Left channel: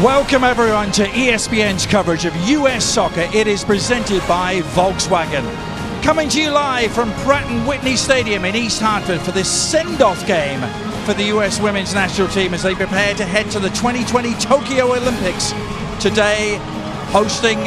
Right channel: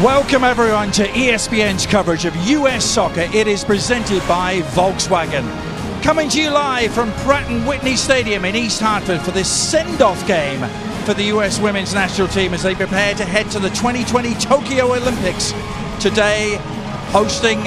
Welcome everyone to ESPN's coverage of US soccer. It is presented by Volkswagen. Coming to you live from Pratt & Whitney Stadium in East Hartford for this send-off game for the US women's national team as they prepare to head to the 2020 Tokyo Olympics. Today, hosting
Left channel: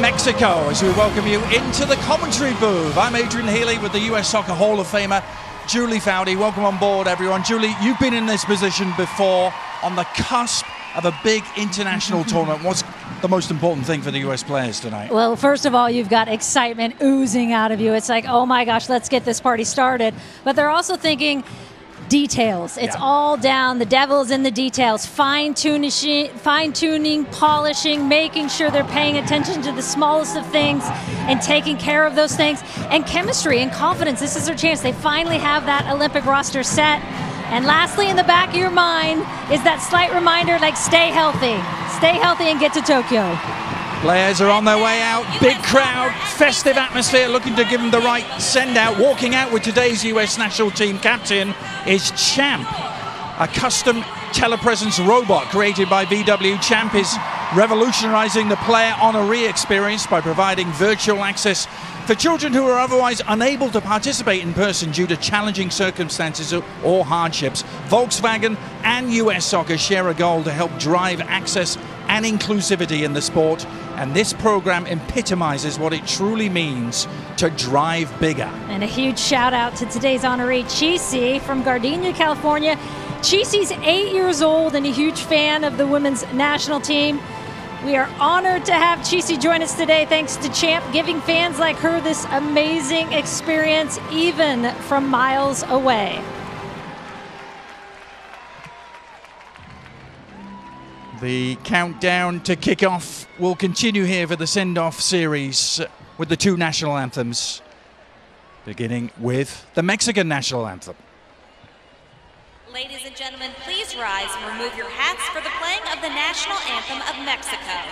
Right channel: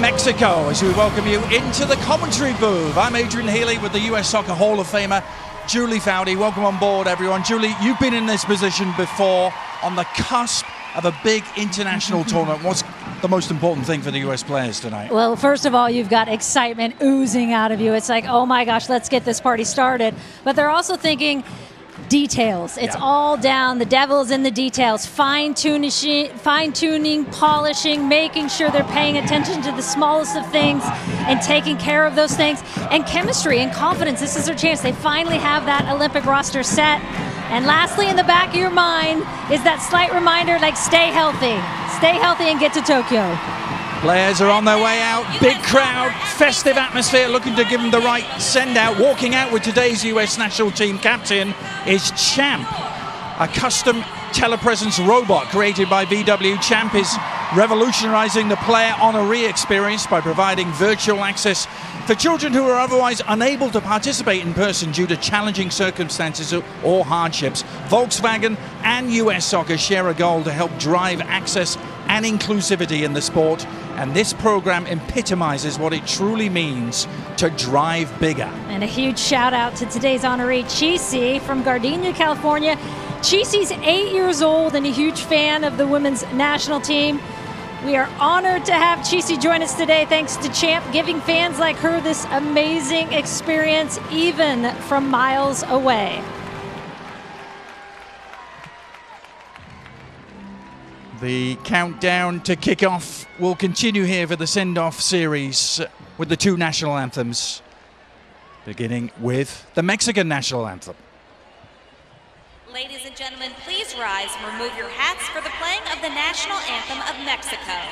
Mexico as we welcome you into the commentary booth. I'm Adrian Healy with the US Soccer Hall of Famer, Julie Foudy. Welcome on board, everyone. Julie, you've been in this position before on the cusp of a big international tournament. What's the most important thing for the US players tonight? Well, first of all, you've got excitement oozing out of you. It's like, oh my gosh, let's get this party started. But they're also thinking details. It's all down. The devil's in the details. Fine-tuning, polishing, making sure they're paying attention to the smallest of things and taking care of those things. And chemistry and confidence. This is their chance. They finally have that Olympic roster set. And lastly, in the back of your mind is that slight reminder, like, stay healthy. Stay healthy and get to Tokyo. Players are on their way out. Big crowd, festive atmosphere, looking to give them the right send-out. Walking out with today's US national team captain is Champ, a custom telepresence robot created by VW. Champ is revolutionizing the player honoree experience by providing virtual access for children who are otherwise unable to participate in person due to challenging circumstances or hardships. Volkswagen and US Soccer share a goal to help drive access and inclusivity in the sport, and this program epitomizes what it truly means to drive bigger. And a huge shout out to today's honoree, Chisi from Gardena, California. Chisi's 8 years old and a huge fan of the women's national team. We are honored to have Chisi join us today, thanks to Champ, giving fans like her this amazing experience, even from miles away. The countdown to kick-off will continue here for the send-off series with the two national anthems, beginning with the Mexican national anthem. Ladies and gentlemen, please rise and remove your hats for the playing of the national anthem of Mexico.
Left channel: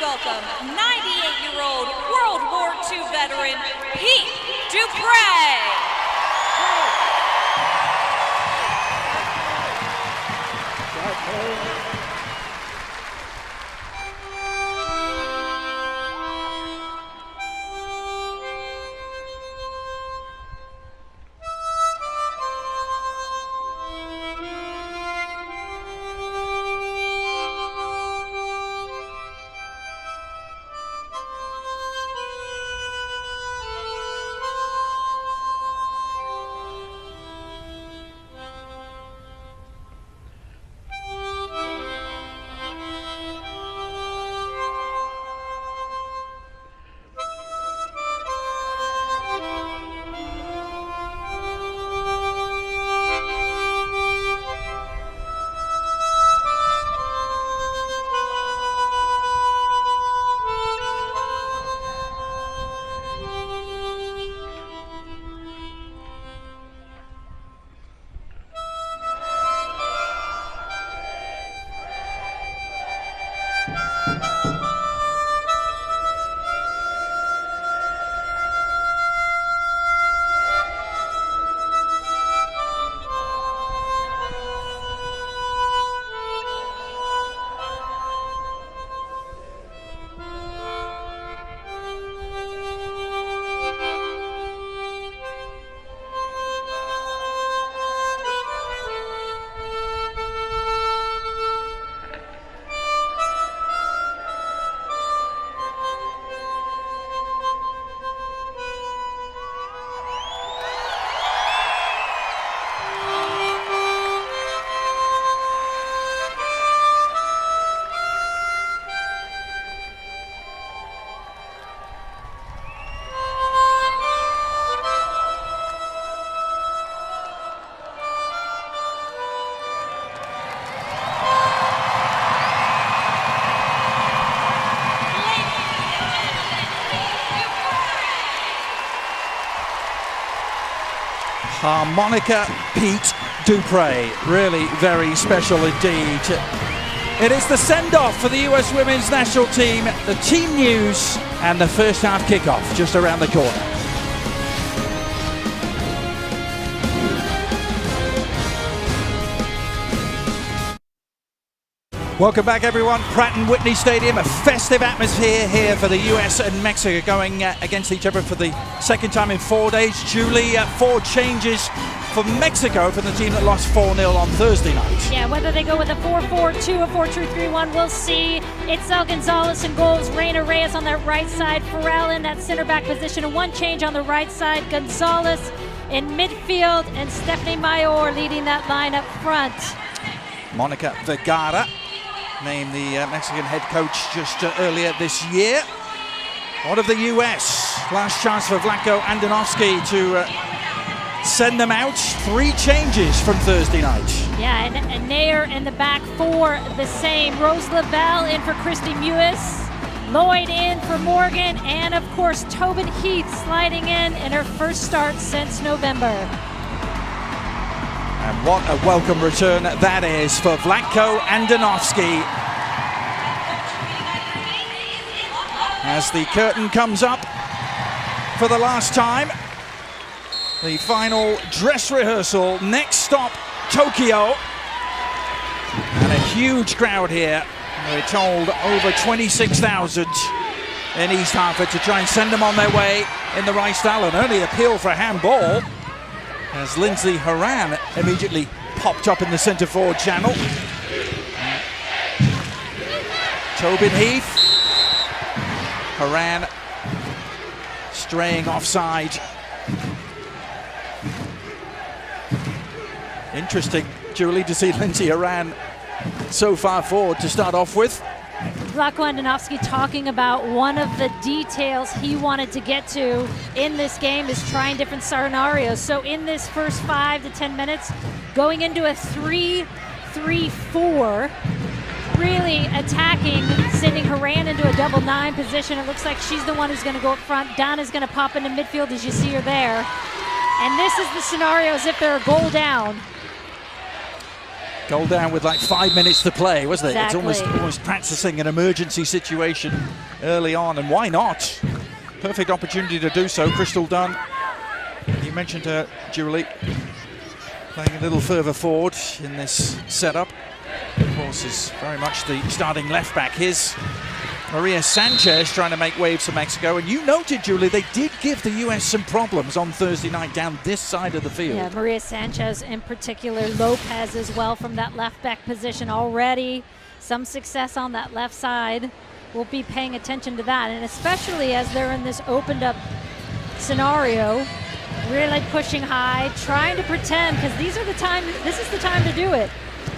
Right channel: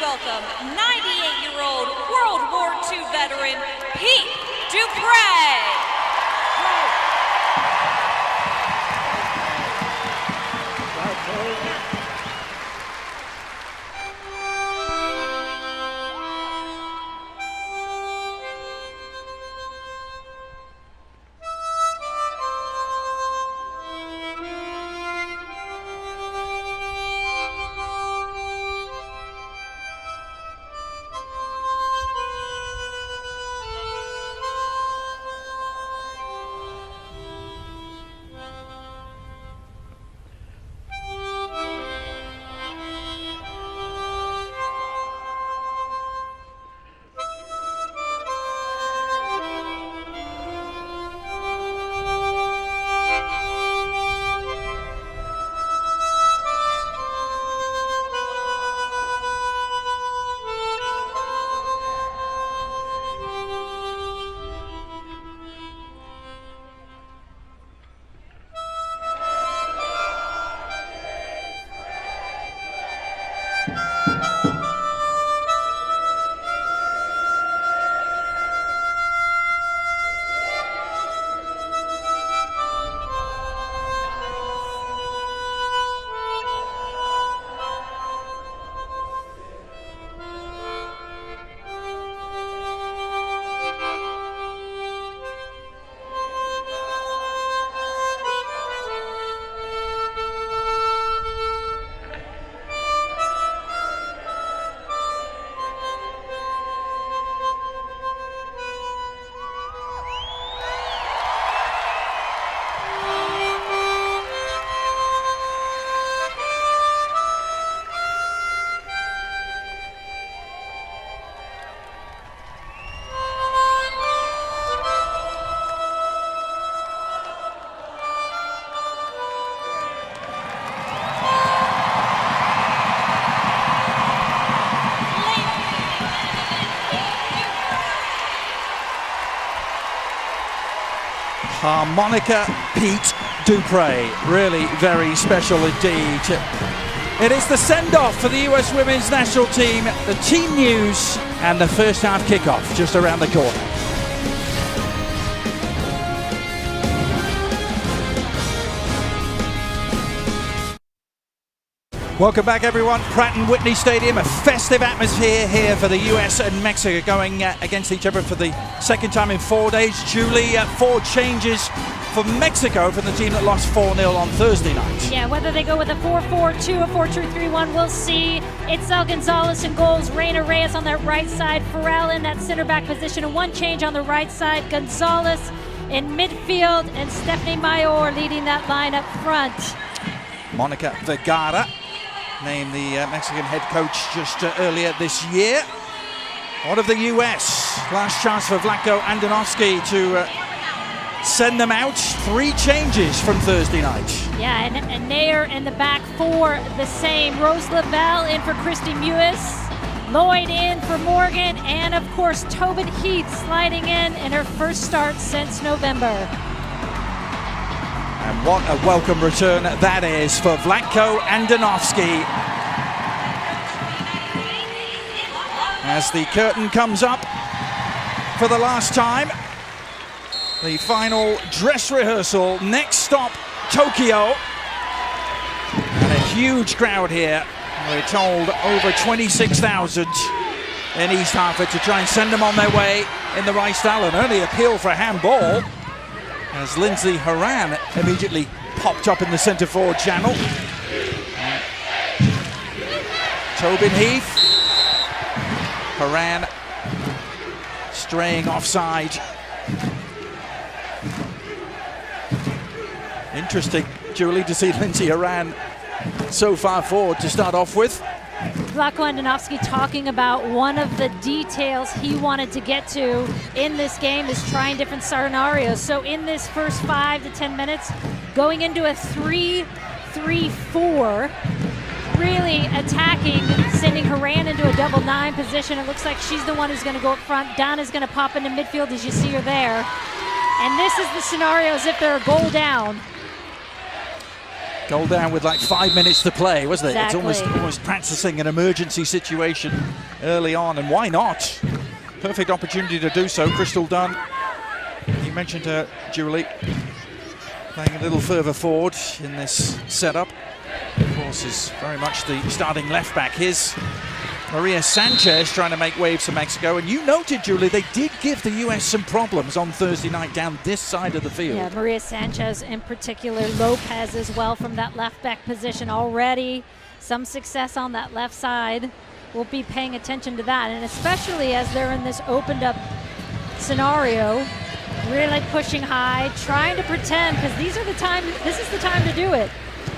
Welcome 98-year-old World War II veteran Pete Dupre. Harmonica Pete Dupre, really very special indeed. It is the send-off for the US Women's National Team, the team news, and the first half kickoff just around the corner. Welcome back, everyone. Pratt & Whitney Stadium, a festive atmosphere here for the US and Mexico going against each other for the second time in 4 days. Julie, 4 changes for Mexico from the team that lost 4-0 on Thursday night. Yeah, whether they go with a 4-4-2, a 4-2-3-1, we'll see. Itzel Gonzalez in goals, Reina Reyes on that right side, Farrell in that center back position, and 1 change on the right side, Gonzalez in midfield, and Stephanie Mayor leading that line up front. Monica Vergara named the Mexican head coach just earlier this year. What of the US? Last chance for Vlatko Andonovski to send them out. 3 changes from Thursday night. Yeah, and Nair in the back 4 the same. Rose Lavelle in for Christy Mewis, Lloyd in for Morgan, and of course Tobin Heath sliding in her first start since November. And what a welcome return that is for Vlatko Andonovski. As the curtain comes up for the last time, the final dress rehearsal, next stop Tokyo. And a huge crowd here. We're told over 26,000 in East Hartford to try and send them on their way in the right style. An early appeal for handball, as Lindsay Horan immediately popped up in the centre forward channel. Tobin Heath. Horan straying offside. Interesting, Julie, to see Lindsay Horan so far forward to start off with. Vlatko Andonovski talking about one of the details he wanted to get to in this game is trying different scenarios. So in this first 5 to 10 minutes, going into a 3-3-4, really attacking, sending Horan into a double 9 position. It looks like she's the one who's going to go up front. Donna's going to pop into midfield, as you see her there. And this is the scenario as if they're a goal down. Goal down with like 5 minutes to play, wasn't it? Exactly. It's almost practicing an emergency situation early on, and why not? Perfect opportunity to do so. Crystal Dunn, you mentioned her, Julie, playing a little further forward in this setup. Of course, is very much the starting left back. Here's Maria Sanchez trying to make waves for Mexico. And you noted, Julie, they did give the US some problems on Thursday night down this side of the field. Yeah, Maria Sanchez in particular, Lopez as well from that left back position already. Some success on that left side. We'll be paying attention to that. And especially as they're in this opened up scenario, really pushing high, trying to pretend, because this is the time to do it,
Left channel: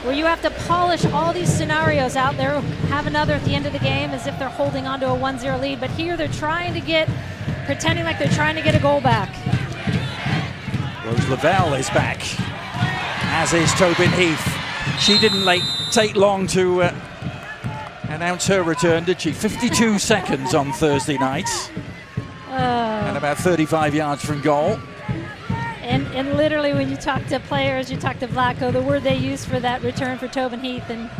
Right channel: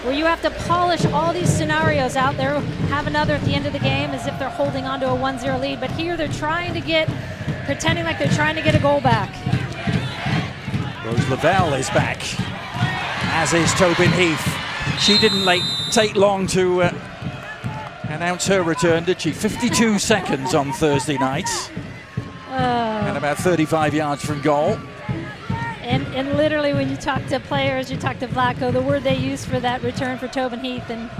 where you have to polish all these scenarios out there, have another at the end of the game as if they're holding on to a 1-0 lead. But here they're pretending like they're trying to get a goal back. Rose Lavelle is back, as is Tobin Heath. She didn't take long to announce her return, did she? 52 seconds on Thursday night. And about 35 yards from goal. And literally when you talk to players, you talk to Vlatko, the word they used for that return for Tobin Heath and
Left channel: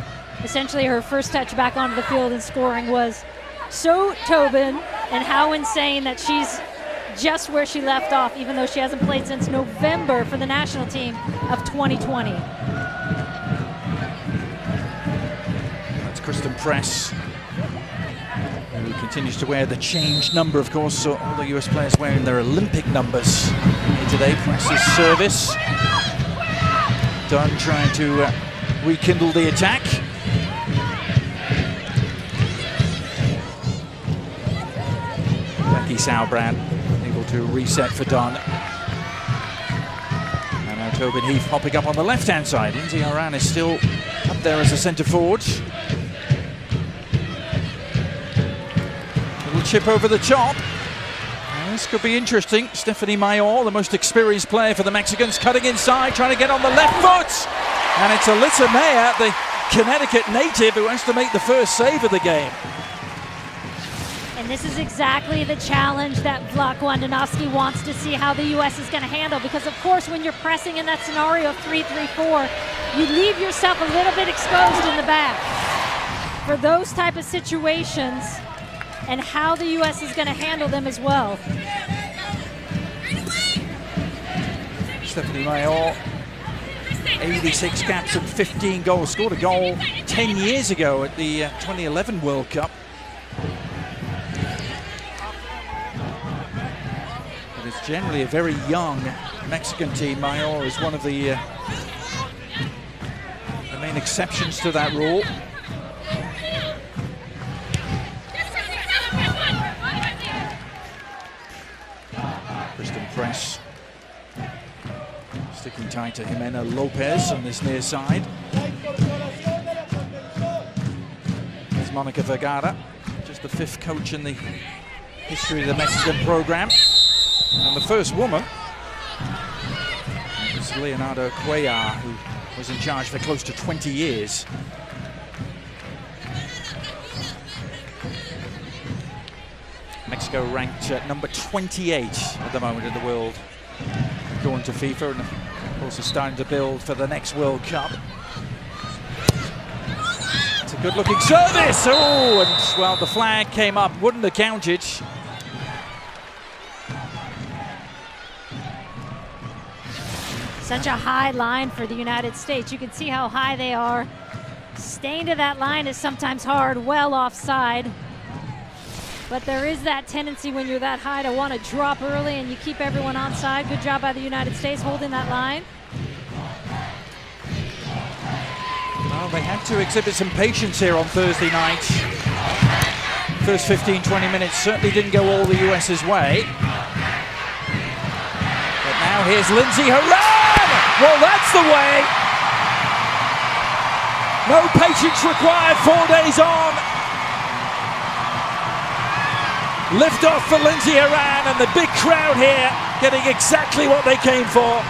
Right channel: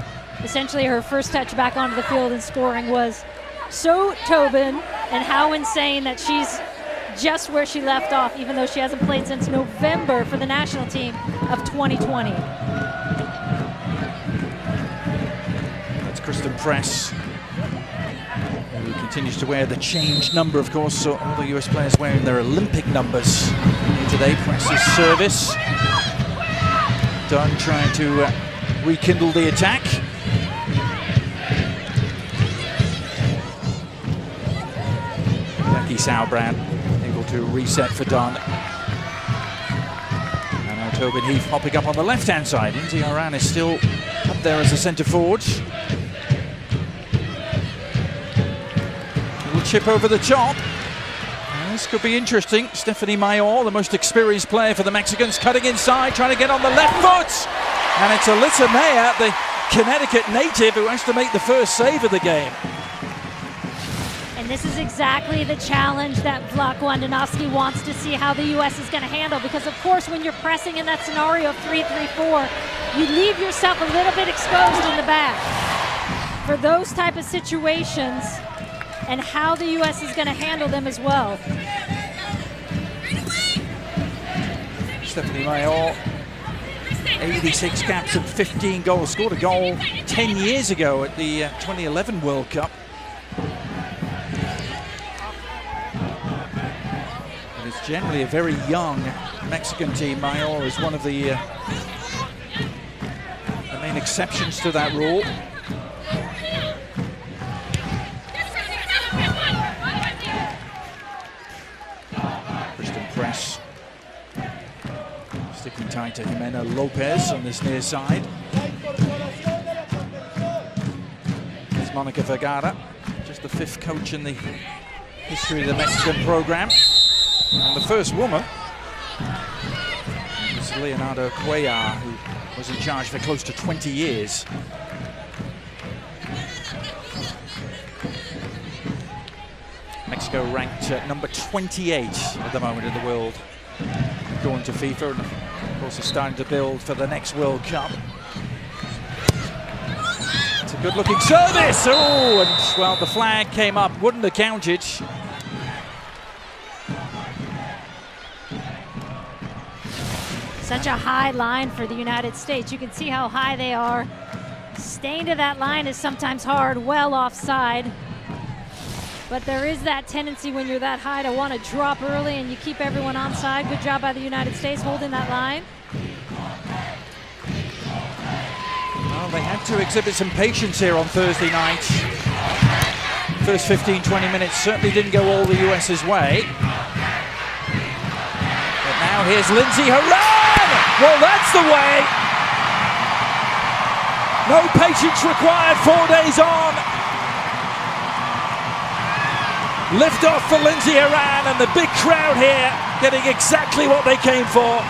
essentially her first touch back onto the field and scoring was so Tobin, and how insane that she's just where she left off, even though she hasn't played since November for the national team of 2020. That's Kristen Press, who continues to wear the change number, of course. So all the US players wearing their Olympic numbers here today. Press's service. Dunn trying to rekindle the attack. Becky Sauerbrand able to reset for Dunn. And now Tobin Heath popping up on the left-hand side. Lindsay Horan is still up there as a centre forward. Little chip over the top. And this could be interesting. Stephanie Mayor, the most experienced player for the Mexicans, cutting inside, trying to get on the left foot. And it's Alyssa Mayer, the Connecticut native, who has to make the first save of the game. And this is exactly the challenge that USWNT wants to see how the U.S. is going to handle, because of course when you're pressing in that scenario of 3-3-4, you leave yourself a little bit exposed in the back for those type of situations, and how the U.S. is going to handle them as well. Stephanie Mayor, 86 caps and 15 goals, scored a goal 10 years ago at the 2011 World Cup. But it's generally a very young Mexican team. Mayor is one of the main exceptions to that rule. Kristen Press sticking tight to Jimena Lopez on this near side. Here's Monica Vergara, just the 5th coach in the history of the Mexican program. And the first woman was Leonardo Cuellar, who was in charge for close to 20 years. Mexico ranked at number 28 at the moment in the world, according to FIFA, and of course are starting to build for the next World Cup. It's a good looking service. Oh, and well, the flag came up, wouldn't have counted. Such a high line for the United States. You can see how high they are. Staying to that line is sometimes hard, well offside. But there is that tendency when you're that high to want to drop early, and you keep everyone onside. Good job by the United States holding that line. Well, they had to exhibit some patience here on Thursday night. First 15-20 minutes certainly didn't go all the US's way. But now here's Lindsey Horan! Well, that's the way! No patience required, 4 days on. Lift off for Lindsey Horan, and the big crowd here getting exactly what they came for.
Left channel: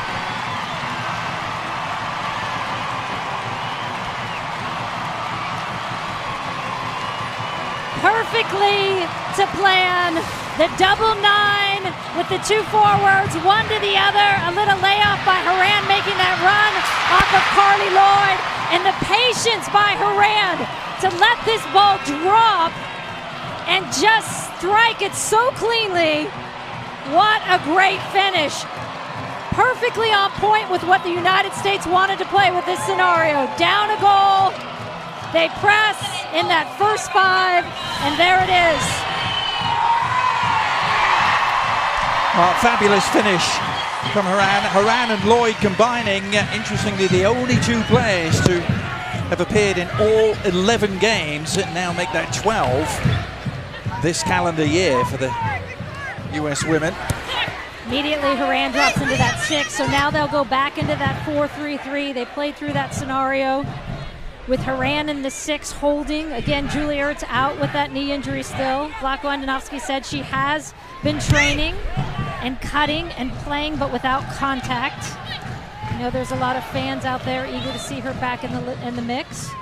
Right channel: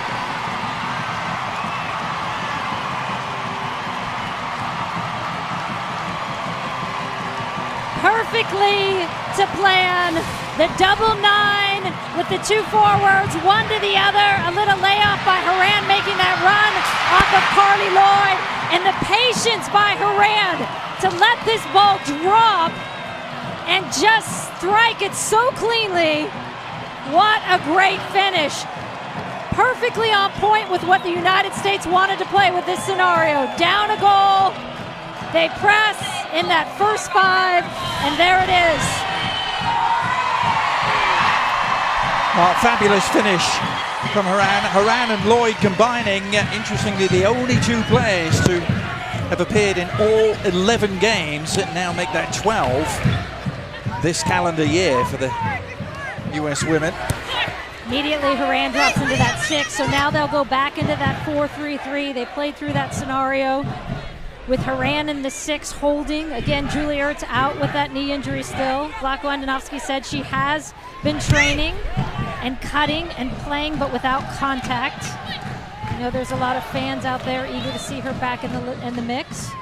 Perfectly to plan the double 9 with the 2 forwards, one to the other. A little layoff by Horan, making that run off of Carly Lloyd, and the patience by Horan to let this ball drop and just strike it so cleanly. What a great finish. Perfectly on point with what the United States wanted to play with this scenario. Down a goal, they press in that first 5, and there it is. Fabulous finish from Horan. Horan and Lloyd combining, interestingly, the only 2 players to have appeared in all 11 games and now make that 12 this calendar year for the US women. Immediately Horan drops into that 6, so now they'll go back into that 4-3-3. They played through that scenario with Horan in the 6 holding. Again, Julie Ertz out with that knee injury still. USWNT said she has been training and cutting and playing, but without contact. You know, there's a lot of fans out there eager to see her back in the mix.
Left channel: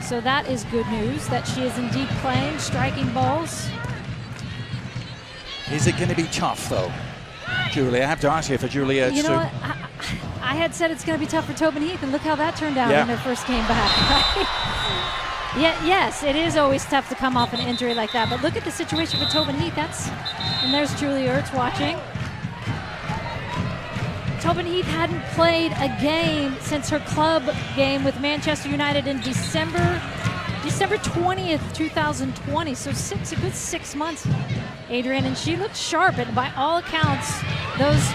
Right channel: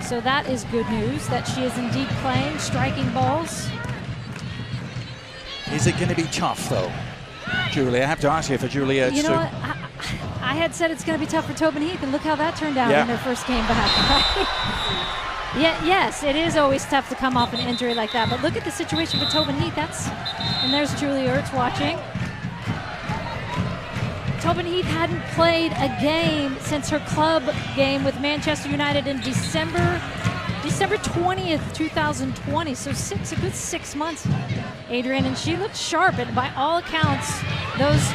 So that is good news, that she is indeed playing, striking balls. Is it going to be tough, though, Julie? I have to ask you for Julie Ertz, you know what? I had said it's going to be tough for Tobin Heath, and look how that turned out in her first game back, right? Yes, it is always tough to come off an injury like that, but look at the situation for Tobin Heath. And there's Julie Ertz watching. Tobin Heath hadn't played a game since her club game with Manchester United in December 20th, 2020. So a good 6 months, Adrian, and she looked sharp. And by all accounts, those.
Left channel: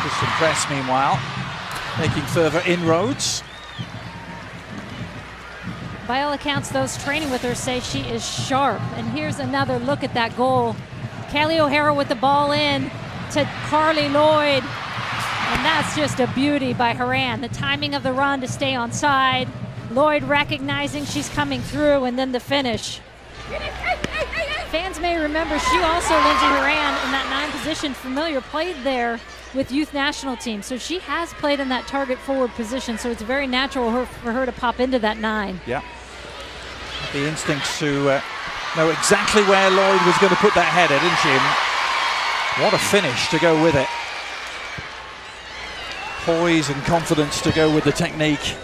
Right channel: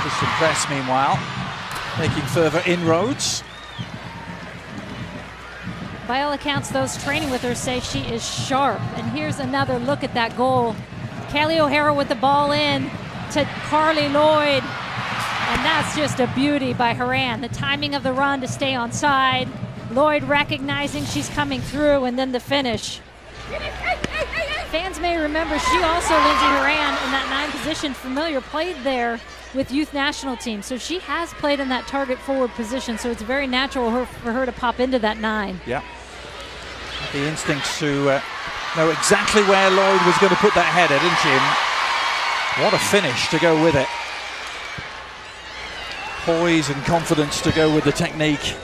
Kristen Press, meanwhile, making further inroads. By all accounts, those training with her say she is sharp. And here's another look at that goal. Kaylee O'Hara with the ball in to Carly Lloyd, and that's just a beauty by Horan. The timing of the run to stay on side, Lloyd recognizing she's coming through, and then the finish. Fans may remember she also, Lindsey Horan, in that 9 position, familiar, played there with youth national team, so she has played in that target forward position, so it's very natural for her to pop into that 9. Yeah. The instinct to know exactly where Lloyd was going to put that header, didn't she? And what a finish to go with it. Poise and confidence to go with the technique.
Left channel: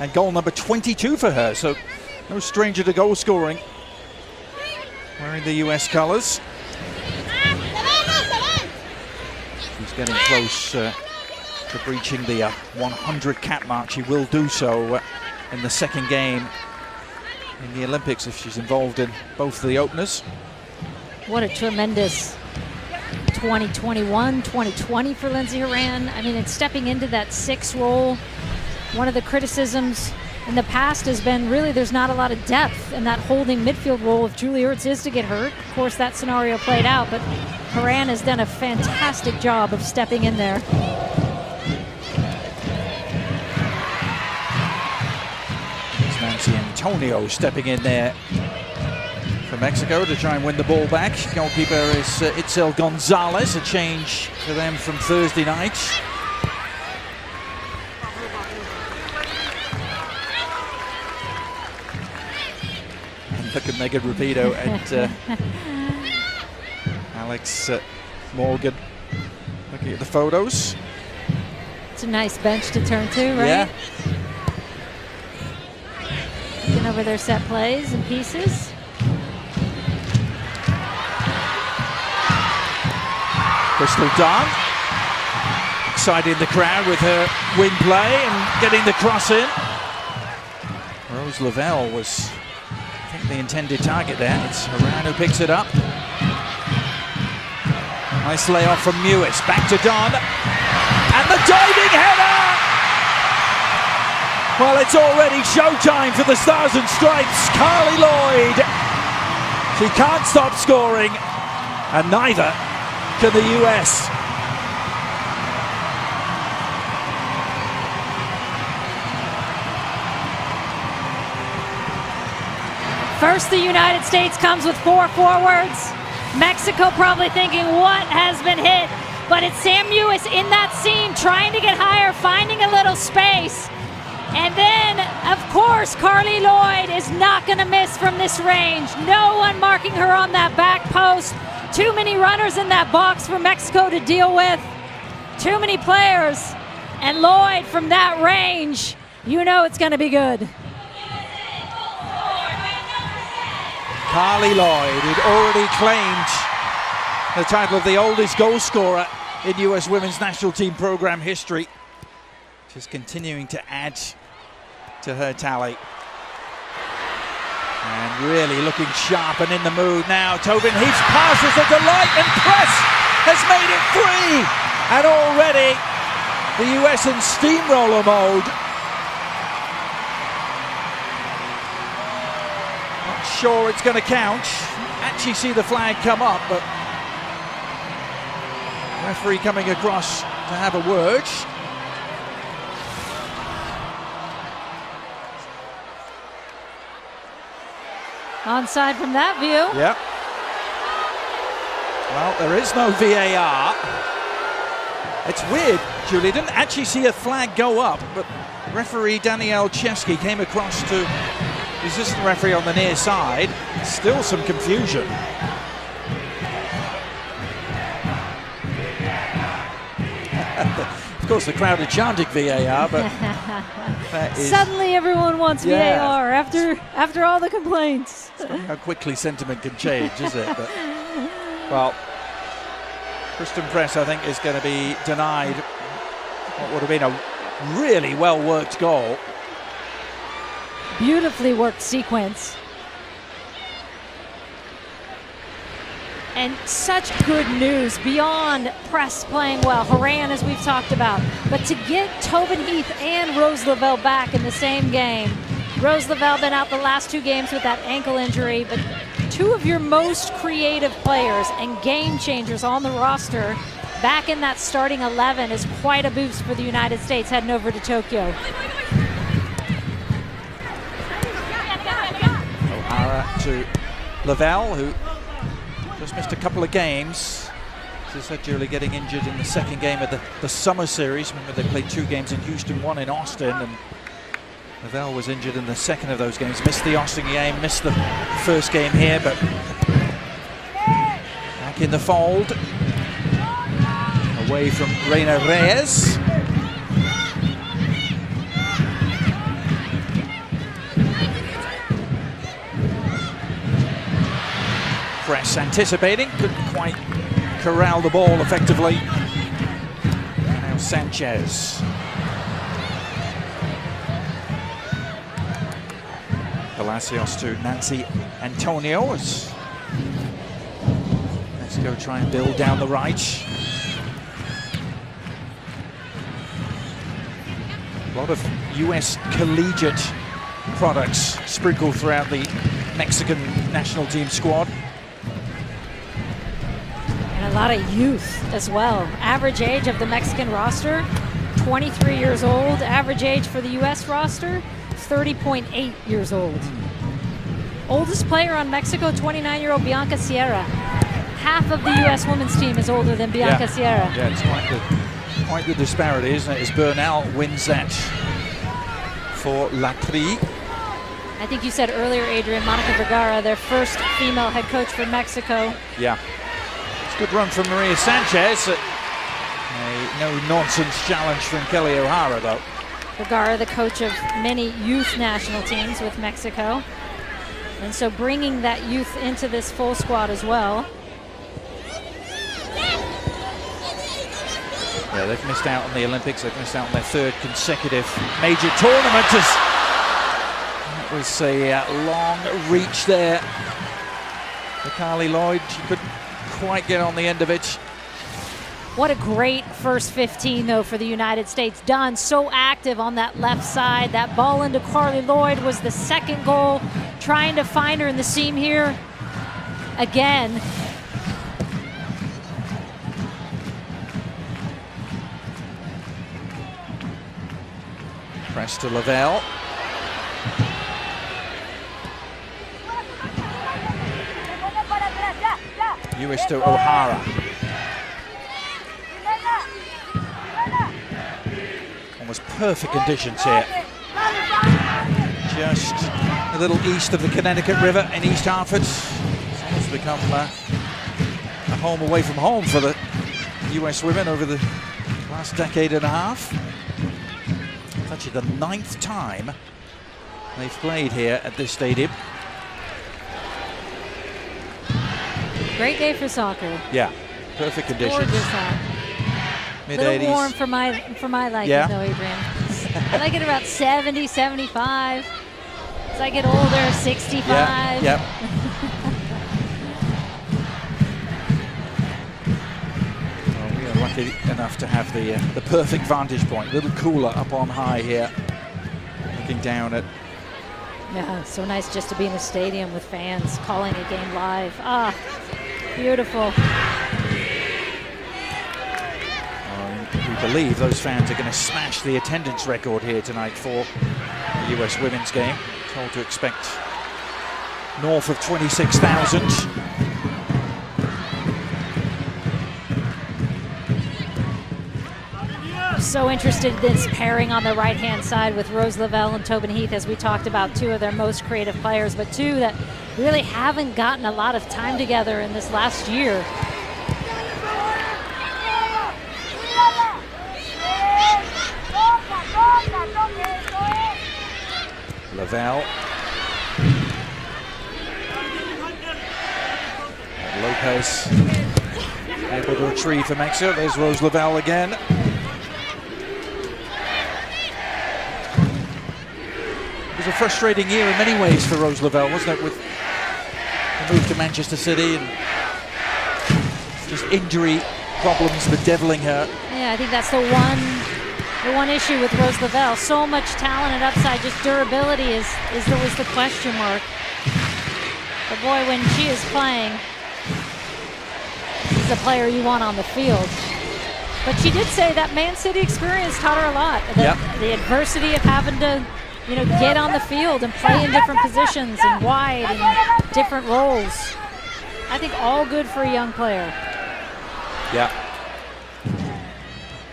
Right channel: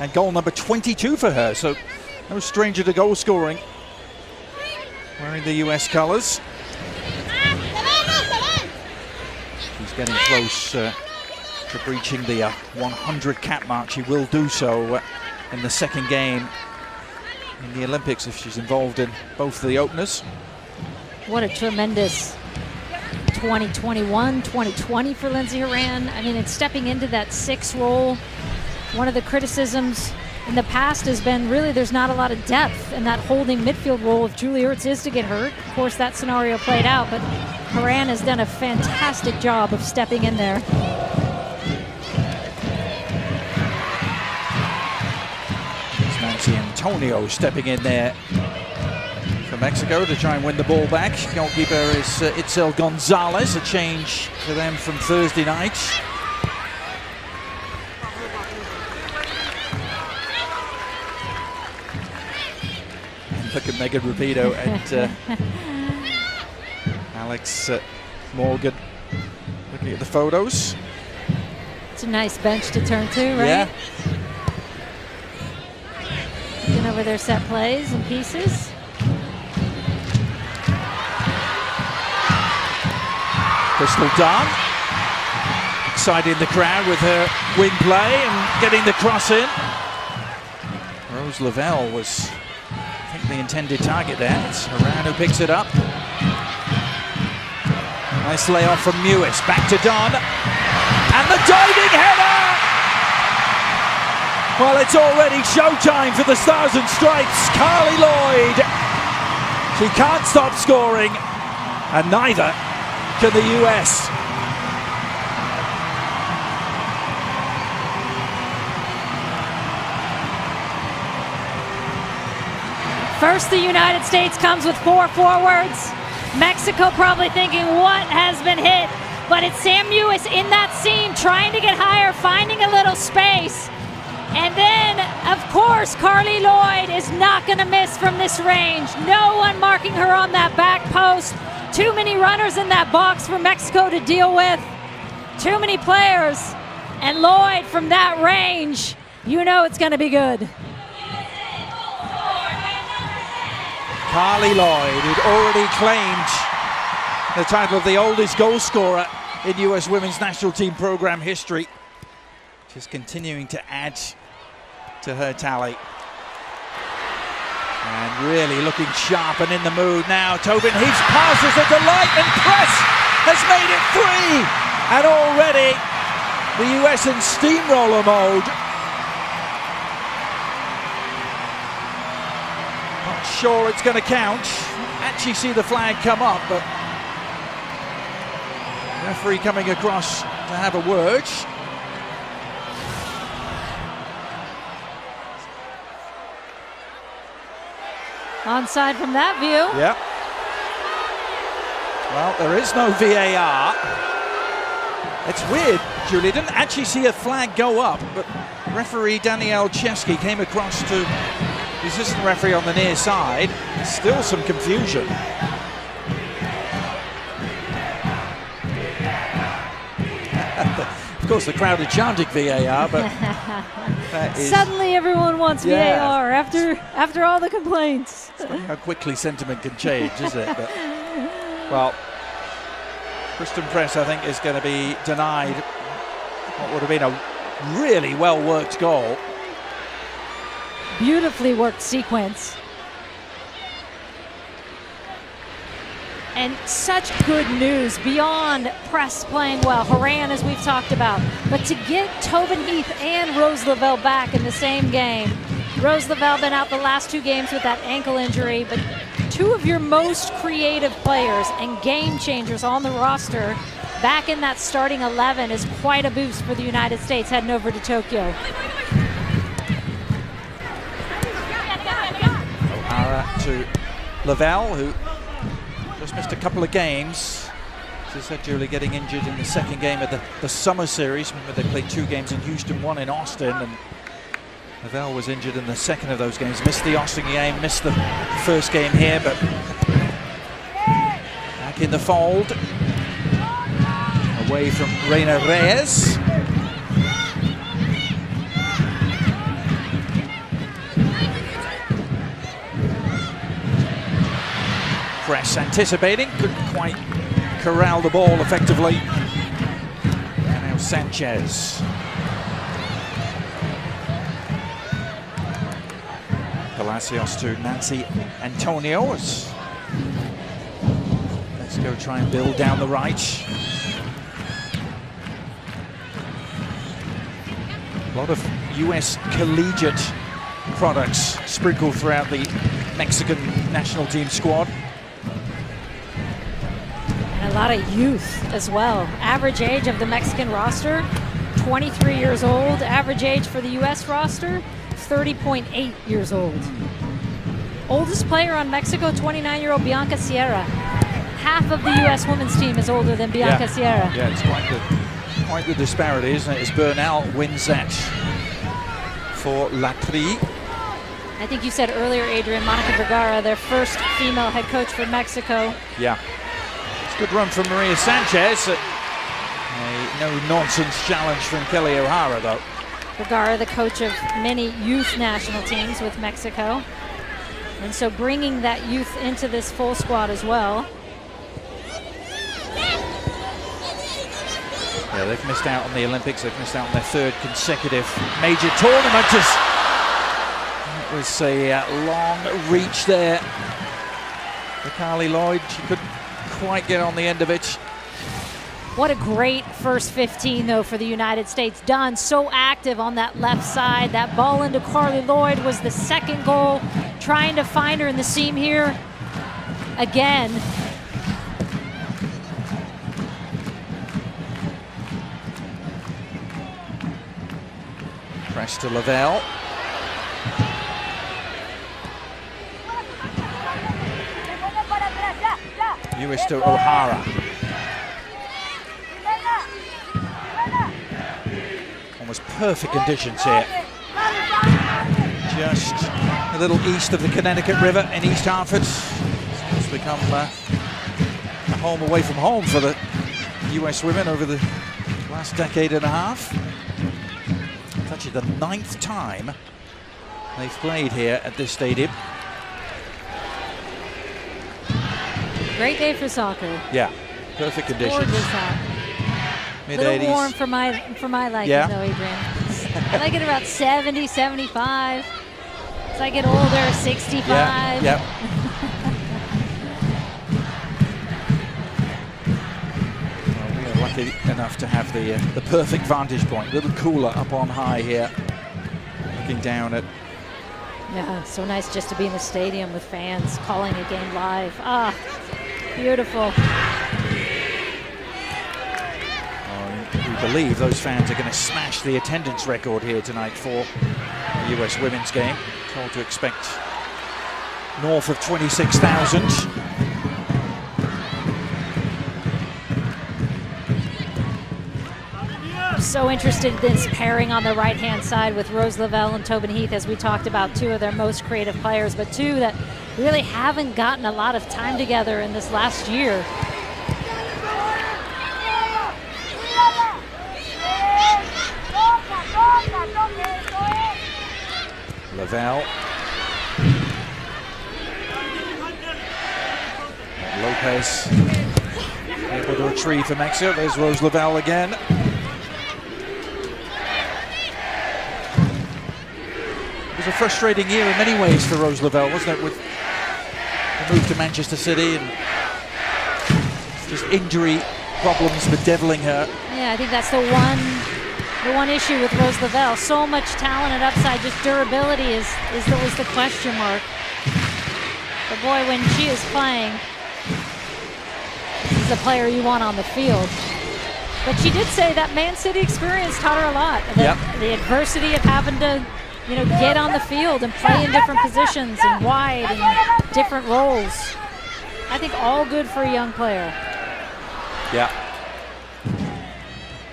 And goal number 22 for her, so no stranger to goal scoring. Wearing the US colours. She's getting close to breaching the 100 cap mark. She will do so in the second game in the Olympics if she's involved in both of the openers. What a tremendous 2021, 2020 for Lindsey Horan. I mean, it's stepping into that 6 role. One of the criticisms in the past has been really there's not a lot of depth in that holding midfield role if Julie Ertz is to get hurt. Of course, that scenario played out, but Horan has done a fantastic job of stepping in there. It's Nancy Antonio stepping in there for Mexico to try and win the ball back. Goalkeeper is Itzel Gonzalez, a change for them from Thursday night. And look at Megan Rapido and Alex Morgan looking at the photos. It's a nice bench to turn to, right? Yeah. Looking over their set plays and pieces. Crystal Dunn exciting the crowd with her wing play and getting the cross in. Rose Lavelle was, I think, the intended target there. It's Horan who picks it up. Nice layoff from Mewis. Back to Dunn. And the diving header! Well, it's already showtime for the Stars and Stripes. Carly Lloyd. She can't stop scoring, and neither can the US. First, the United States comes with 4 forwards. Mexico probably thinking, what has been hit? But it's Sam Mewis in that seam, trying to get higher, finding a little space. And then, of course, Carly Lloyd is not going to miss from this range. No one marking her on that back post. Too many runners in that box for Mexico to deal with. Too many players. And Lloyd from that range, you know it's going to be good. Carly Lloyd, who'd already claimed the title of the oldest goal scorer in US Women's National Team program history, just continuing to add to her tally. And really looking sharp and in the mood now. Tobin Heath's pass is a delight, and Press has made it 3. And already the US in steamroller mode. Not sure it's going to count. Actually see the flag come up, but referee coming across to have a word. Onside from that view. Yep. Well, there is no VAR. It's weird, Julie. Didn't actually see a flag go up, but referee Danielle Chesky came across to the assistant referee on the near side. Still some confusion. Of course, the crowd are chanting VAR, but that is suddenly everyone wants VAR after all the complaints. How quickly sentiment can change, is it? But, well, Kristen Press, I think, is going to be denied what would have been a really well-worked goal. Beautifully worked sequence. And such good news beyond Press playing well, Horan, as we've talked about. But to get Tobin Heath and Rose Lavelle back in the same game. Rose Lavelle been out the last 2 games with that ankle injury, but 2 of your most creative players and game changers on the roster back in that starting 11 is quite a boost for the United States heading over to Tokyo. O'Hara to Lavelle, who just missed a couple of games. As I said, Julie getting injured in the second game of the summer series. Remember, they played 2 games in Houston, 1 in Austin, and Lavelle was injured in the second of those games, missed the Austin game, missed the first game here, but back in the fold. Away from Reina Reyes. Press anticipating, couldn't quite corral the ball effectively. And now Sanchez. Palacios to Nancy Antonio as Mexico try and build down the right. A lot of US collegiate products sprinkled throughout the Mexican national team squad. And a lot of youth as well. Average age of the Mexican roster, 23 years old. Average age for the US roster, 30.8 years old. Oldest player on Mexico, 29-year-old Bianca Sierra. Half of the US women's team is older than Bianca Sierra. Yeah, it's quite the disparity, isn't it? As Bernal wins that for La Tri. I think you said earlier, Adrian, Monica Vergara, their first female head coach for Mexico. Yeah. It's a good run from Maria Sanchez. A no-nonsense challenge from Kelly O'Hara, though. Vergara, the coach of many youth national teams with Mexico. And so bringing that youth into this full squad as well. Yeah, they've missed out on the Olympics. They've missed out on their third consecutive major tournament. It was a long reach there for Carly Lloyd. She couldn't quite get on the end of it. What a great first 15, though, for the United States. Dunn so active on that left side. That ball into Carly Lloyd was the second goal. Trying to find her in the seam here again. Press to Lavelle. US to O'Hara. Almost perfect conditions here. Just a little east of the Connecticut River in East Hartford. It's almost become a home away from home for the US women over the last decade and a half. It's actually the 9th time they've played here at this stadium. Great day for soccer. Yeah, perfect conditions. Gorgeous out. Mid-80s. A little warm for my liking, Yeah. though, Adrian. I like it about 70, 75. As I get older, 65. Yeah, Well, we are lucky enough to have the perfect vantage point. A little cooler up on high here, looking down at. Yeah, so nice just to be in the stadium with fans calling a game live. Ah, beautiful. We believe those fans are going to smash the attendance record here tonight for the US women's game. Told to expect north of 26,000. So interested in this pairing on the right-hand side with Rose Lavelle and Tobin Heath, as we talked about, two of their most creative players, but two that really haven't gotten a lot of time together in this last year. Lavelle. And Lopez able to retrieve for Mexico. There's Rose Lavelle again. It was a frustrating year in many ways for Rose Lavelle, wasn't it? With the move to Manchester City and just injury problems bedeviling her. Yeah, I think that's the one issue with Rose Lavelle. So much talent and upside, just durability is always the question mark. But boy, when she is playing, this is a player you want on the field. But she did say that Man City experience taught her a lot. The adversity of having to, get on the field and play in different positions and wide and different roles. I think all good for a young player. Yeah.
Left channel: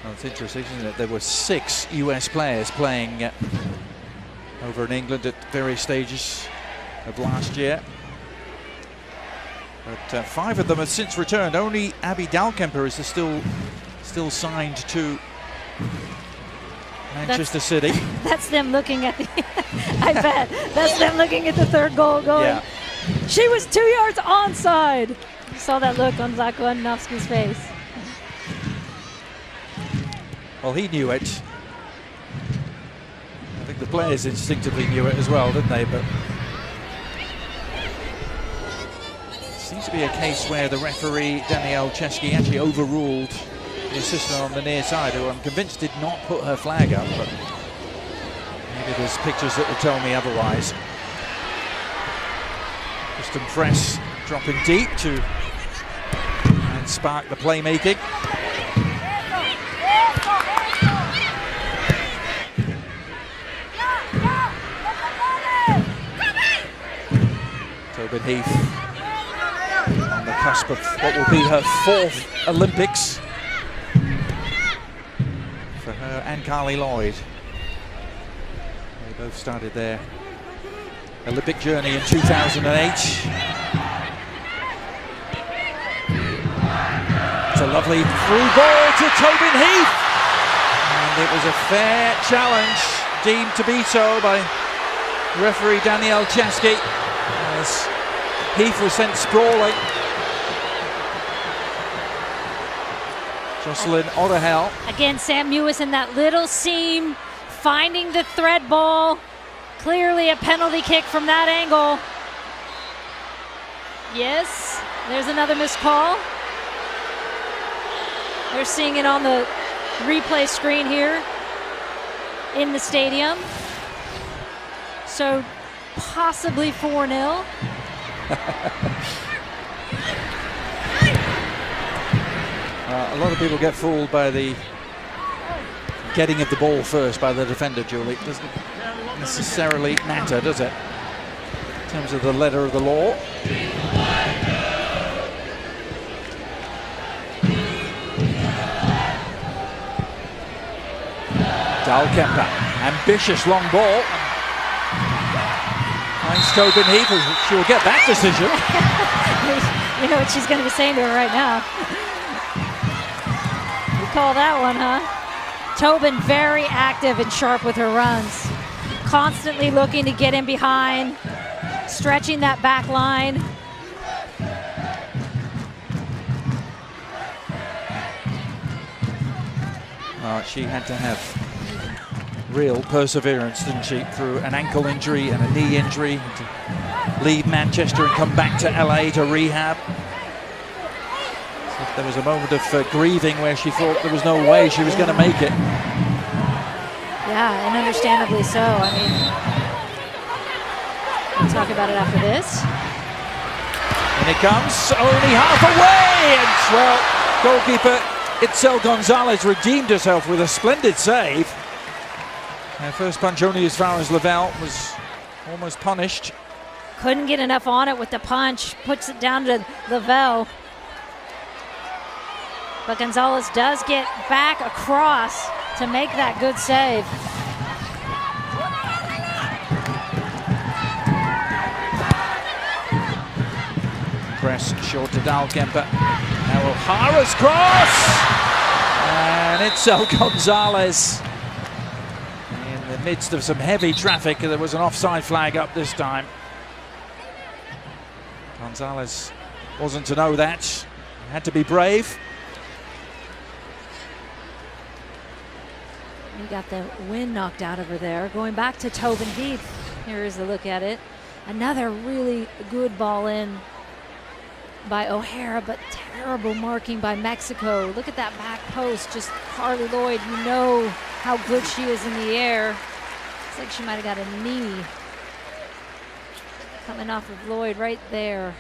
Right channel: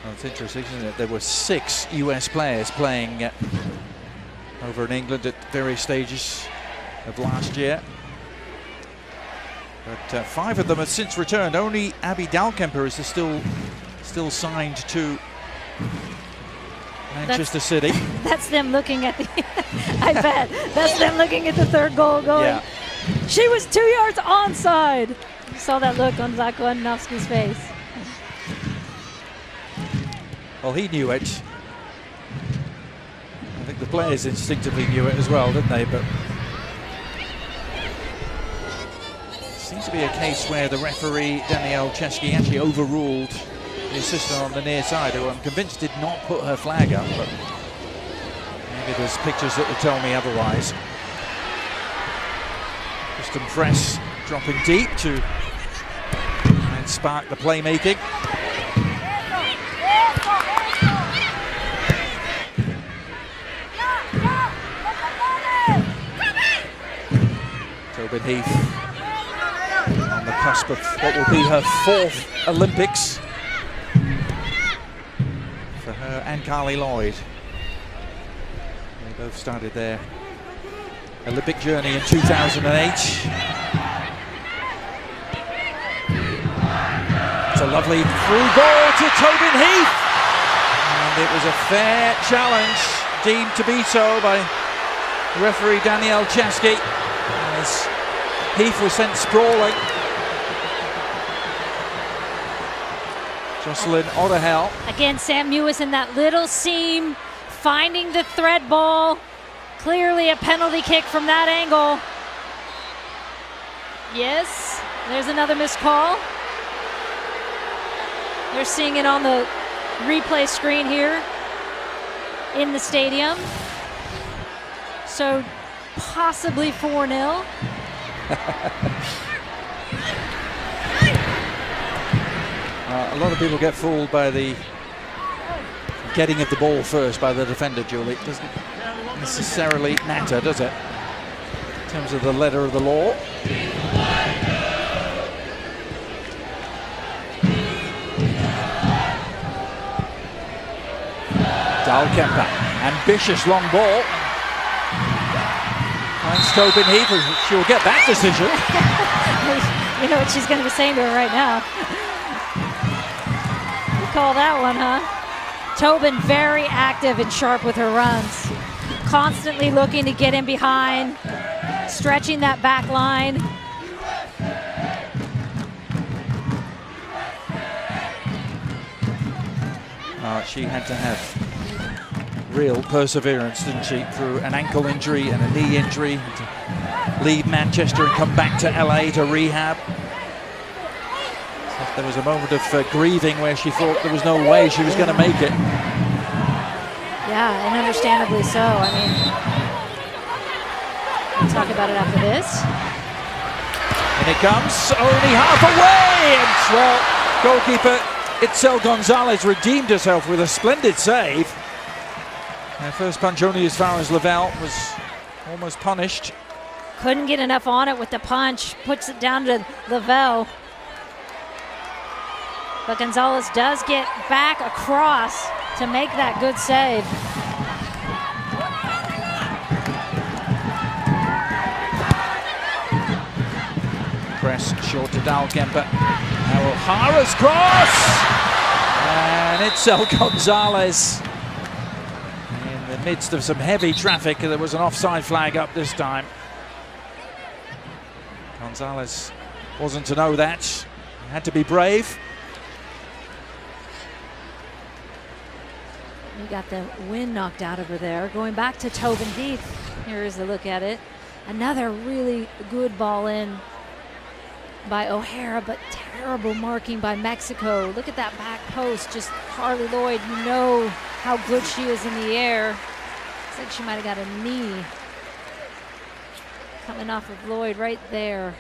Well, it's interesting, isn't it? There were 6 US players playing over in England at various stages of last year. But 5 of them have since returned. Only Abby Dalkemper is still signed to Manchester City. That's them looking at the I bet. That's them looking at the third goal going, yeah. She was 2 yards onside. You saw that look on Zlatko Adanovsky's face. Well, he knew it. I think the players instinctively knew it as well, didn't they? But it seems to be a case where the referee, Danielle Chesky, actually overruled the assistant on the near side, who I'm convinced did not put her flag up, but maybe there's pictures that will tell me otherwise. Kristen Press dropping deep to try and spark the playmaking. Tobin Heath on the cusp of what will be her 4th Olympics for her and Carly Lloyd. They both started their Olympic journey in 2008. It's a lovely through ball to Tobin Heath, and it was a fair challenge, deemed to be so by referee Danielle Chesky, as Heath was sent sprawling. Jocelyn Otterhell. Again, Sam Mewis in that little seam, finding the thread ball. Clearly a penalty kick from that angle. Yes, there's another missed call. They're seeing it on the replay screen here in the stadium. So possibly 4-0. A lot of people get fooled by the getting of the ball first by the defender, Julie. It doesn't necessarily matter, does it? In terms of the letter of the law. Dalkemper, ambitious long ball. Finds Tobin Heath, she'll get that decision. You know what she's going to be saying to her right now. You call that one, huh? Tobin very active and sharp with her runs. Constantly looking to get in behind, stretching that back line. She had to have real perseverance, didn't she, through an ankle injury and a knee injury, to leave Manchester and come back to LA to rehab. So there was a moment of grieving where she thought there was no way she was going to make it. Yeah, and understandably so. I mean, we'll talk about it after this. And it comes, only half away, and well, goalkeeper Itzel Gonzalez redeemed herself with a splendid save. Her first punch only as far as Lavelle, was almost punished. Couldn't get enough on it with the punch, puts it down to Lavelle. But Gonzalez does get back across to make that good save. Press short to Dalkemper. Now O'Hara's cross! And Itzel Gonzalez. In the midst of some heavy traffic, there was an offside flag up this time. Gonzalez wasn't to know that. Had to be brave. He got the wind knocked out of her there. Going back to Tobin Heath. Here is a look at it. Another really good ball in by O'Hara, but terrible marking by Mexico. Look at that back post. Just Carly Lloyd, you know how good she is in the air. It's like she might have got a knee coming off of Lloyd right there.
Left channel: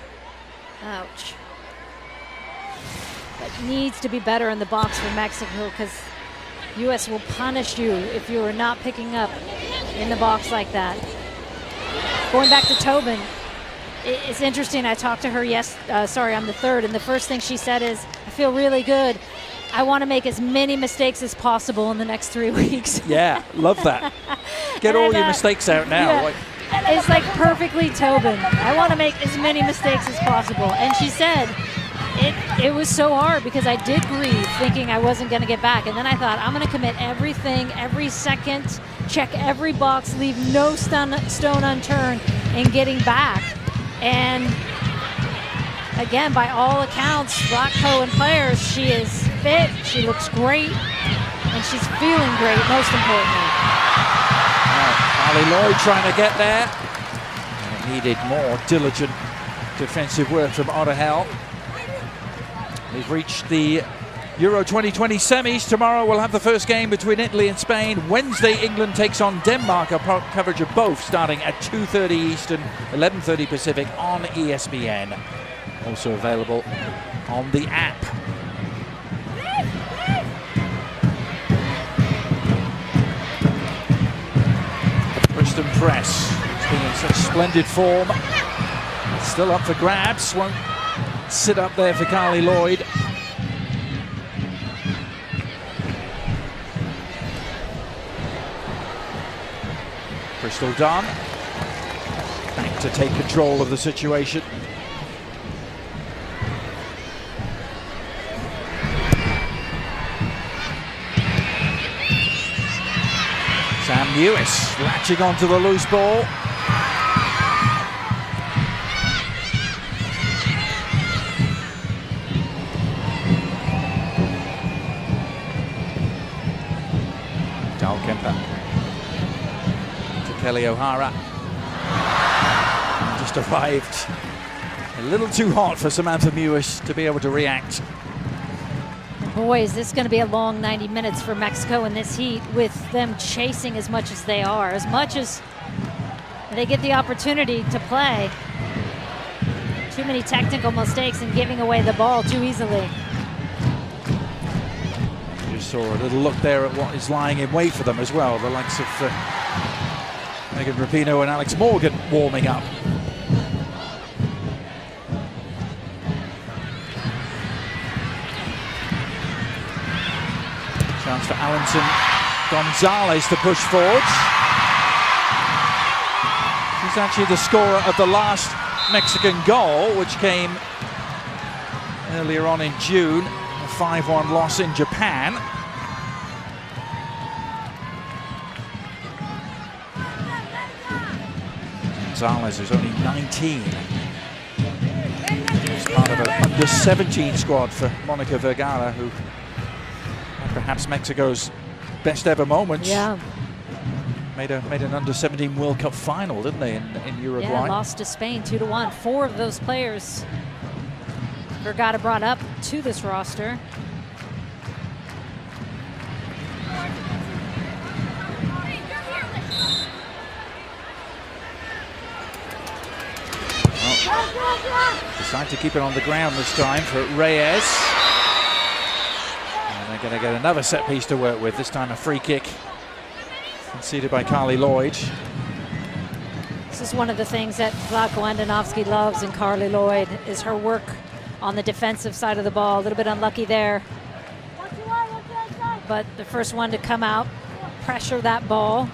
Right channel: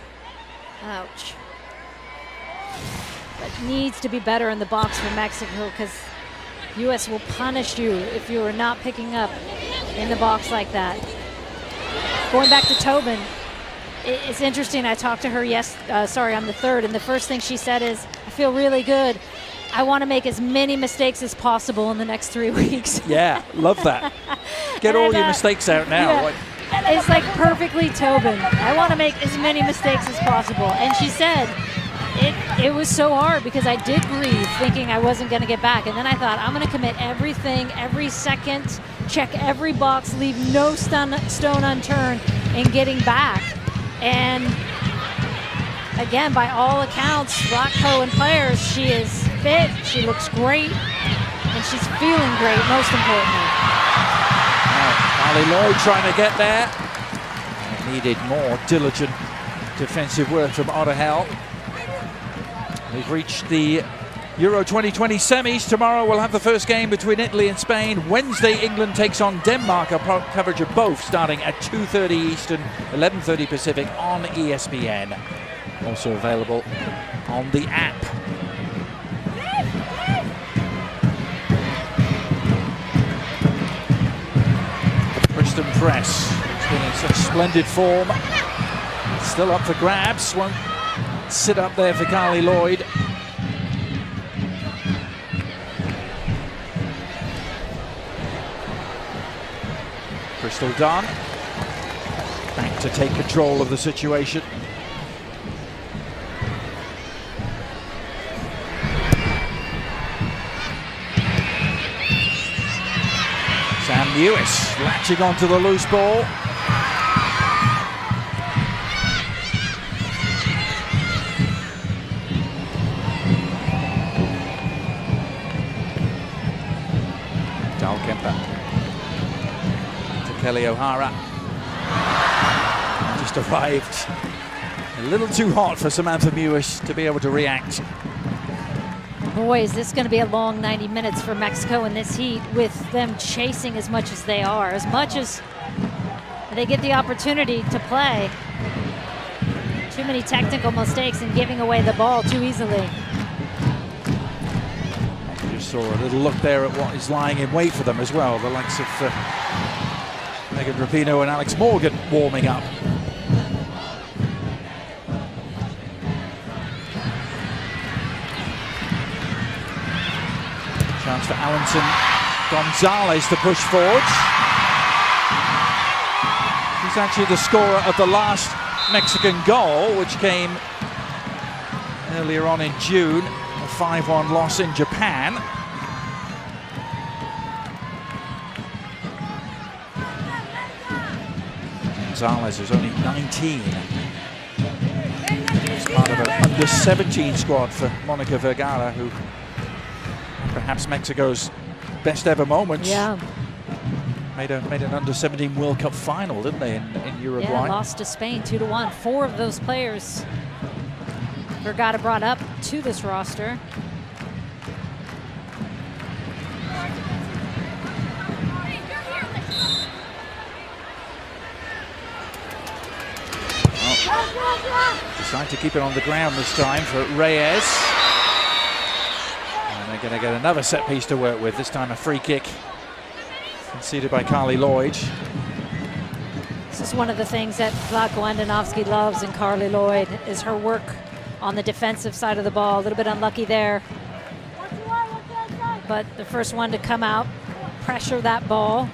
Ouch. But needs to be better in the box for Mexico, because US will punish you if you are not picking up in the box like that. Going back to Tobin, it's interesting. I talked to her on the third, and the first thing she said is, I feel really good. I want to make as many mistakes as possible in the next 3 weeks. Yeah, love that. Get all your mistakes out now. Yeah. It's like perfectly Tobin. I want to make as many mistakes as possible. And she said it was so hard because I did grieve thinking I wasn't going to get back. And then I thought, I'm going to commit everything, every second, check every box, leave no stone unturned in getting back. And again, by all accounts, Rock and players, she is fit, she looks great, and she's feeling great, most importantly. Carly Lloyd trying to get there. And it needed more diligent defensive work from Ottahel. We've reached the Euro 2020 semis. Tomorrow we'll have the first game between Italy and Spain. Wednesday, England takes on Denmark. Our coverage of both starting at 2:30 Eastern, 11:30 Pacific on ESPN. Also available on the app. Preston Press, who's been in such splendid form, still up for grabs. Won't sit up there for Carly Lloyd. Crystal Dunn back to take control of the situation. Sam Lewis latching onto the loose ball. Dalkemper to Kelly O'Hara. Just arrived a little too hot for Samantha Mewis to be able to react. Boy, is this going to be a long 90 minutes for Mexico in this heat with them chasing as much as they are, as much as they get the opportunity to play. Too many technical mistakes and giving away the ball too easily. And you just saw a little look there at what is lying in wait for them as well. The likes of Megan Rapinoe and Alex Morgan warming up. Chance for Alonson Gonzalez to push forward. She's actually the scorer of the last Mexican goal, which came earlier on in June, a 5-1 loss in Japan. Gonzalez is only 19. She's part of an under-17 squad for Monica Vergara, who perhaps Mexico's best ever moments. Yeah. Made an under-17 World Cup final, didn't they, in Uruguay? Yeah, lost to Spain 2-1. 4 of those players Vergara brought up to this roster. Well, decide to keep it on the ground this time for Reyes. And they're going to get another set piece to work with, this time a free kick conceded by Carly Lloyd. This is one of the things that Vlatko Andonovski loves in Carly Lloyd, is her work on the defensive side of the ball. A little bit unlucky there. But the first one to come out, pressure that ball.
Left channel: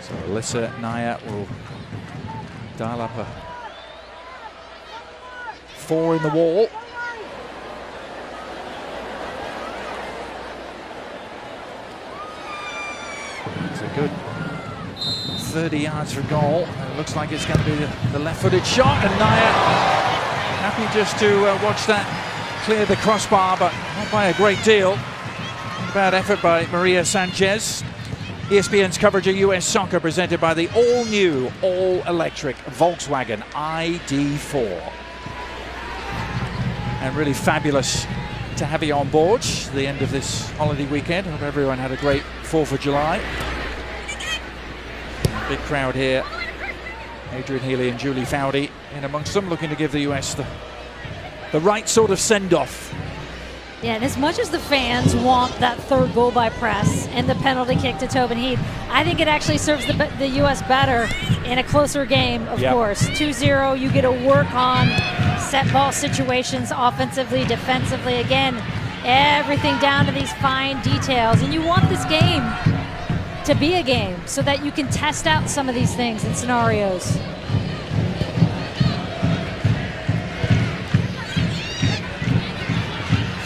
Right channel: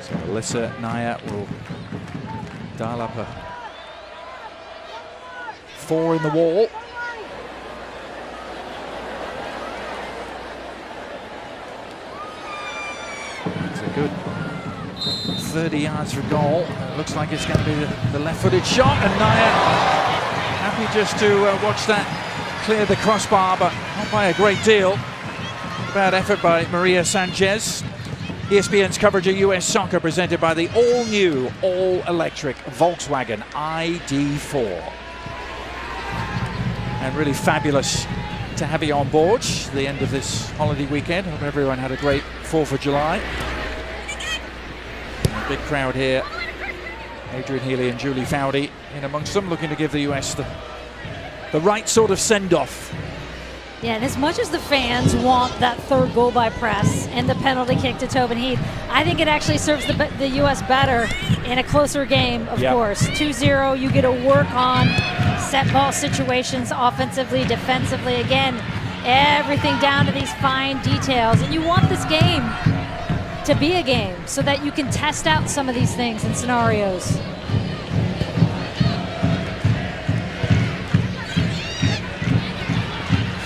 So Alyssa Naya will dial up a 4 in the wall. It's a good 30 yards for goal. And it looks like it's going to be the left-footed shot, and Naya happy just to watch that clear the crossbar, but not by a great deal. Not a bad effort by Maria Sanchez. ESPN's coverage of US soccer presented by the all-new, all-electric Volkswagen ID4. And really fabulous to have you on board the end of this holiday weekend. Hope everyone had a great 4th of July. And a big crowd here. Adrian Healy and Julie Foudy in amongst them, looking to give the US the right sort of send-off Yeah, and as much as the fans want that third goal by Press and the penalty kick to Tobin Heath, I think it actually serves the U.S. better in a closer game, of course. 2-0, you get to work on set ball situations offensively, defensively. Again, everything down to these fine details. And you want this game to be a game so that you can test out some of these things and scenarios.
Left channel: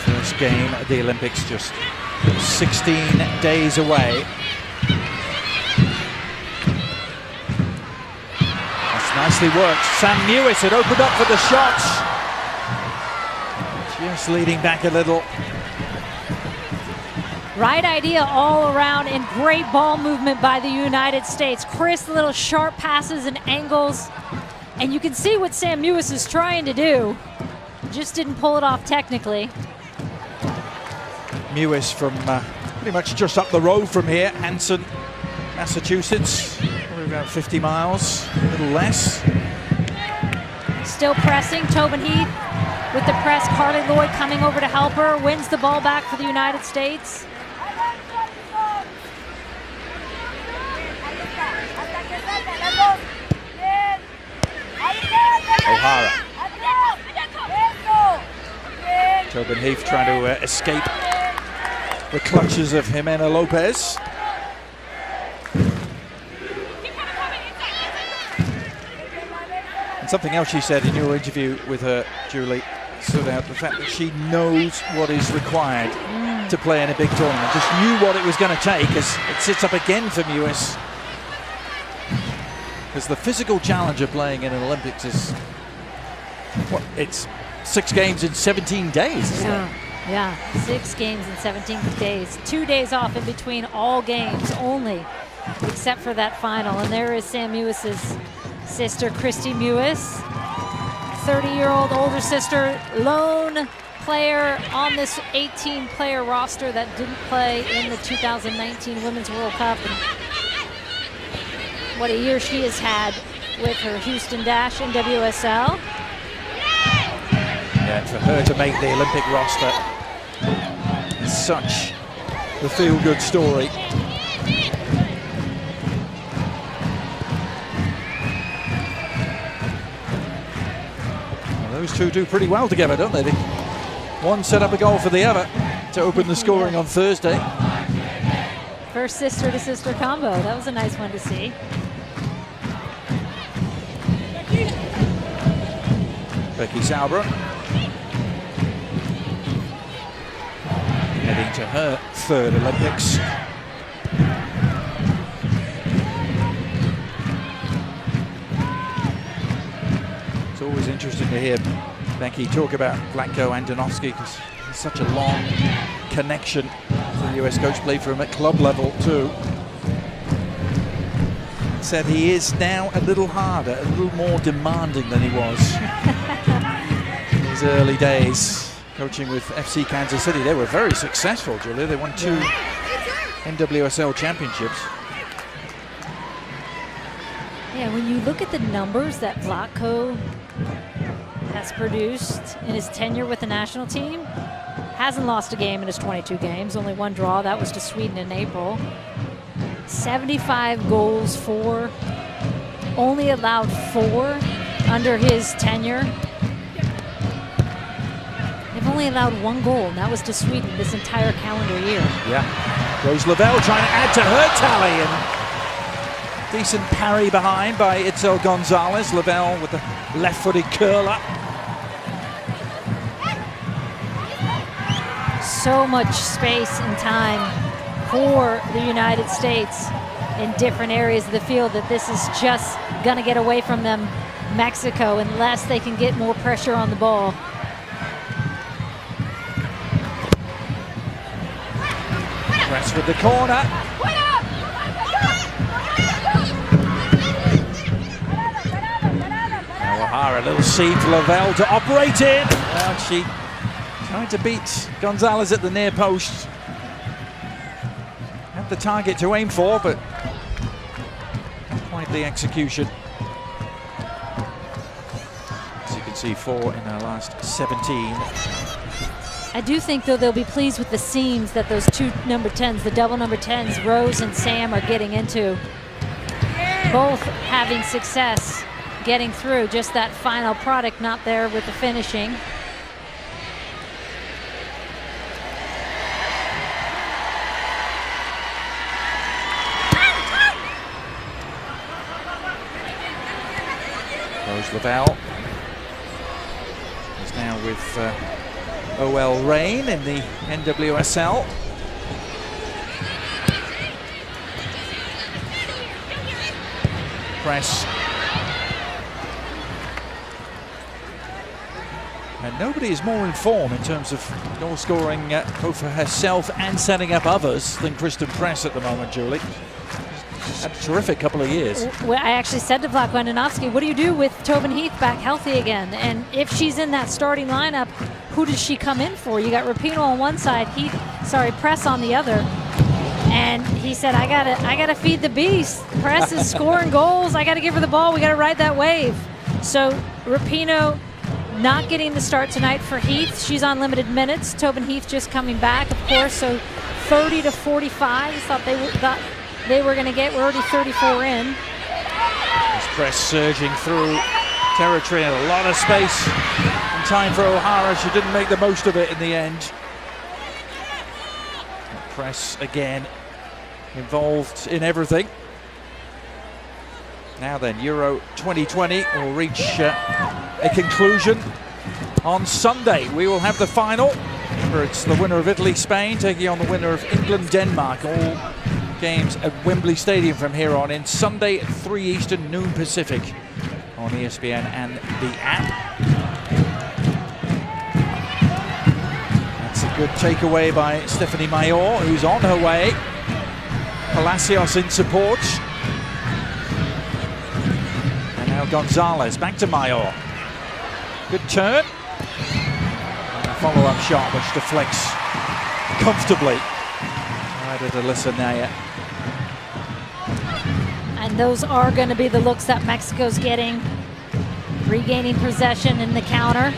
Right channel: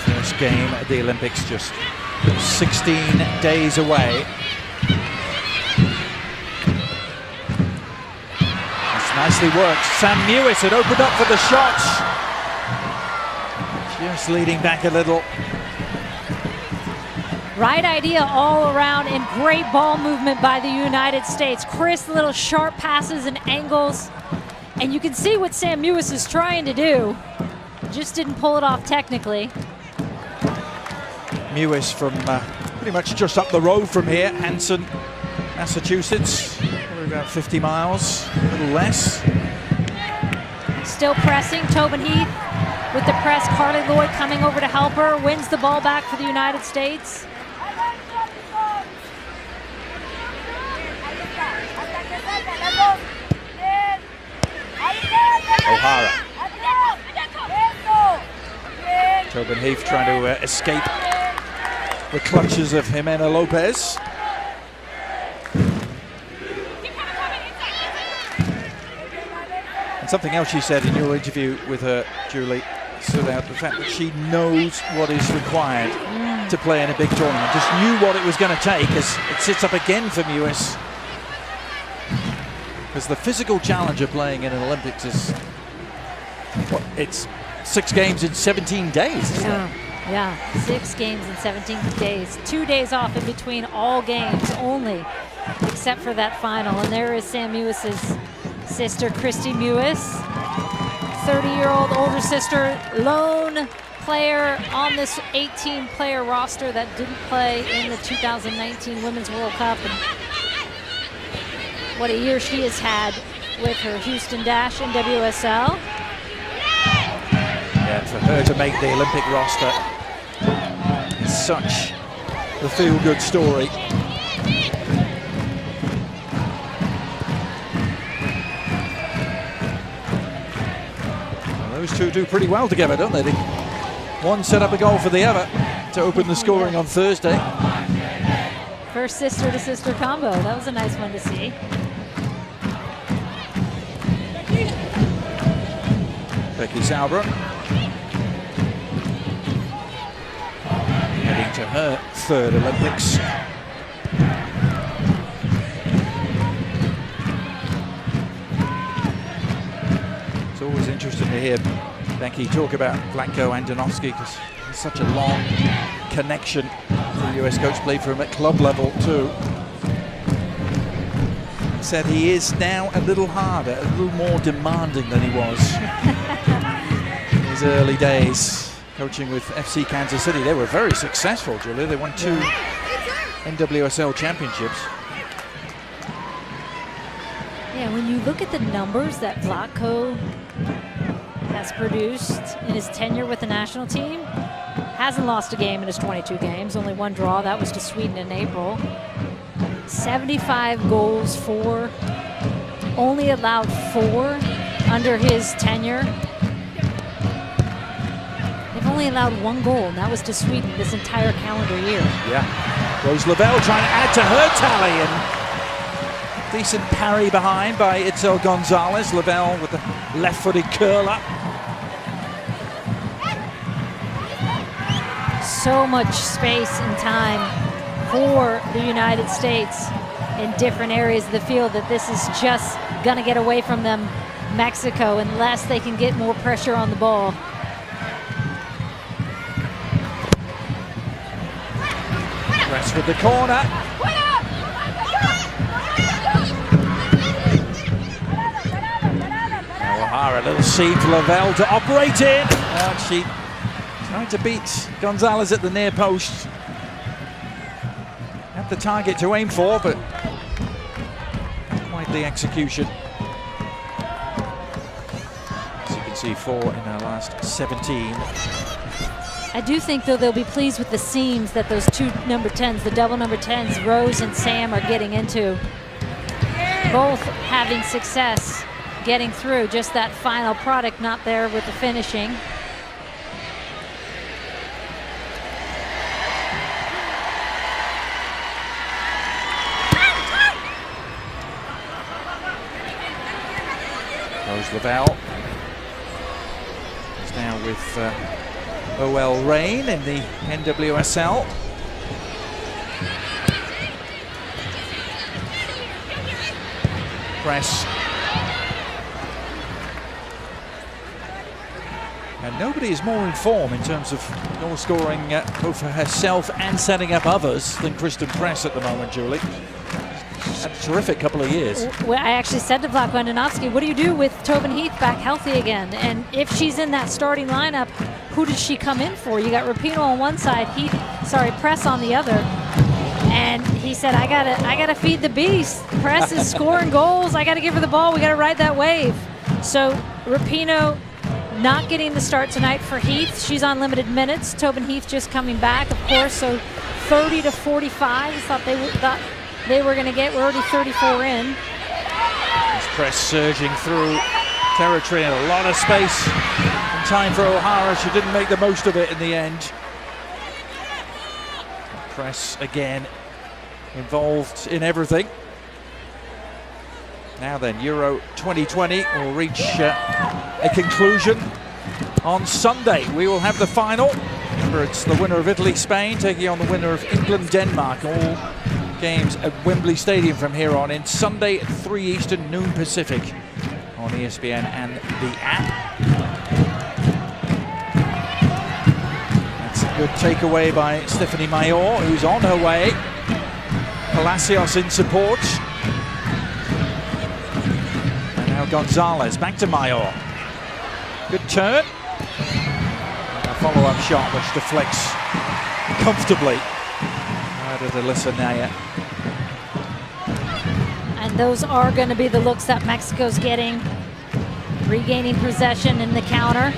First game at the Olympics, just 16 days away. That's nicely worked. Sam Mewis had opened up for the shot. Just leading back a little. Right idea all around, and great ball movement by the United States. Crisp little sharp passes and angles. And you can see what Sam Mewis is trying to do. Just didn't pull it off technically. Mewis from pretty much just up the road from here, Hanson, Massachusetts, probably about 50 miles, a little less. Still pressing, Tobin Heath with the press. Carly Lloyd coming over to help her, wins the ball back for the United States. O'Hara. Tobin Heath trying to escape the clutches of Jimena Lopez. And something else she said in your interview with her, Julie, stood out, the fact that she knows what is required to play in a big tournament. Just knew what it was going to take as it sits up again for Mewis. Because the physical challenge of playing in an Olympics is, what, it's 6 games in 17 days, isn't it? Yeah, 6 games in 17 days. 2 days off in between all games only, except for that final. And there is Sam Mewis's sister, Christy Mewis, 30-year-old older sister, lone player on this 18-player roster that didn't play in the 2019 Women's World Cup. And what a year she has had with her Houston Dash in WSL. Yeah, and for her to make the Olympic roster is such the feel-good story. Well, those two do pretty well together, don't they? One set up a goal for the other to open the scoring on Thursday. First sister-to-sister combo. That was a nice one to see. Becky Sauerbrunn heading to her 3rd Olympics. It's always interesting to hear Becky talk about Vlatko Andonovski because there's such a long connection to the US coach, played for him at club level too. And said he is now a little harder, a little more demanding than he was in his early days. Coaching with FC Kansas City. They were very successful, Julia. They won 2 NWSL championships. Yeah, when you look at the numbers that Vlatko has produced in his tenure with the national team, hasn't lost a game in his 22 games, only 1 draw. That was to Sweden in April. 75 goals for, only allowed 4 under his tenure. They've only allowed 1 goal, and that was to Sweden this entire calendar year. Yeah. Rose Lavelle trying to add to her tally, and decent parry behind by Itzel Gonzalez. Lavelle with the left-footed curler. So much space and time for the United States in different areas of the field that this is just going to get away from them, Mexico, unless they can get more pressure on the ball. Press with the corner. Now O'Hara, a little seam for Lavelle to operate in. Well, she tried to beat Gonzalez at the near post. Had the target to aim for, but not quite the execution. As you can see, 4 in her last 17. I do think, though, they'll be pleased with the seams that those two number 10s, the double number 10s, Rose and Sam, are getting into. Both having success getting through, just that final product not there with the finishing. Rose Lavelle is now with OL Reign in the NWSL. Press. And nobody is more in form in terms of goal scoring both for herself and setting up others than Kristen Press at the moment, Julie. She's had a terrific couple of years. Well, I actually said to Vlatko Andonovski, what do you do with Tobin Heath back healthy again? And if she's in that starting lineup, who does she come in for? You got Rapinoe on one side, Press on the other. And he said, I gotta feed the beast. Press is scoring goals. I gotta give her the ball. We gotta ride that wave. So Rapinoe not getting the start tonight for Heath. She's on limited minutes. Tobin Heath just coming back, of course. So 30 to 45 is thought they were going to get. We're already 34 in. This Press surging through territory and a lot of space and time for O'Hara. She didn't make the most of it in the end. Press again involved in everything. Now then, Euro 2020 will reach a conclusion on Sunday. We will have the final. Remember, it's the winner of Italy-Spain taking on the winner of England-Denmark. All games at Wembley Stadium from here on in. Sunday at 3 Eastern, noon Pacific on ESPN and the app. That's a good takeaway by Stephanie Mayor, who's on her way. Palacios in support. And now Gonzalez, back to Mayor. Good turn. And a follow-up shot which deflects comfortably. Right at Alyssa Naya. And those are going to be the looks that Mexico's getting. Regaining possession in the counter.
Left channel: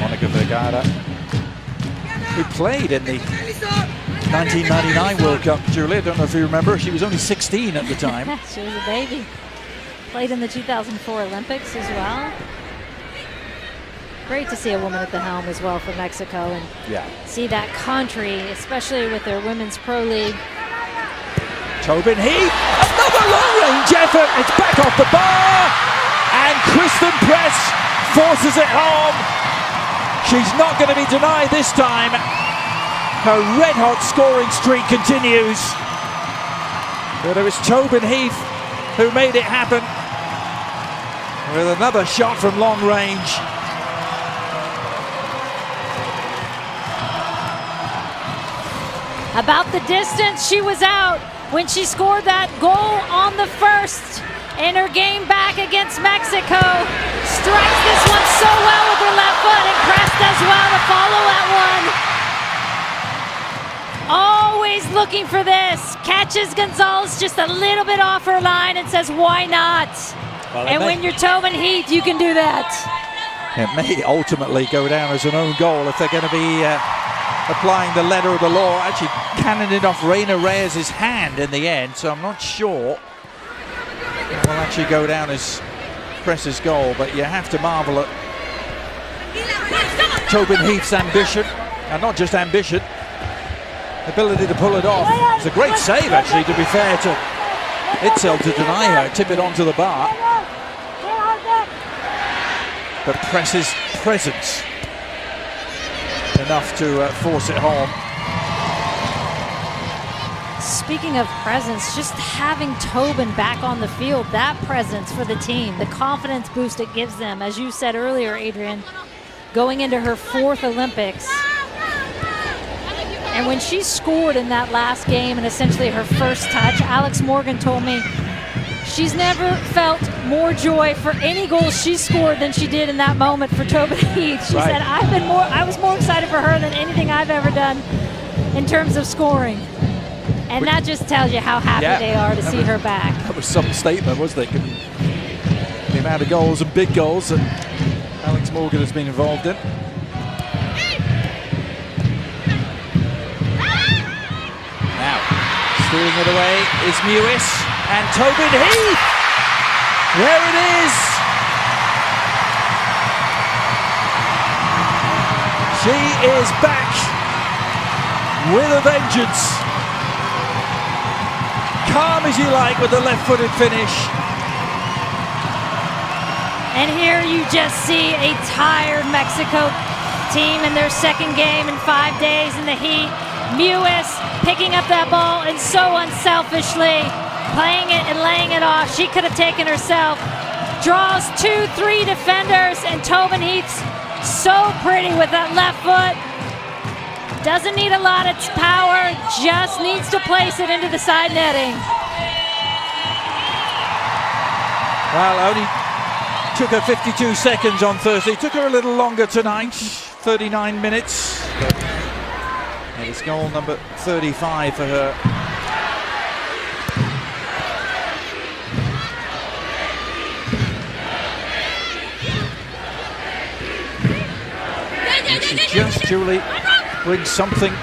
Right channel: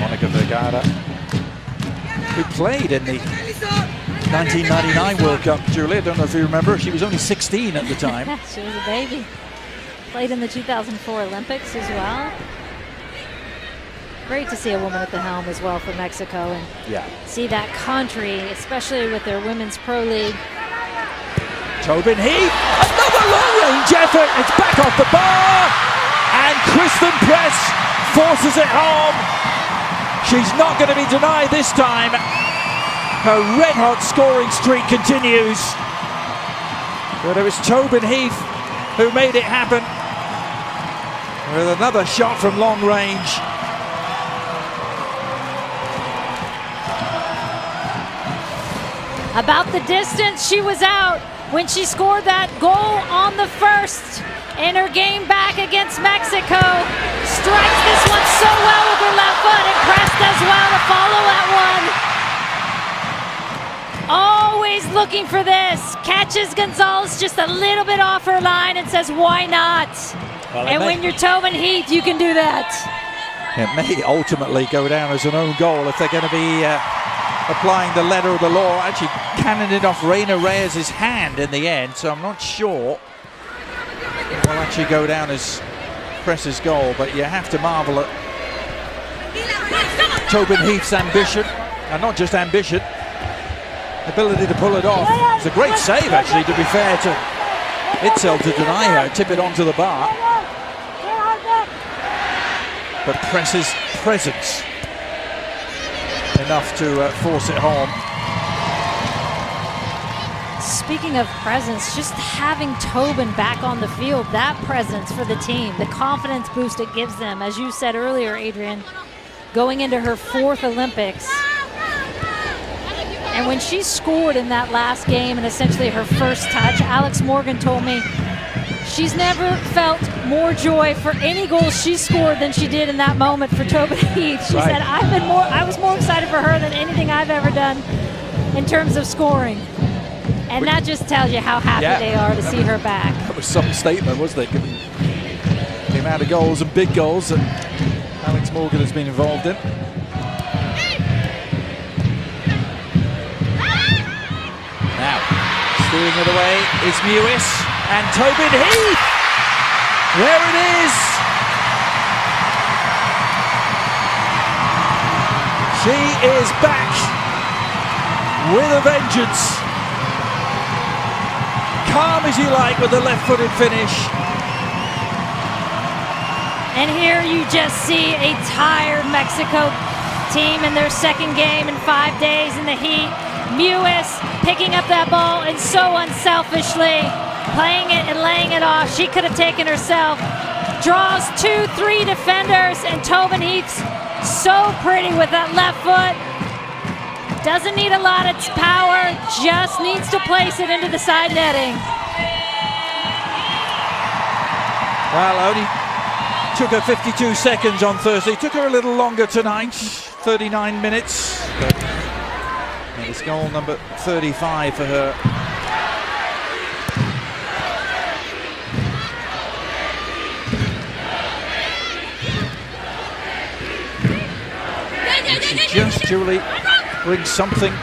Monica Vergara, who played in the 1999 World Cup, Julie. I don't know if you remember. She was only 16 at the time. She was a baby. Played in the 2004 Olympics as well. Great to see a woman at the helm as well for Mexico, and see that country, especially with their Women's Pro League. Tobin Heath, another long-range effort. It's back off the bar, and Kristen Press forces it home. She's not going to be denied this time. Her red-hot scoring streak continues. But it was Tobin Heath who made it happen with another shot from long range. About the distance she was out when she scored that goal on the first in her game back against Mexico. Strikes this one so well with her left foot, and Press does well to follow that one. Always looking for this. Catches Gonzalez just a little bit off her line and says, why not? Well, and when you're Tobin Heath, you can do that. It may ultimately go down as an own goal if they're going to be applying the letter of the law. Actually cannoned it off Reina Reyes' hand in the end, so I'm not sure it will actually go down as Press's goal, but you have to marvel at Tobin Heath's ambition, and not just ambition, ability to pull it off. It's a great save, actually, to be fair to Itzel, to deny her, tip it onto the bar. But Press's presence enough to force it home. Speaking of presence, just having Tobin back on the field, that presence for the team, the confidence boost it gives them, as you said earlier, Adrian, going into her 4th Olympics. And when she scored in that last game and essentially her first touch, Alex Morgan told me she's never felt more joy for any goal she scored than she did in that moment for Tobin Heath. She said, I was more excited for her than anything I've ever done in terms of scoring. And that just tells you how happy they are to see her back. That was some statement, wasn't it, given the amount of goals and big goals that Alex Morgan has been involved in. Now, stealing it away is Mewis and Tobin Heath. There it is. She is back with a vengeance. Calm as you like with the left-footed finish. And here you just see a tired Mexico team in their second game in 5 days in the heat. Mewis picking up that ball and so unselfishly playing it and laying it off. She could have taken herself. Draws 2-3 defenders, and Tobin Heath's so pretty with that left foot. Doesn't need a lot of power, just needs to place it into the side netting. Well, only took her 52 seconds on Thursday. Took her a little longer tonight, 39 minutes. But it is goal number 35 for her. And she just, Julie, brings something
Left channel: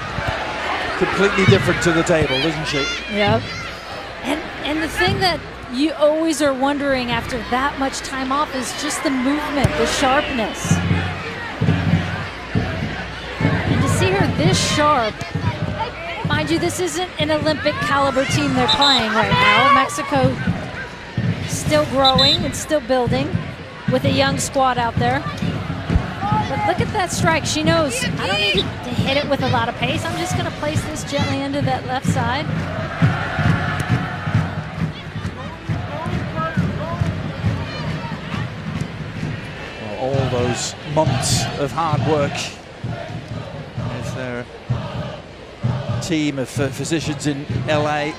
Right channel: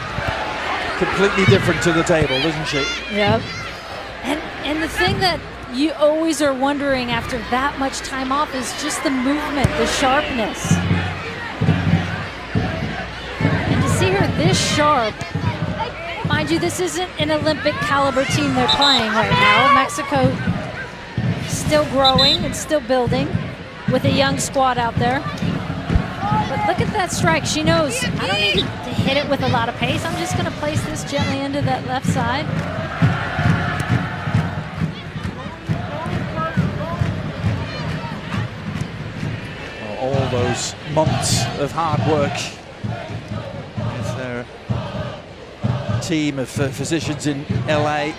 completely different to the table, doesn't she? Yep. And the thing that you always are wondering after that much time off is just the movement, the sharpness. And to see her this sharp, mind you, this isn't an Olympic caliber team they're playing right now. Mexico still growing and still building with a young squad out there. But look at that strike. She knows, I don't need to hit it with a lot of pace. I'm just going to place this gently into that left side. Well, all those months of hard work with their team of physicians in LA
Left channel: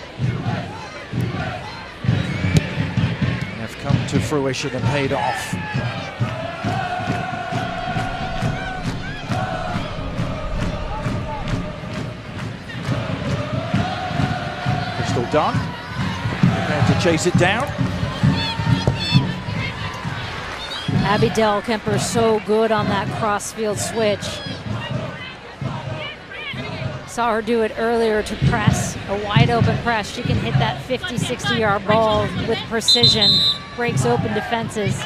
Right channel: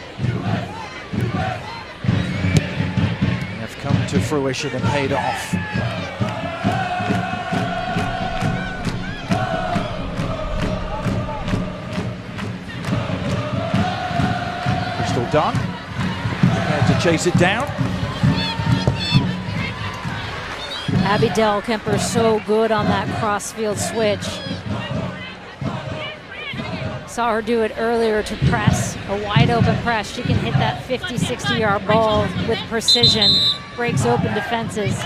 have come to fruition and paid off. Done, prepared to chase it down. Abby Dahlkemper so good on that crossfield switch. Saw her do it earlier to press, a wide open press. She can hit that 50, 60-yard ball with precision, breaks open defenses.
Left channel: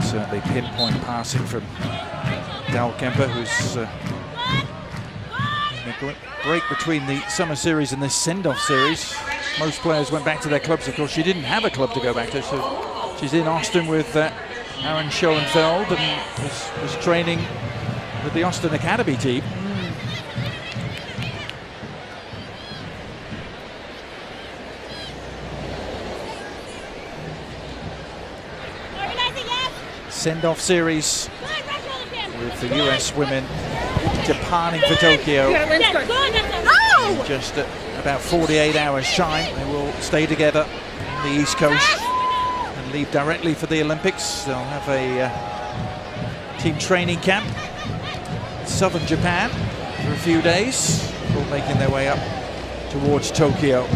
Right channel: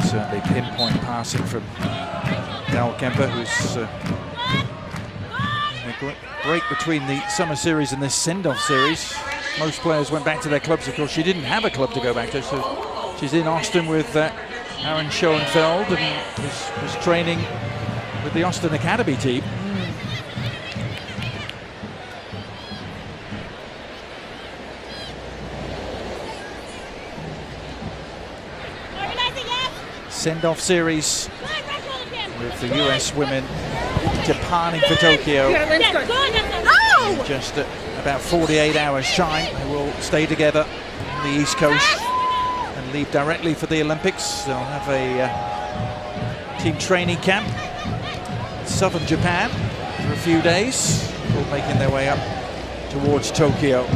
Certainly pinpoint passing from Dahlkemper, who's in a break between the summer series and this send-off series. Most players went back to their clubs. Of course, she didn't have a club to go back to, so she's in Austin with Aaron Schoenfeld and was training with the Austin Academy team. Send-off series with the US women departing for Tokyo in just about 48 hours time. They will stay together on the East Coast and leave directly for the Olympics. They'll have a team training camp in southern Japan for a few days before making their way up towards Tokyo.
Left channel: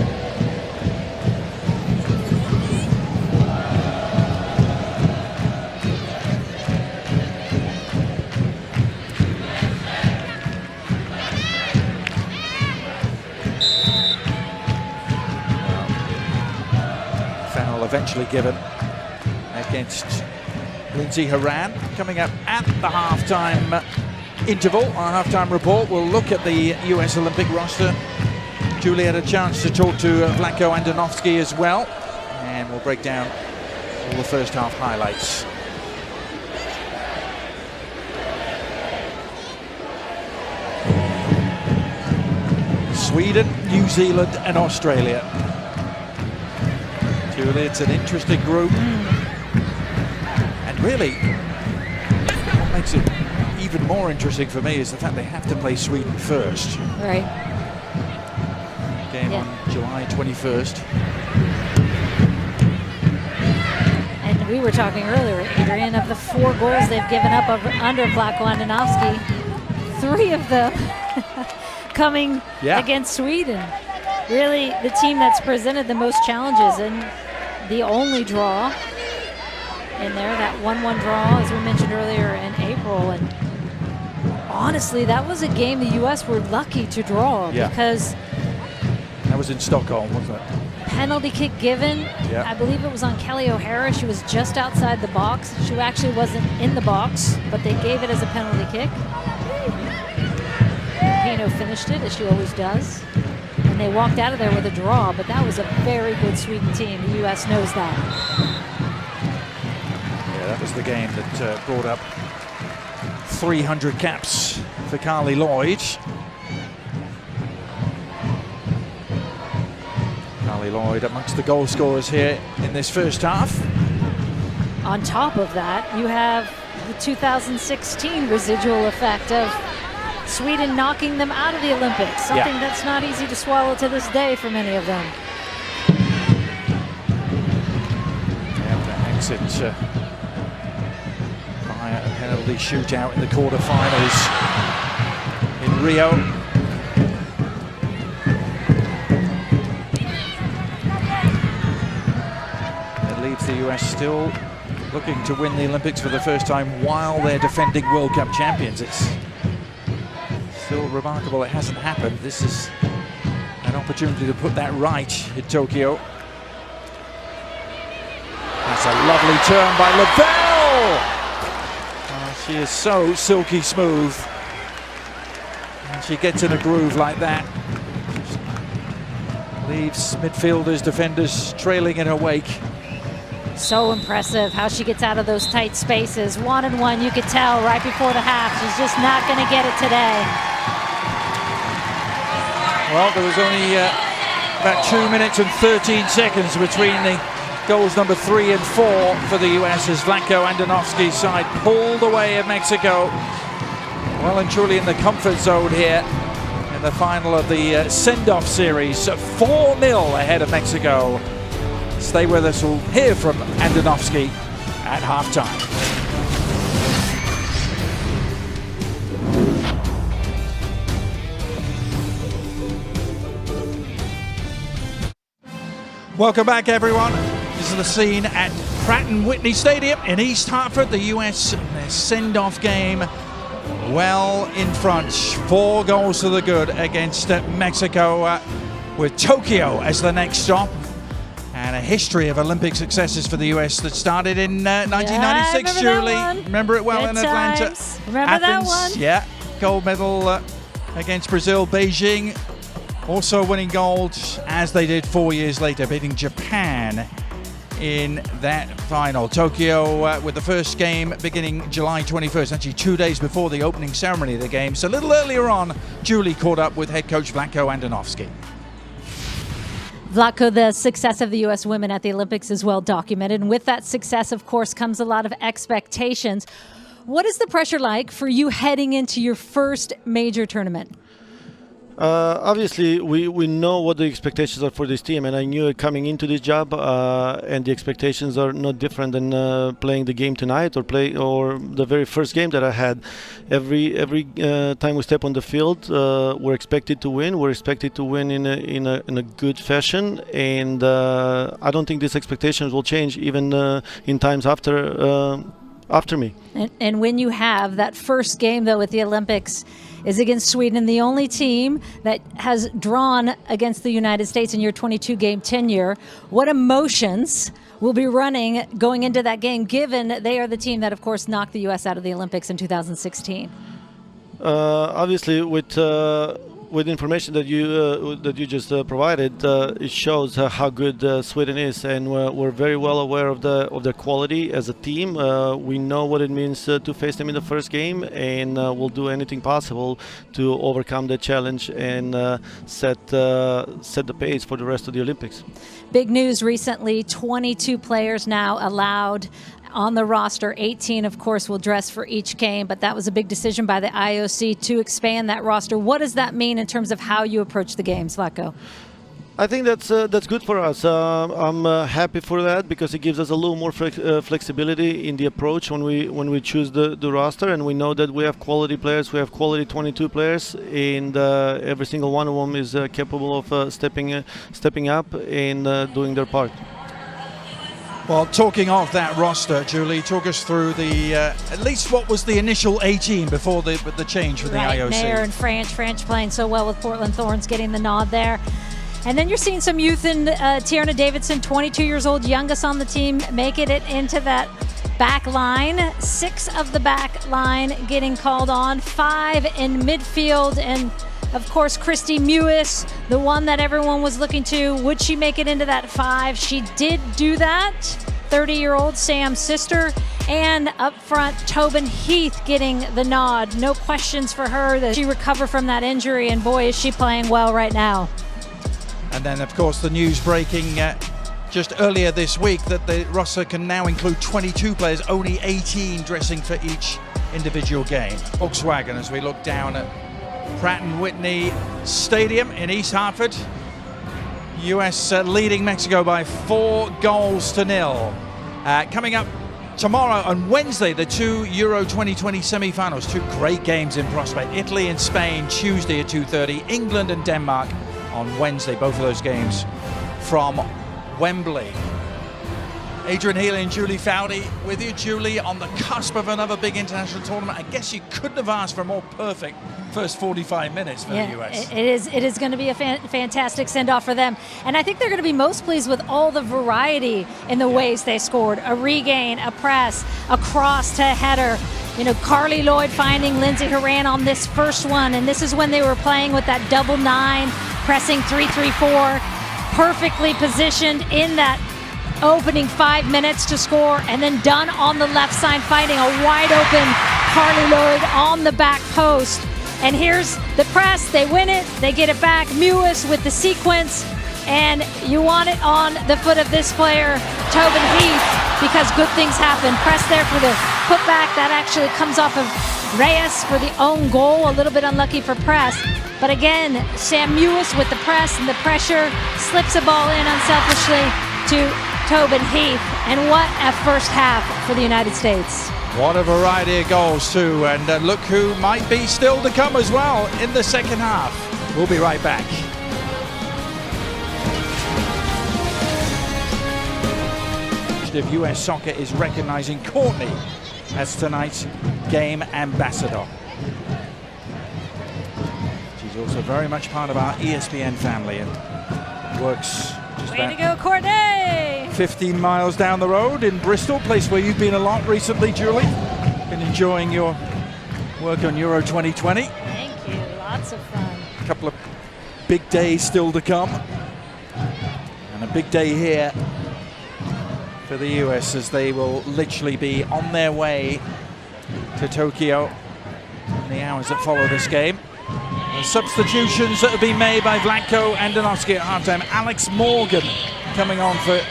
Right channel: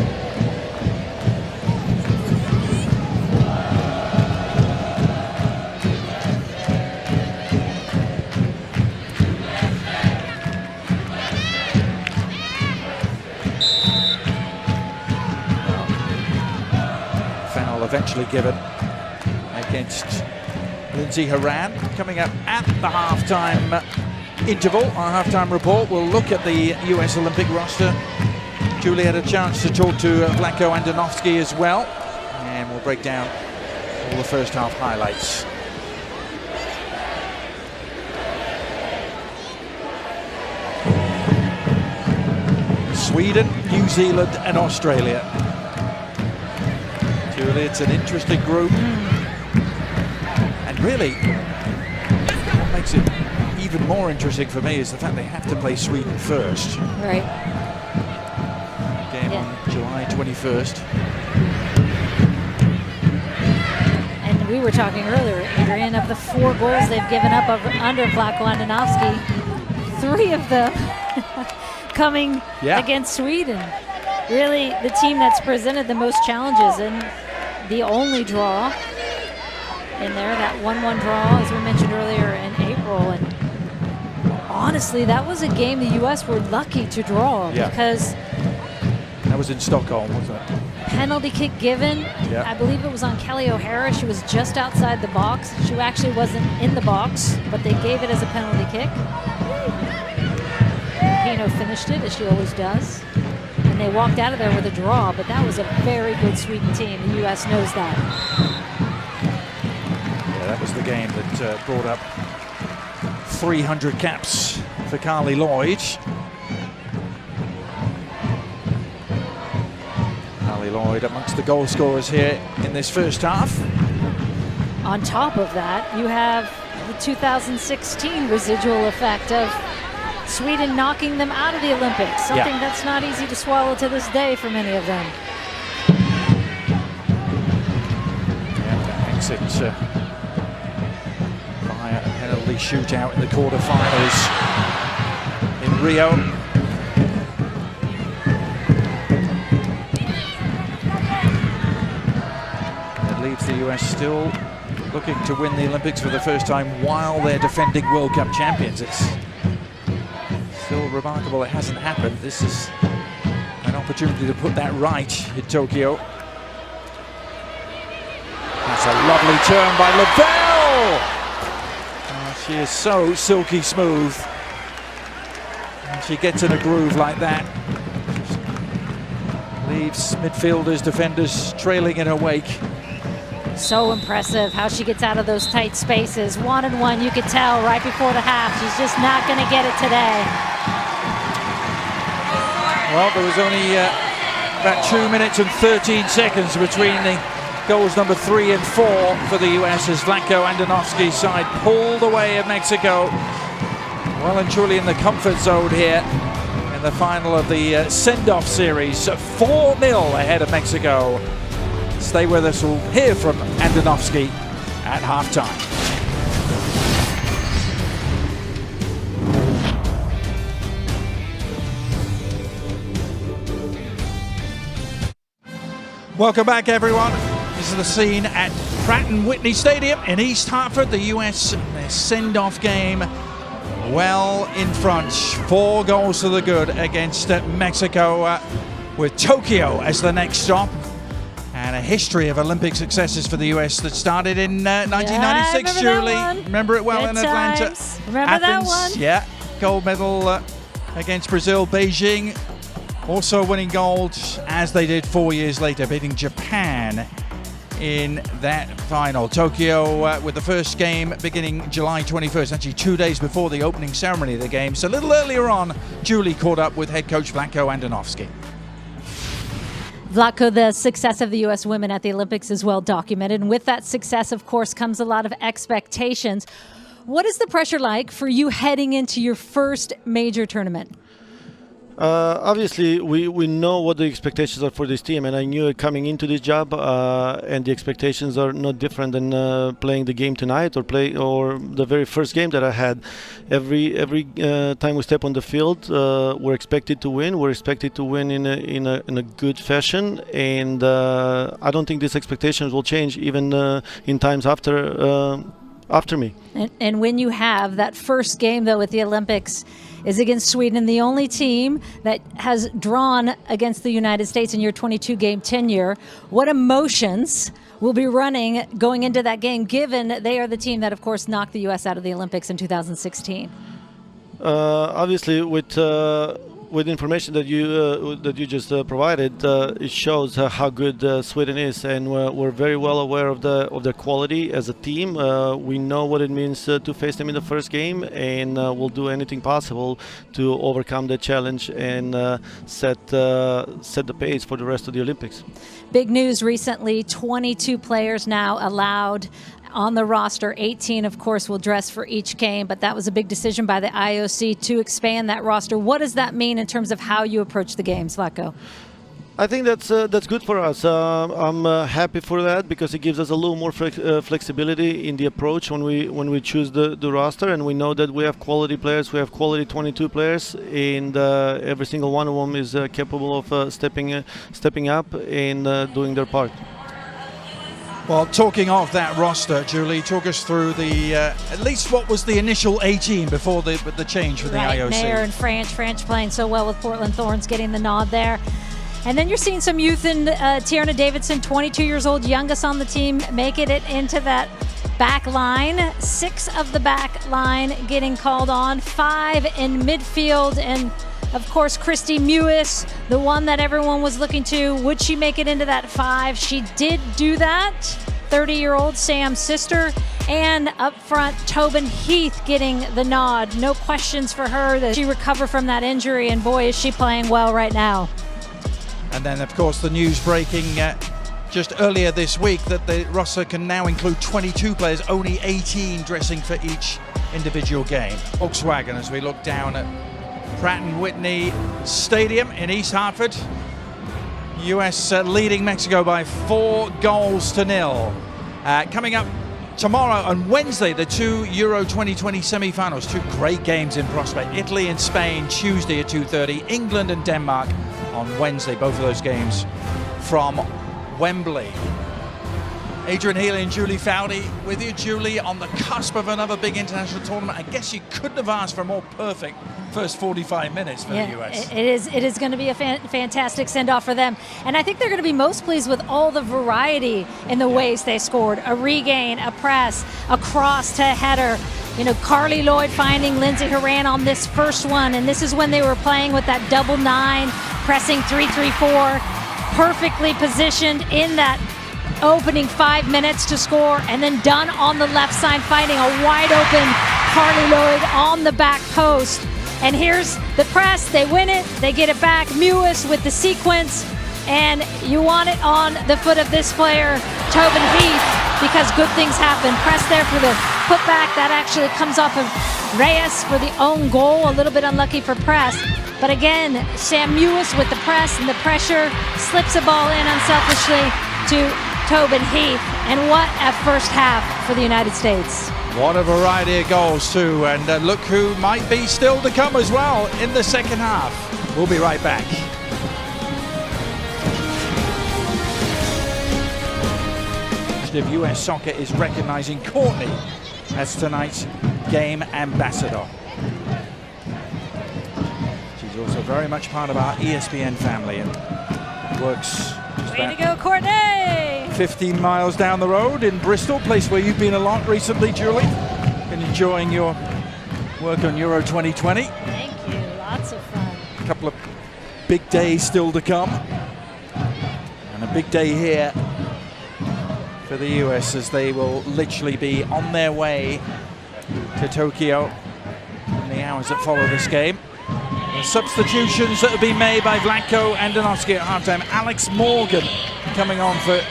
Foul eventually given against Lindsay Horan. Coming up at the halftime interval, our halftime report, we'll look at the US Olympic roster. Julie had a chance to talk to Vlatko Andonovski as well, and we'll break down all the first half highlights. Sweden, New Zealand and Australia. Julie, it's an interesting group. And really, what makes it even more interesting for me is the fact they have to play Sweden first. Right. Game on July 21st. And And we were talking earlier, Adrian, of the 4 goals they've given up under Vlatko Andonovski, 3 of them coming against Sweden. Really the team that's presented the most challenges, and the only draw in there, that 1-1 draw, as we mentioned earlier, in April. And honestly, that was a game the U.S. were lucky to draw because that was in Stockholm, wasn't it? Penalty kick given. I believe it was on Kelly O'Hara. She was just outside the box. She actually wasn't in the box, but they gave it as a penalty kick. Pino finished it, as she always does. And they walked out of there with a draw, but that was a very good Sweden team. The U.S. knows that. Yeah, that was the game that brought up 300 caps for Carly Lloyd. Carly Lloyd amongst the goal scorers here in this first half. On top of that, you have the 2016 residual effect of Sweden knocking them out of the Olympics, something that's not easy to swallow to this day for many of them. Yeah, that exit via a penalty shootout in the quarterfinals in Rio. It leaves the US still looking to win the Olympics for the first time while they're defending World Cup champions. It's still remarkable it hasn't happened. This is an opportunity to put that right in Tokyo. That's a lovely turn by Lavelle. She is so silky smooth. And she gets in a groove like that. Just leaves midfielders, defenders trailing in her wake. So impressive how she gets out of those tight spaces. 1-on-1, you could tell right before the half. She's just not going to get it today. Well, there was only about 2 minutes and 13 seconds between the goals number 3 and 4 for the US as Vlatko Andonovski's side pulled away at Mexico. Well and truly in the comfort zone here in the final of the send-off series. 4-0 ahead of Mexico. Stay with us, we'll hear from Andonovski at halftime. Welcome back, everyone. This is the scene at Pratt & Whitney Stadium in East Hartford. The US, their send-off game well in front. 4 goals to the good against Mexico with Tokyo as the next stop. And a history of Olympic successes for the US that started in 1996, Julie. Remember it well Good in Atlanta. times. Remember Athens, that one? Yeah, gold medal against Brazil, Beijing. Also winning gold as they did 4 years later, beating Japan in that final. Tokyo with the first game beginning July 21st, actually 2 days before the opening ceremony of the game. So a little earlier on, Julie caught up with head coach Vlatko Andonovski. Vlatko, the success of the U.S. women at the Olympics is well documented. And with that success, of course, comes a lot of expectations. What is the pressure like for you heading into your first major tournament? Obviously, we know what the expectations are for this team, and I knew it coming into this job. And the expectations are not different than playing the game tonight or the very first game that I had. Every time we step on the field, we're expected to win. We're expected to win in a good fashion, and I don't think these expectations will change even in times after me. And when you have that first game, though, with the Olympics is against Sweden, the only team that has drawn against the United States in your 22-game tenure, what emotions will be running going into that game, given they are the team that, of course, knocked the U.S. out of the Olympics in 2016? Obviously, with information that you just provided, it shows how good Sweden is, and we're very well aware of their quality as a team. We know what it means to face them in the first game, and we'll do anything possible to overcome the challenge and set the pace for the rest of the Olympics. Big news recently: 22 players now allowed on the roster. 18, of course, will dress for each game, but that was a big decision by the IOC to expand that roster. What does that mean in terms of how you approach the games, Vlatko? I think that's good for us. I'm happy for that because it gives us a little more flexibility in the approach when we choose the roster, and we know that we have quality players. We have quality 22 players, and every single one of them is capable of stepping up and doing their part. Well, talking of that roster, Julie, talk us through the at least what was the initial 18 before the change for the IOC. Nair and French playing so well with Portland Thorns, getting the nod there. And then you're seeing some youth in Tierna Davidson, 22 years old, youngest on the team, making it into that back line. 6 of the back line getting called on, 5 in midfield, and of course Christy Mewis, the one that everyone was looking to. Would she make it into that 5? She did do that. 30-year-old Sam's sister. And up front, Tobin Heath getting the nod. No questions for her that she recovered from that injury, and boy, is she playing well right now. And then, of course, the news breaking just earlier this week that the roster can now include 22 players, only 18 dressing for each individual game. Volkswagen, as we look down at Pratt & Whitney Stadium in East Hartford. US leading Mexico by 4-0. Coming up tomorrow on Wednesday, the 2 Euro 2020 semi-finals. 2 great games in prospect. Italy and Spain Tuesday at 2:30. England and Denmark on Wednesday, both of those games from Wembley. Adrian Healy and Julie Foudy with you. Julie, on the cusp of another big international tournament. I guess you couldn't have asked for a more perfect first 45 minutes for the US. It is going to be a fantastic send-off for them. And I think they're going to be most pleased with all the variety in the ways they scored. A regain, a press, a cross to header. You know, Carly Lloyd finding Lindsay Horan on this first one. And this is when they were playing with that double 9, pressing 3-3-4, perfectly positioned in that opening 5 minutes to score, and then done on the left side, finding a wide open Carly Lloyd on the back post. And here's the press, they win it, they get it back. Mewis with the sequence, and you want it on the foot of this player, Tobin Heath, because good things happen. Press there for the putback, that actually comes off of Reyes for the own goal, a little bit unlucky for press. But again, Sam Mewis with the press and the pressure, slips a ball in unselfishly to Tobin Heath, and what a first half for the United States. What a variety of goals too, and look who might be still to come as well in the second half. We'll be right back. Of US Soccer is recognizing Courtney as tonight's game ambassador. She's also very much part of our ESPN family and works just Way to go, Courtney! 15 miles down the road in Bristol, place where you've been a lot recently, Julie. Been enjoying your work on Euro 2020. Thank you, lots of fun. A couple of big days still to come. And a big day here for the US as they will literally be on their way to Tokyo in the hours that follow this game. The substitutions that have been made by Vlatko and Danovsky at halftime. Alex Morgan coming on for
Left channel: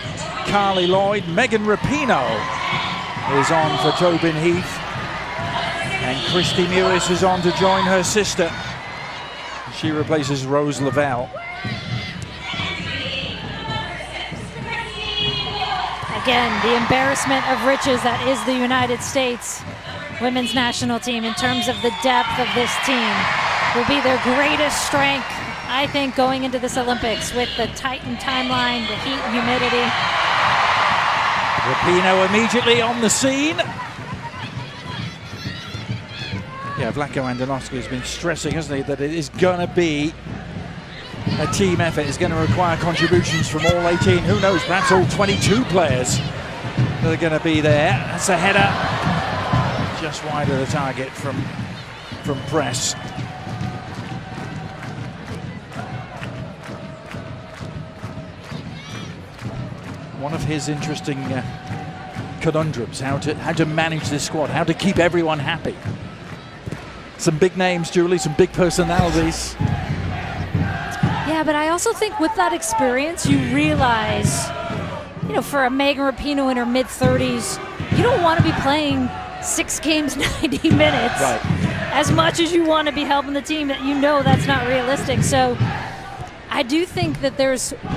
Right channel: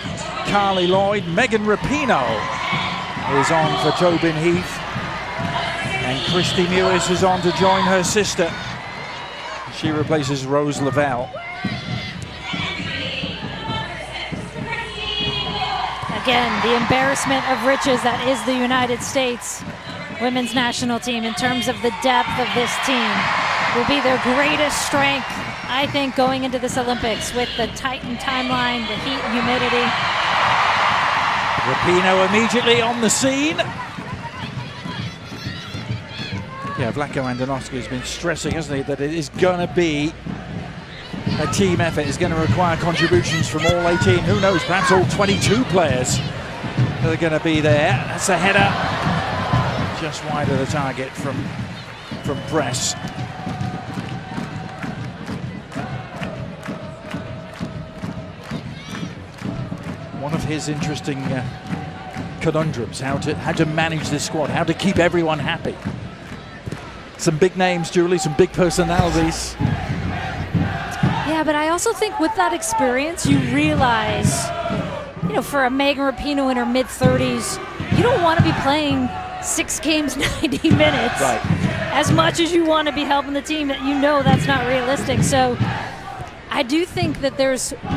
Carly Lloyd. Megan Rapinoe is on for Tobin Heath. And Christy Mewis is on to join her sister. She replaces Rose Lavelle. Again, the embarrassment of riches that is the United States women's national team in terms of the depth of this team will be their greatest strength, I think, going into this Olympics with the tightened timeline, the heat and humidity. Rapinoe immediately on the scene. Yeah, Vlatko Andonovski has been stressing, hasn't he, that it is going to be a team effort. It's going to require contributions from all 18. Who knows, perhaps all 22 players that are going to be there. That's a header just wide of the target from press. One of his interesting conundrums, how to manage this squad, how to keep everyone happy. Some big names, Julie, some big personalities. Yeah, but I also think with that experience, you realize, you know, for a Megan Rapinoe in her mid-30s, you don't want to be playing 6 games, 90 minutes. Right. As much as you want to be helping the team, that you know that's not realistic. So I do think that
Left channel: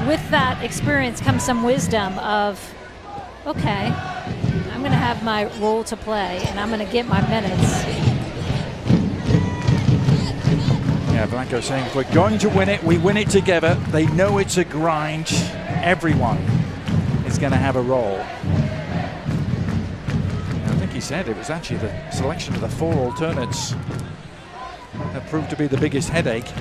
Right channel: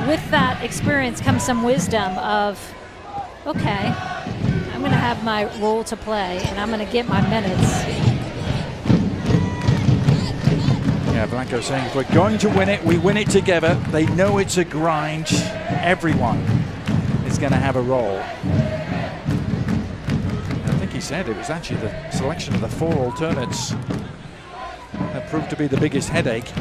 with that experience comes some wisdom of, okay, I'm going to have my role to play and I'm going to get my minutes. Yeah, Blanco saying if we're going to win it, we win it together. They know it's a grind. Everyone is going to have a role. And I think he said it was actually the selection of the 4 alternates that proved to be the biggest headache.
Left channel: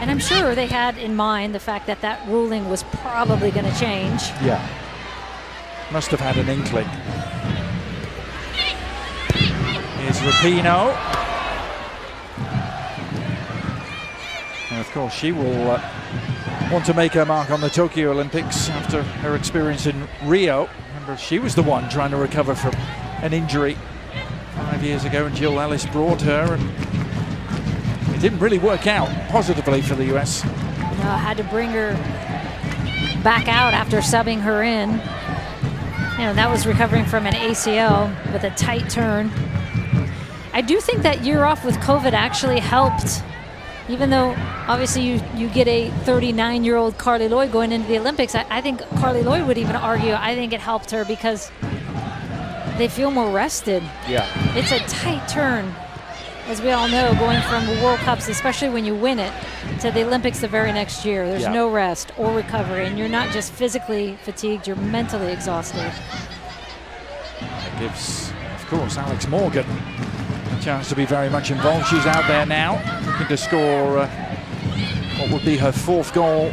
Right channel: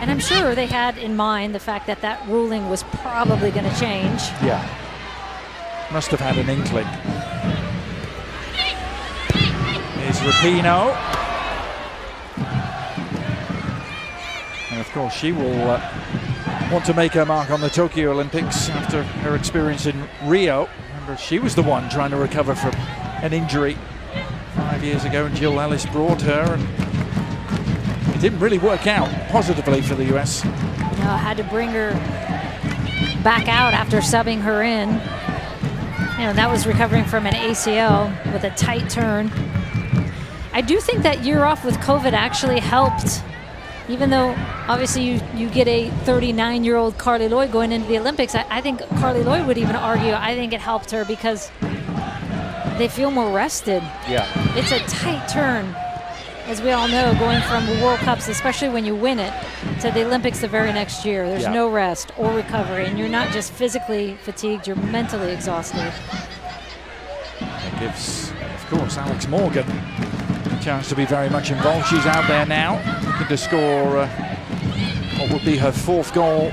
And I'm sure they had in mind the fact that that ruling was probably going to change. Yeah. Must have had an inkling. Here's Rapinoe. And of course she will want to make her mark on the Tokyo Olympics after her experience in Rio. Remember, she was the one trying to recover from an injury 5 years ago, and Jill Ellis brought her, and it didn't really work out positively for the US. No, had to bring her back out after subbing her in. You know, that was recovering from an ACL with a tight turn. I do think that year off with COVID actually helped, even though obviously you get a 39-year-old Carly Lloyd going into the Olympics. I think Carly Lloyd would even argue, I think it helped her because they feel more rested. Yeah. It's a tight turn, as we all know, going from World Cups, especially when you win it, to the Olympics the very next year. There's no rest or recovery, and you're not just physically fatigued, you're mentally exhausted. That gives, of course, Alex Morgan a chance to be very much involved. She's out there now, looking to score what would be her 4th goal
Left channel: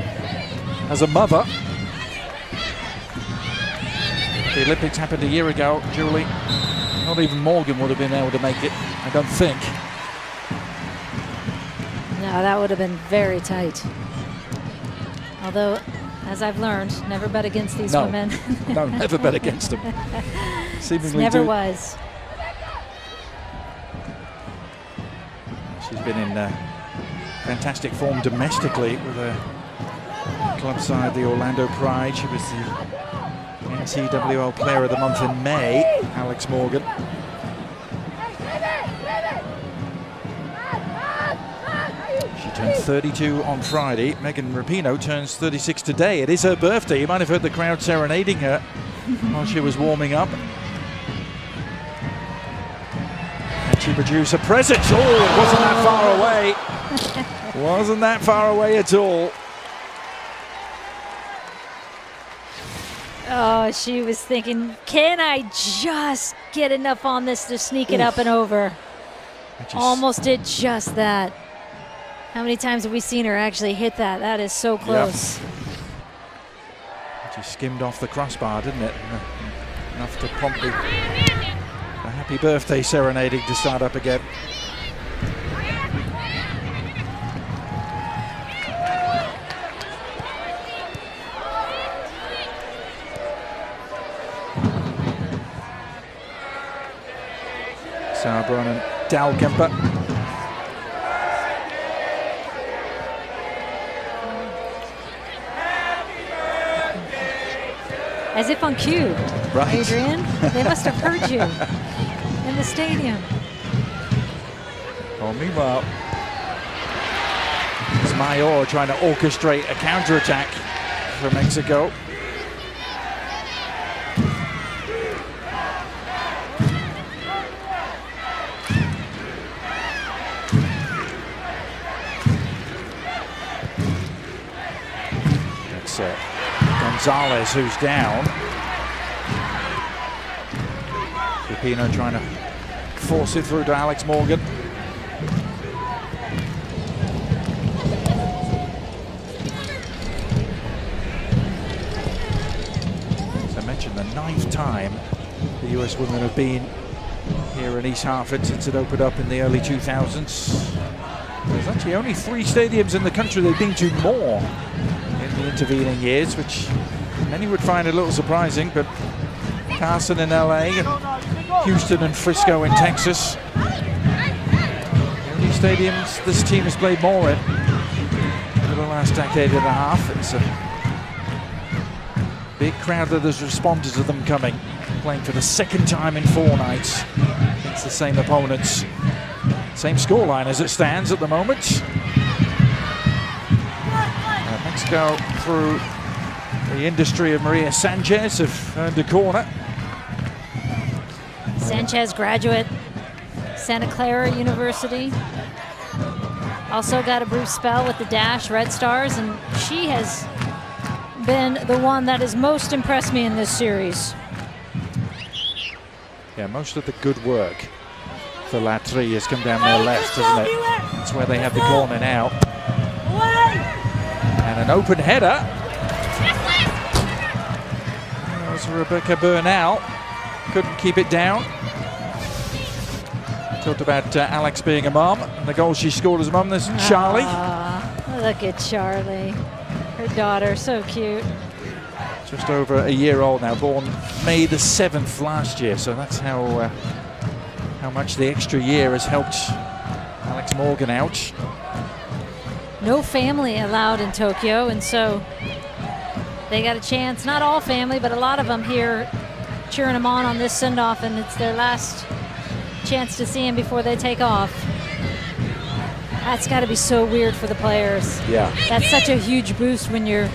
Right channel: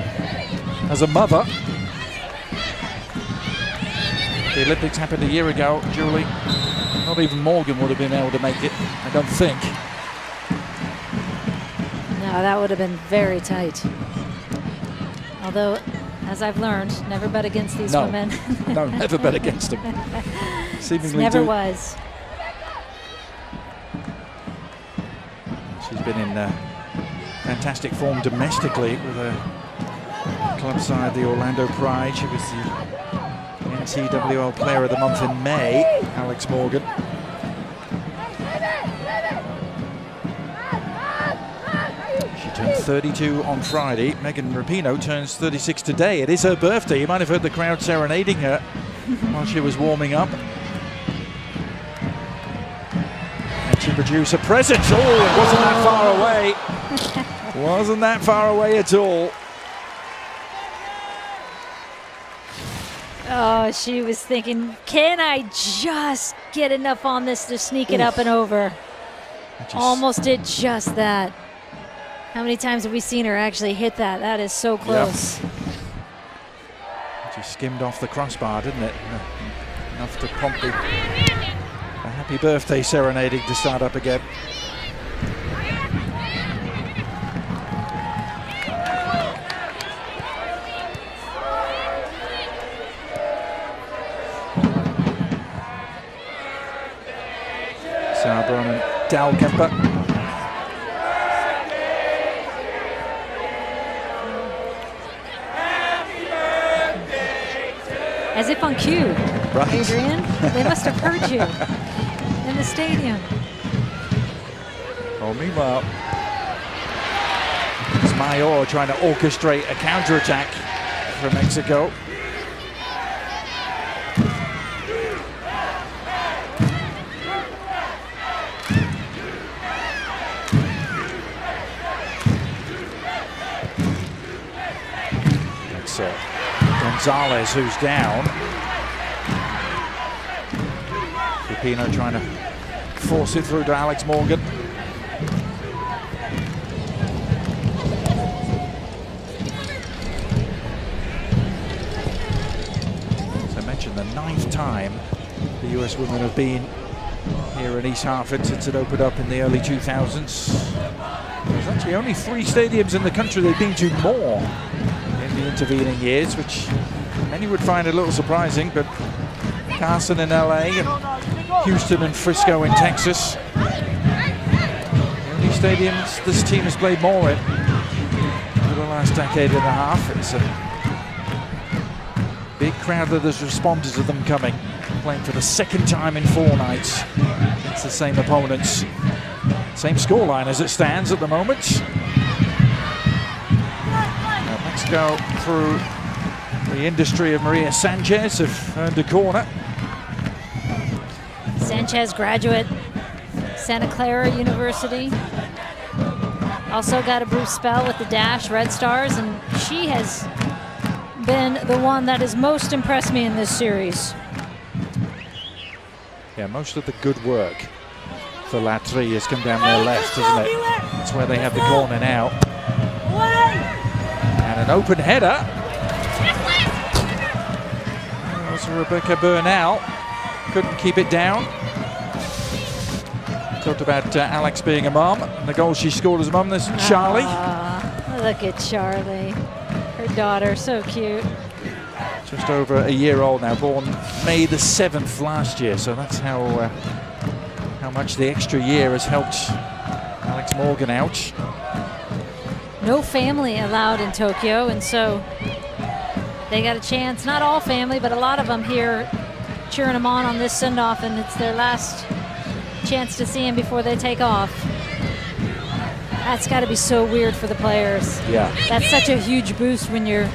as a mother. The Olympics happened a year ago, Julie. Not even Morgan would have been able to make it, I don't think. No, that would have been very tight. Although, as I've learned, never bet against these women. No, never bet against them. Seemingly never was. She's been in fantastic form domestically with her club side, the Orlando Pride. She was the NCWL Player of the Month in May, Alex Morgan. She turned 32 on Friday. Megan Rapinoe turns 36 today. It is her birthday. You might have heard the crowd serenading her while she was warming up. And she produced a present. Oh, it wasn't that far away. Wasn't that far away at all. Oh, she was thinking, can I just get enough on this to sneak it up and over? Almost did just that. How many times have we seen her actually hit that? That is so close. Yep. She skimmed off the crossbar, didn't it? Enough to prompt the happy birthday serenading to start up again. Sauerbrunn and Dahlkemper. As if on cue, right. Adrian. They must have heard you in the stadium. Well, meanwhile, it's Mayor trying to orchestrate a counterattack for Mexico. That's Gonzalez who's down. Rapinoe trying to force it through to Alex Morgan. As I mentioned, the 9th time the US women have been here in East Hartford since it opened up in the early 2000s. There's actually only 3 stadiums in the country they've been to more in the intervening years, which many would find a little surprising, but Carson in LA and Houston and Frisco in Texas. The only stadiums this team has played more in over the last decade and a half. It's a big crowd that has responded to them coming, playing for the 2nd time in 4 nights against the same opponents. Same scoreline as it stands at the moment. Mexico, through the industry of Maria Sanchez, have earned a corner. Sanchez, graduate, Santa Clara University. Also got a brief spell with the Dash Red Stars, and she has been the one that has most impressed me in this series. Yeah, most of the good work for Latry has come down their left, hasn't it? That's where they have the corner now. And an open header. That was Rebecca Bernal. Couldn't keep it down. Talked about Alex being a mum and the goal she scored as a mum. There's Charlie. Look at Charlie. Her daughter, so cute. Just over a year old now, born May the 7th last year. So that's how much the extra year has helped Alex Morgan out. No family allowed in Tokyo, and so they got a chance, not all family, but a lot of them here cheering them on this send-off, and it's their last chance to see him before they take off. That's got to be so weird for the players. Yeah. That's such a huge boost when you're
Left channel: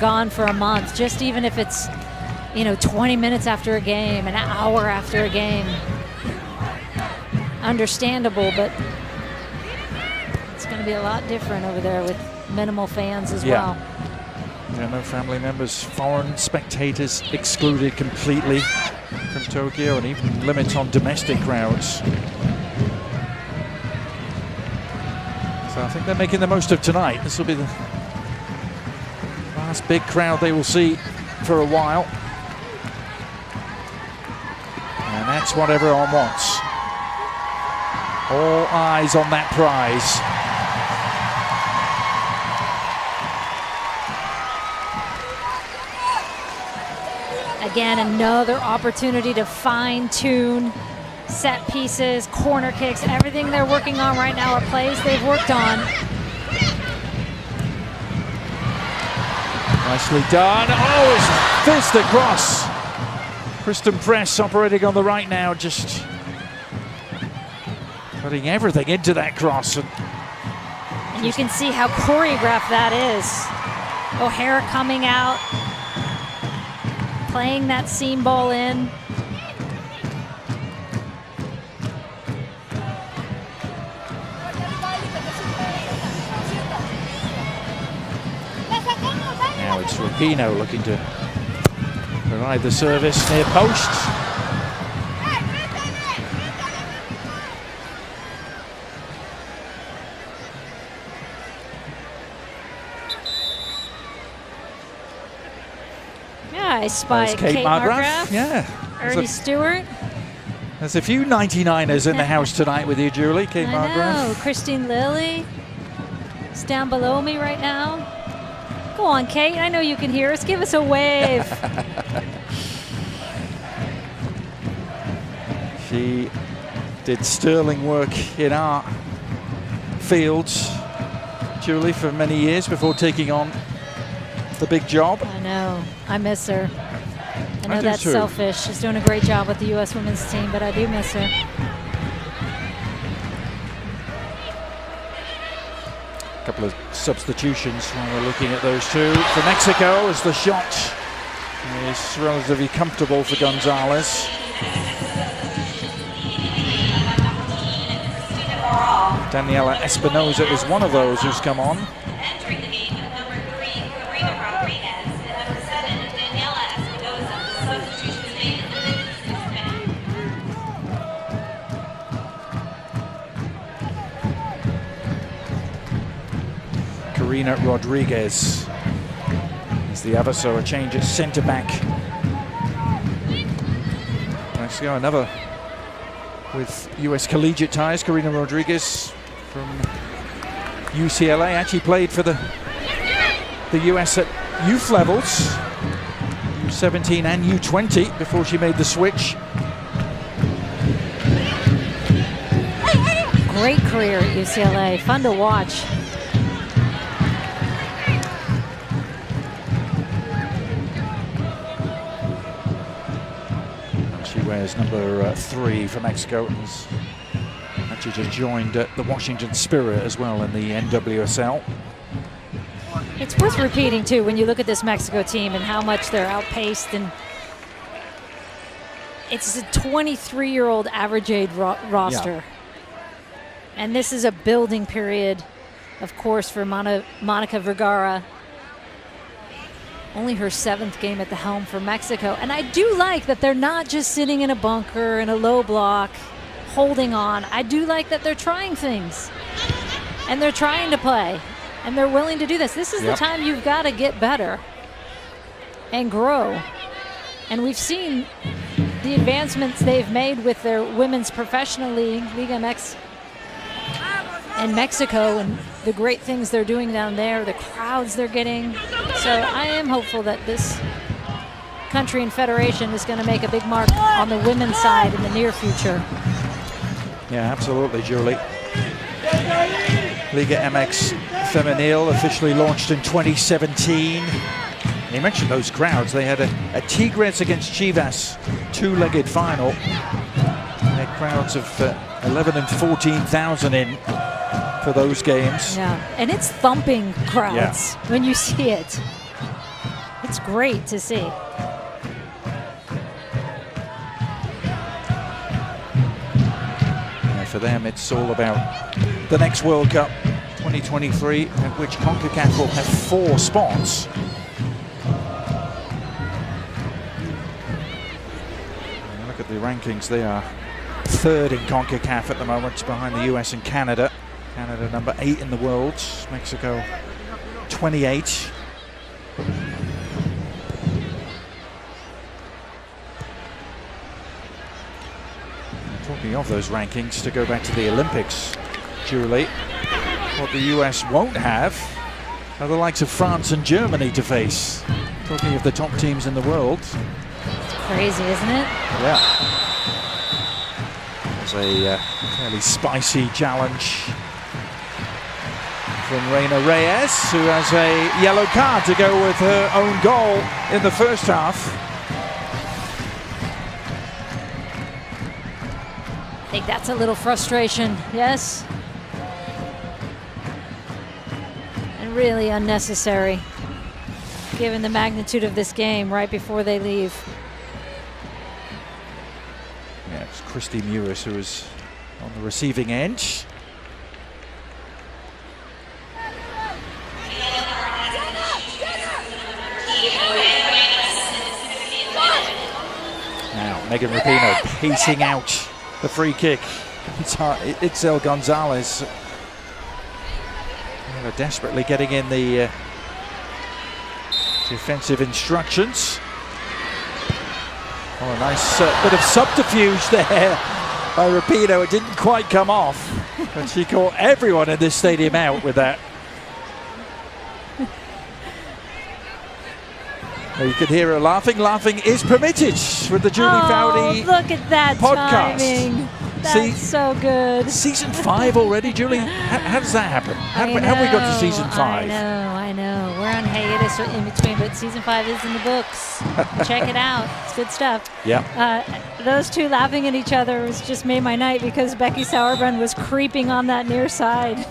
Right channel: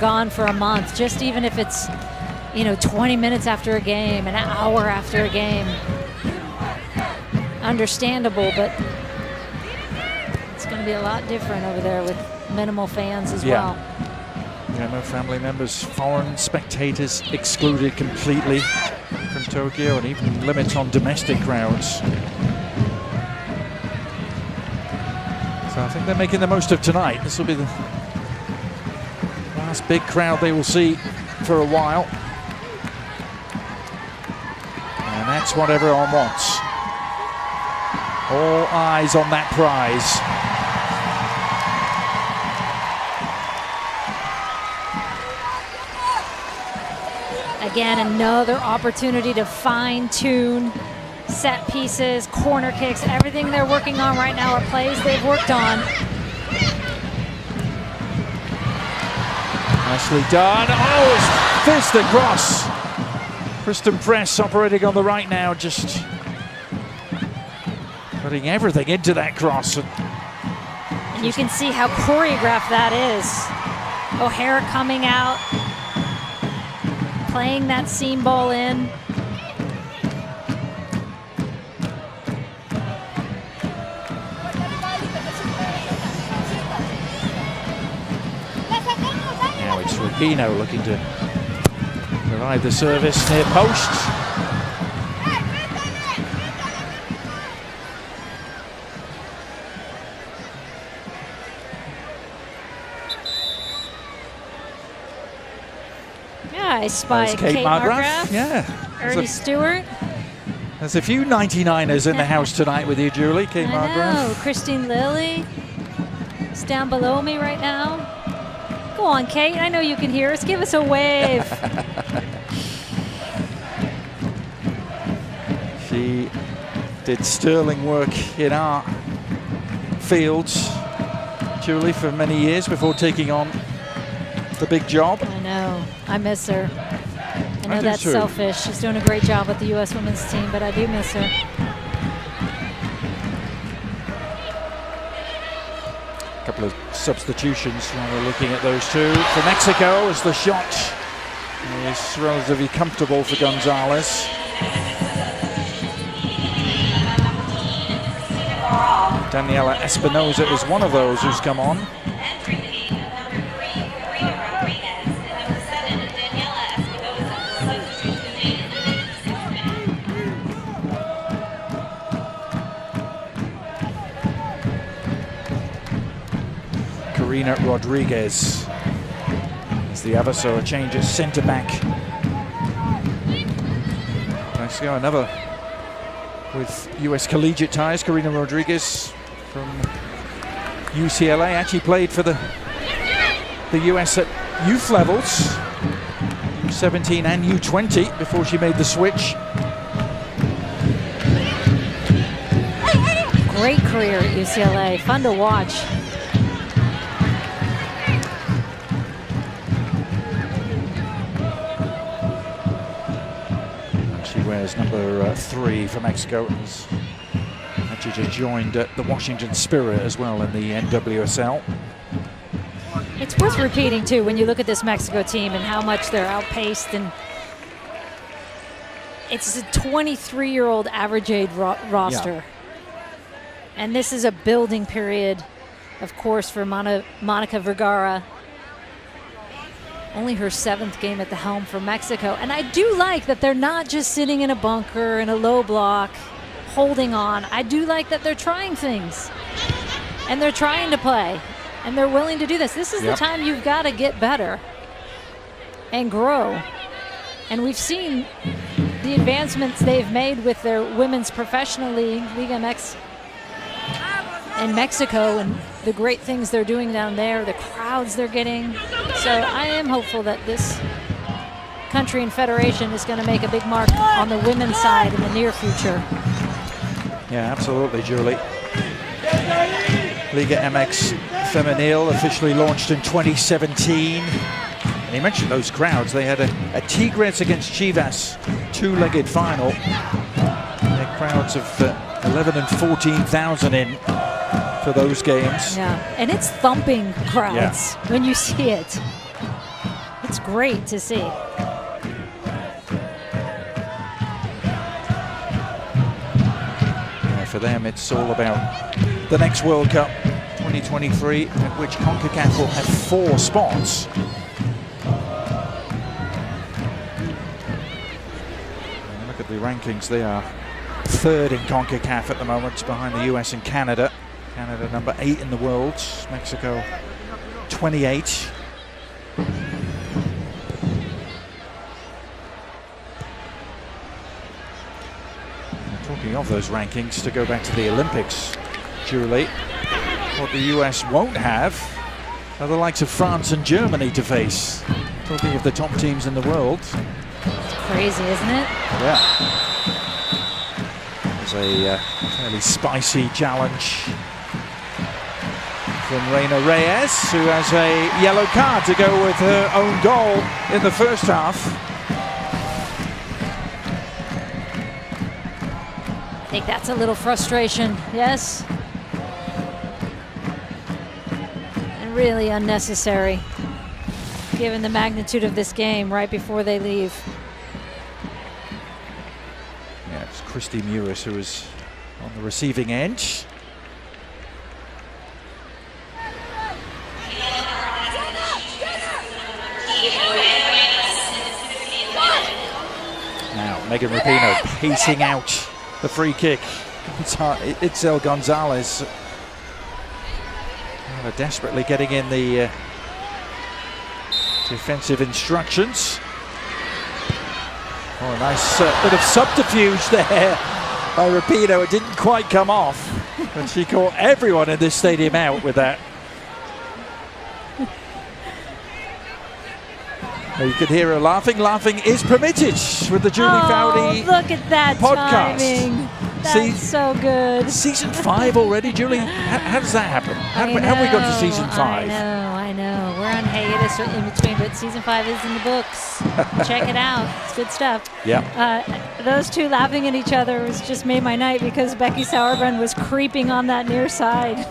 gone for a month, just even if it's, 20 minutes after a game, an hour after a game. Understandable, but it's going to be a lot different over there with minimal fans as well. Yeah, no family members, foreign spectators excluded completely from Tokyo, and even limits on domestic crowds. So I think they're making the most of tonight. This will be the last big crowd they will see for a while. And that's what everyone wants. All eyes on that prize. Again, another opportunity to fine-tune set pieces, corner kicks, everything they're working on right now are plays they've worked on. Nicely done. Oh, it's fizzed across. Kristen Press operating on the right now, just putting everything into that cross. And you can see how choreographed that is. O'Hara coming out, playing that seam ball in. Now it's Rapinoe looking to provide the service near post. Yeah, I spy There's Kate Margraf. Yeah. Ernie Stewart. There's a few 99ers in the house tonight with you, Julie. Kate I Margraf. know. Christine Lilly is down below me right now. Go on, Kate. I know you can hear us. Give us a wave. She did sterling work in our fields, Julie, for many years before taking on the big job. I know. I miss her. I know do that's too. selfish. She's doing a great job with the U.S. women's team, but I do miss her. A couple of substitutions while we're looking at those two. For Mexico, as the shot is relatively comfortable for Gonzalez. Daniela Espinoza is one of those who's come on. Karina Rodriguez is the other, so a change at centre back. Mexico, another with US collegiate ties. Karina Rodriguez from UCLA, actually played for the US at youth levels, U17 and U20, before she made the switch. Great career at UCLA. Fun to watch. She wears number 3 for Mexico and has had She just joined the Washington Spirit as well in the NWSL. It's worth repeating, too, when you look at this Mexico team and how much they're outpaced. And it's a 23-year-old average age roster. Yeah. And this is a building period, of course, for Monica Vergara. Only her 7th game at the helm for Mexico. And I do like that they're not just sitting in a bunker in a low block, holding on. I do like that they're trying things. And they're trying to play. And they're willing to do this. This is the time you've got to get better and grow. And we've seen the advancements they've made with their women's professional league, Liga MX, in Mexico, and the great things they're doing down there, the crowds they're getting. So I am hopeful that this country and federation is going to make a big mark on the women's side in the near future. Yeah, absolutely, Julie. Liga MX Femenil officially launched in 2017. And you mentioned those crowds. They had a Tigres against Chivas 2-legged final. They had crowds of 11 and 14,000 in for those games. Yeah, and it's thumping crowds when you see it. It's great to see. Yeah, for them, it's all about the next World Cup 2023, at which CONCACAF will have 4 spots. And look at the rankings. They are 3rd in CONCACAF at the moment, behind the US and Canada. Canada number 8 in the world, Mexico 28. And talking of those rankings, to go back to the Olympics, Julie, what the US won't have are the likes of France and Germany to face. Talking of the top teams in the world. It's crazy, isn't it? Yeah. There's a fairly spicy challenge from Reina Reyes, who has a yellow card to go with her own goal in the first half. I think that's a little frustration, yes. And really unnecessary, given the magnitude of this game right before they leave. Yeah, it's Christy Mewis who is on the receiving end. Now, Megan Rapinoe pacing out the free kick. Itzel Gonzalez desperately getting in the defensive instructions. Oh, a nice bit of subterfuge there by Rapinoe. It didn't quite come off, but she caught everyone in this stadium out with that. You can hear her laughing. Laughing is permitted with the Julie Foudy look at that podcast. Timing. That's so good. Season 5 already, Julie? How does that happen? How have we got to season 5? I know. We're on hiatus in between, but season 5 is in the books. Check it out. It's good stuff. Yeah. Those two laughing at each other was just made my night, because Becky Sauerbrunn was creeping on that near side.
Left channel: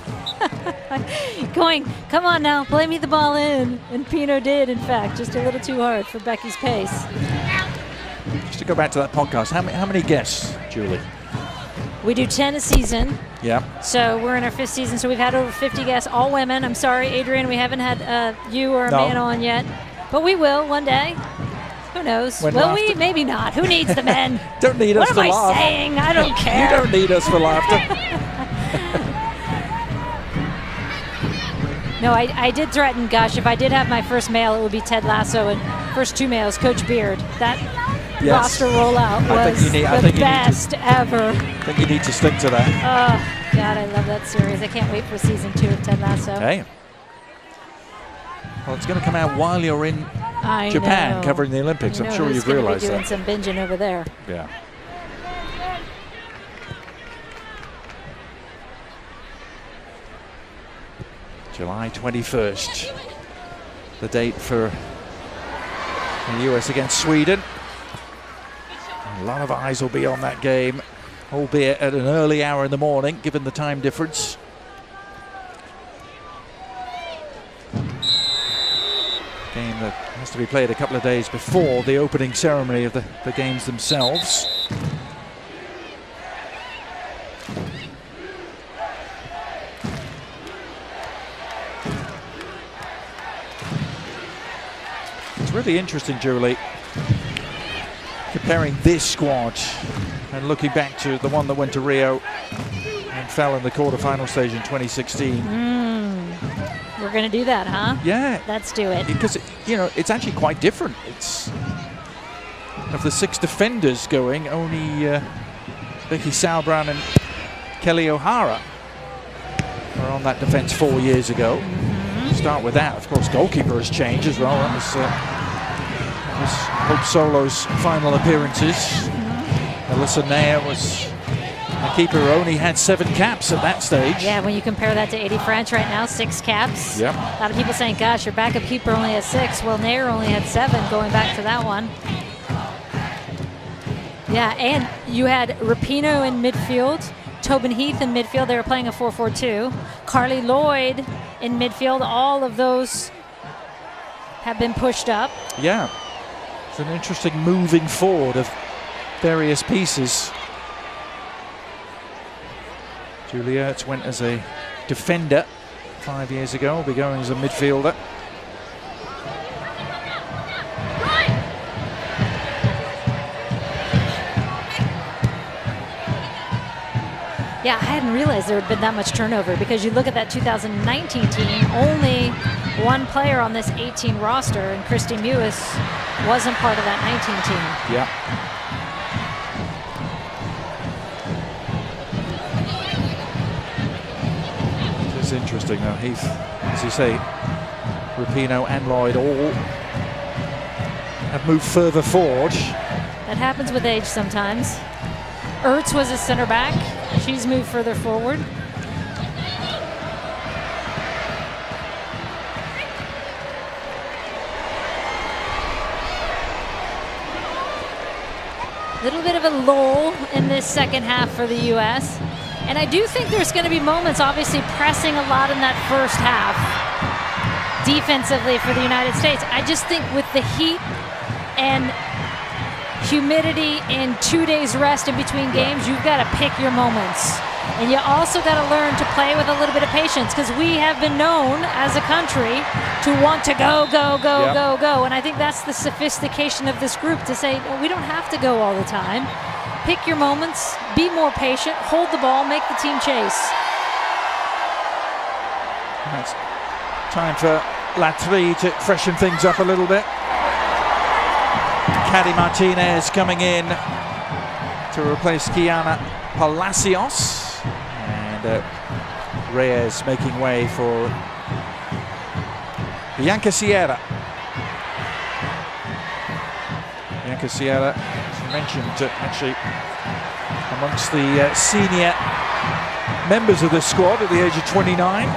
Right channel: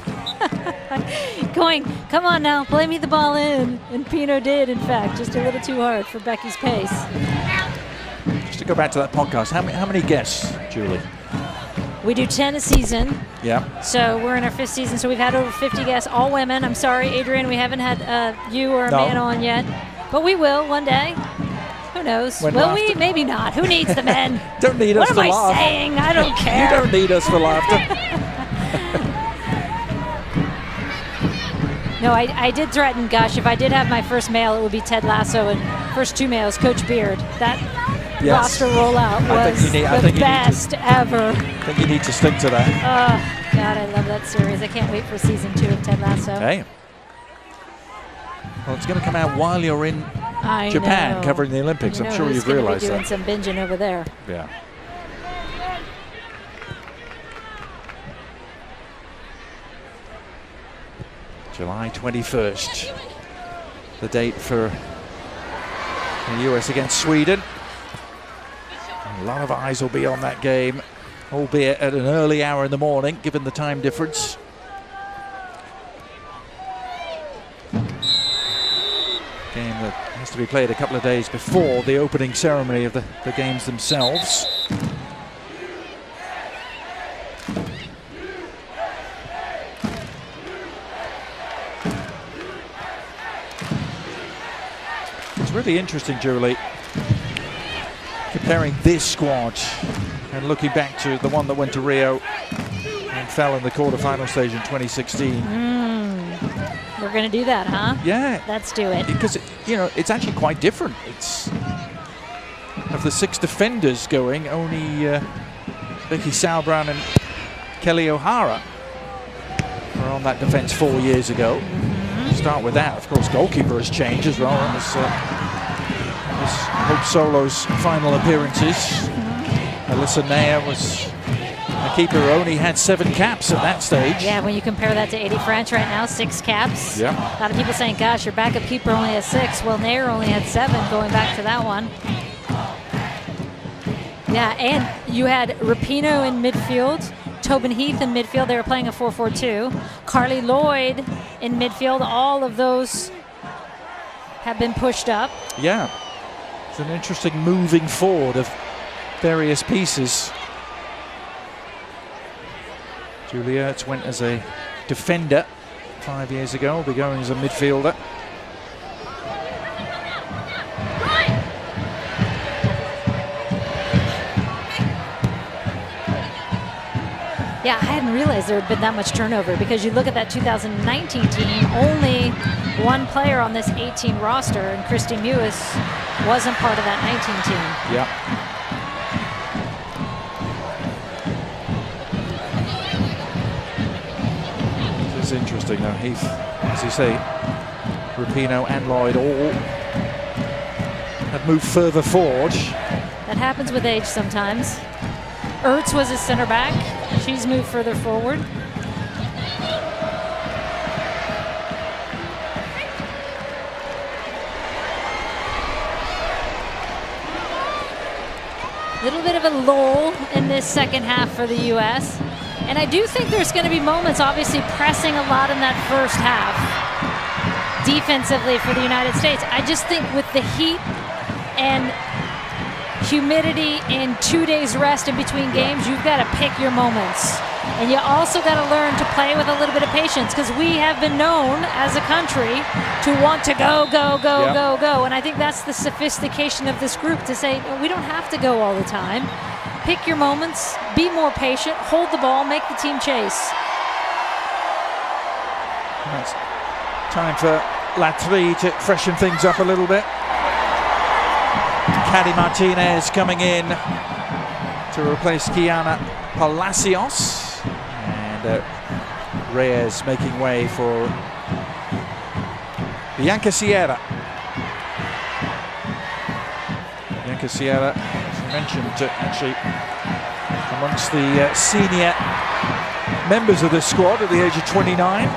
Going, come on now, play me the ball in. And Pino did, in fact, just a little too hard for Becky's pace. Just to go back to that podcast, how many guests, Julie? We do 10 a season. Yeah. So we're in our 5th season, so we've had over 50 guests, all women. I'm sorry, Adrian, we haven't had you or a man on yet. But we will one day. Who knows? Will we? Maybe not. Who needs the men? Don't need us to laugh. What am I saying? I don't care. You don't need us for laughter. No, I did threaten, gosh, if I did have my first male, it would be Ted Lasso, and first 2 males, Coach Beard. That roster rollout was the best ever. I think you need to stick to that. Oh, God, I love that series. I can't wait for season 2 of Ted Lasso. Hey. Well, it's going to come out while you're in Japan covering the Olympics. I'm sure you've realized that. Doing some binging over there. Yeah. July 21st, the date for the US against Sweden. A lot of eyes will be on that game albeit at an early hour in the morning, given the time difference. Game that has to be played a couple of days before the opening ceremony of the games themselves. It's really interesting, Julie, comparing this squad and looking back to the one that went to Rio and fell in the quarterfinal stage in 2016. We're going to do that, huh? Yeah. Let's do it. Because, you know, it's actually quite different. It's of the 6 defenders going, only Becky Sauerbrunn and Kelly O'Hara were on that defense 4 years ago. Start with that. Of course, goalkeeper has changed as well. That was Hope Solo's final appearances. Alyssa Naya was a keeper who only had 7 caps at that stage. Yeah, when you compare that to Eddie French right now, 6 caps. Yeah. A lot of people saying, gosh, your backup keeper only has 6. Well, Nair only had 7 going back to that one. Yeah, and you had Rapinoe in midfield, Tobin Heath in midfield. They were playing a 4-4-2. Carly Lloyd in midfield. All of those have been pushed up. Yeah. It's an interesting moving forward of various pieces. Julie Ertz went as a defender 5 years ago, will be going as a midfielder. Yeah, I hadn't realized there had been that much turnover, because you look at that 2019 team, only one player on this 18 roster, and Christy Mewis wasn't part of that 19 team. Yeah. This is interesting though. Heath, as you say, Rapinoe and Lloyd all have moved further forward. That happens with age sometimes. Ertz was a center back. She's moved further forward. Little bit of a lull in this second half for the U.S. And I do think there's going to be moments, obviously pressing a lot in that first half defensively for the United States. I just think with the heat and humidity and 2 days rest in between games, you've got to pick your moments. And you also got to learn to play with a little bit of patience, because we have been known as a country to want to go, go, go, go, go. And I think that's the sophistication of this group, to say, no, we don't have to go all the time. Pick your moments, be more patient, hold the ball, make the team chase. That's time for Latry to freshen things up a little bit. Caddy Martinez coming in to replace Kiana Palacios, and Reyes making way for Bianca Sierra. Bianca Sierra, as you mentioned, actually amongst the senior members of the squad at the age of 29.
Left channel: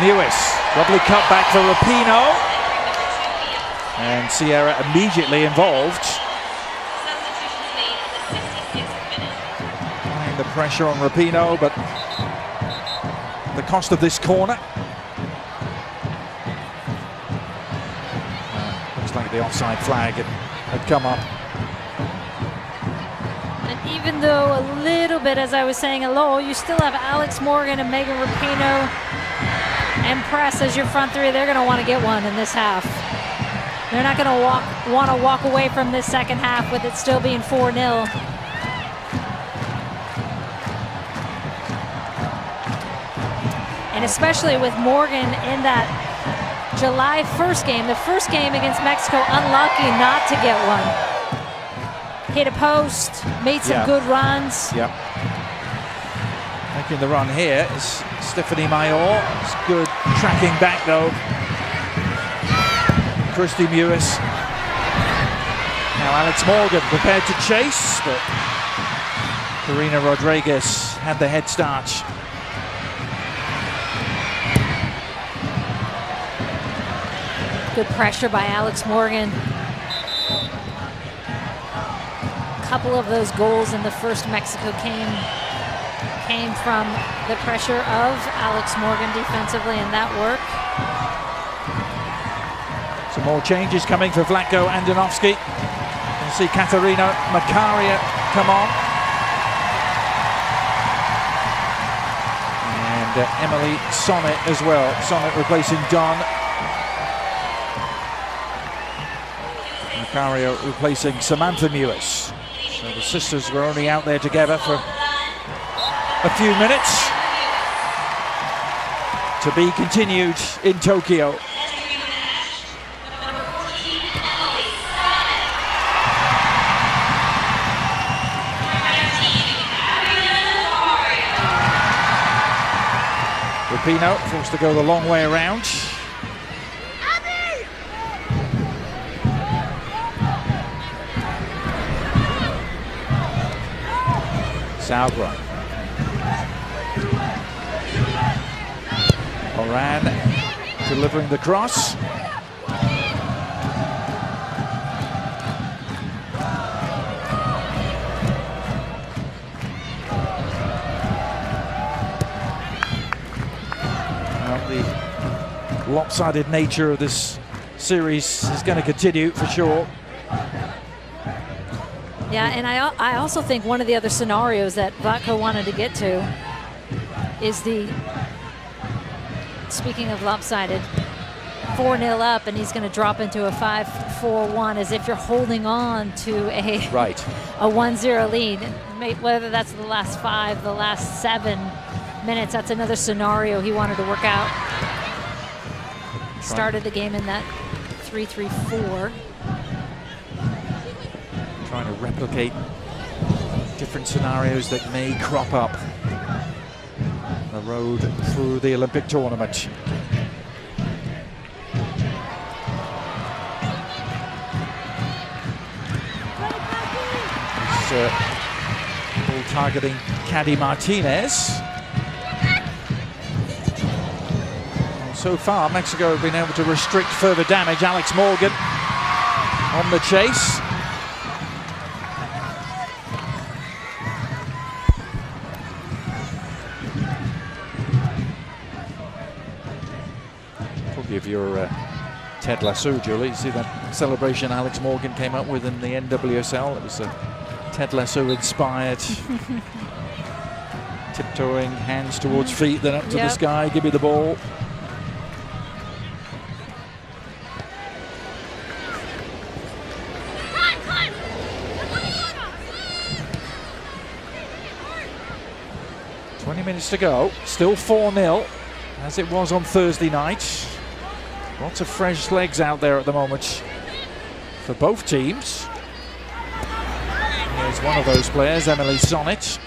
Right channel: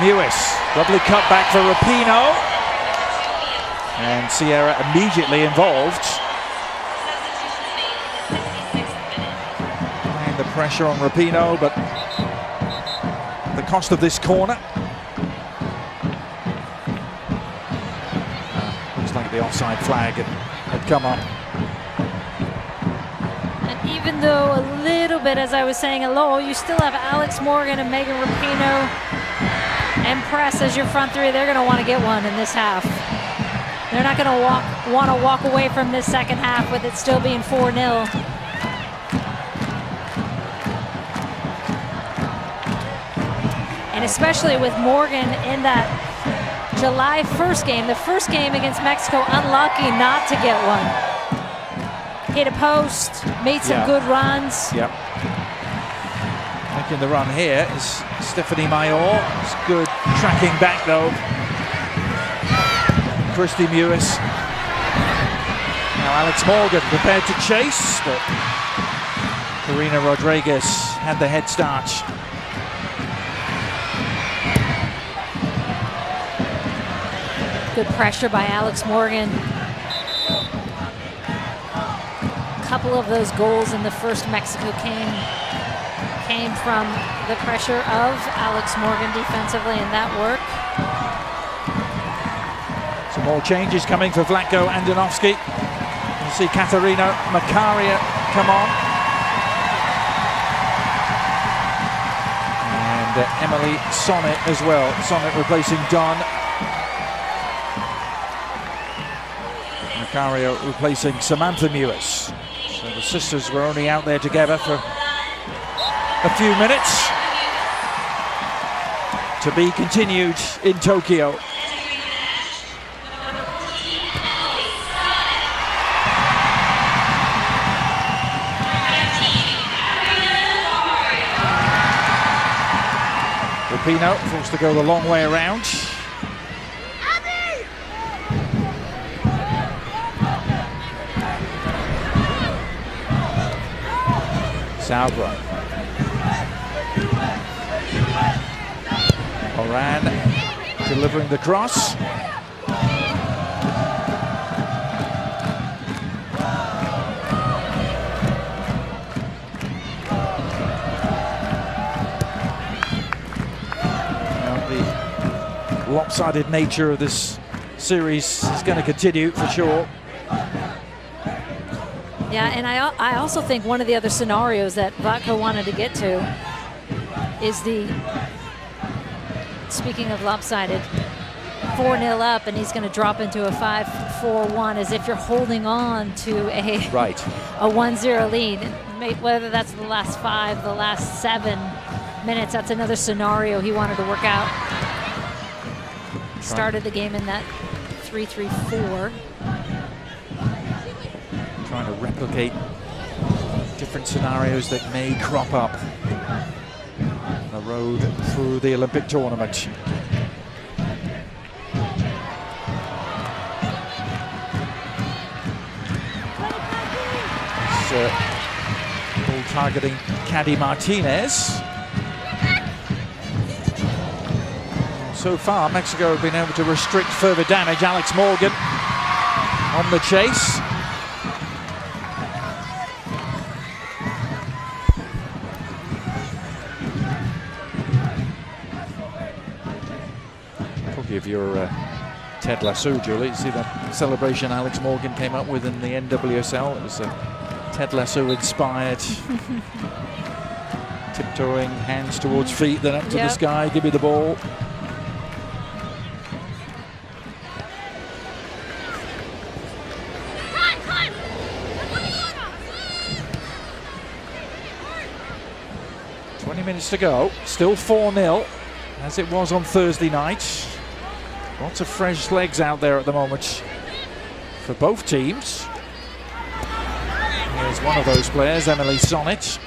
Mewis, lovely cut back for Rapinoe, and Sierra immediately involved. Applying the pressure on Rapinoe, but the cost of this corner. Looks like the offside flag had come up. And even though a little bit, as I was saying, a lull, you still have Alex Morgan and Megan Rapinoe and Press as your front three. They're going to want to get one in this half. They're not going to want to walk away from this second half with it still being 4-0. And especially with Morgan in that July 1st game, the first game against Mexico, unlucky not to get one. Hit a post, made some good runs. Yep. Making the run here is Stephanie Mayor. It's good tracking back though. Christy Mewis. Now Alex Morgan prepared to chase, but Karina Rodriguez had the head start. good pressure by Alex Morgan. A couple of those goals in the first Mexico came from the pressure of Alex Morgan defensively, and that worked. Some more changes coming for Vlatko Andonovski. We'll see Katarina Makaria come on. And Emily Sonnet as well. Sonnet replacing Don. Makaria replacing Samantha Mewis. So the sisters were only out there together for a few minutes. To be continued in Tokyo. Rapinoe forced to go the long way around. Sauber. Oran delivering the cross. The lopsided nature of this series is going to continue for sure. Yeah, and I also think one of the other scenarios that Vlatko wanted to get to is the, speaking of lopsided, 4-0 up, and he's going to drop into a 5-4-1 as if you're holding on to a 1-0 lead. And whether that's the last 5, the last 7 minutes, that's another scenario he wanted to work out. Started the game in that 3-3-4. Trying to replicate different scenarios that may crop up on the road through the Olympic tournament. Ball targeting Caddy Martinez. Well, so far, Mexico have been able to restrict further damage. Alex Morgan on the chase. If you're Ted Lasso, Julie, you see that celebration Alex Morgan came up with in the NWSL. It was a Ted Lasso inspired tiptoeing, hands towards feet, then up to the sky, give me the ball. "20 minutes to go, still 4-0 as it was on Thursday night. Lots of fresh legs out there at the moment for both teams. Here's one of those players, Emily Sonnet.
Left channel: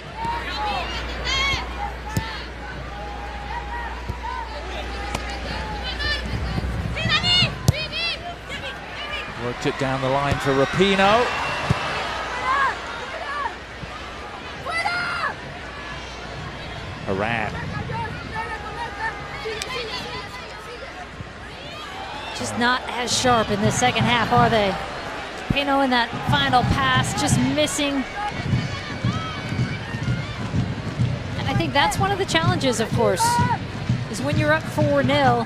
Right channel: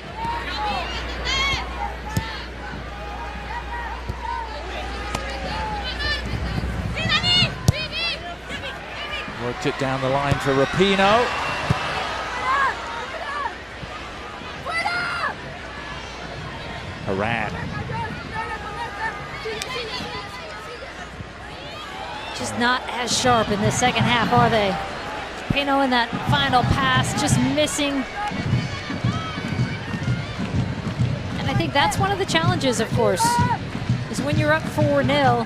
Worked it down the line for Rapinoe. Haran. Just not as sharp in the second half, are they? Rapinoe in that final pass, just missing. And I think that's one of the challenges, of course, is when you're up 4-0.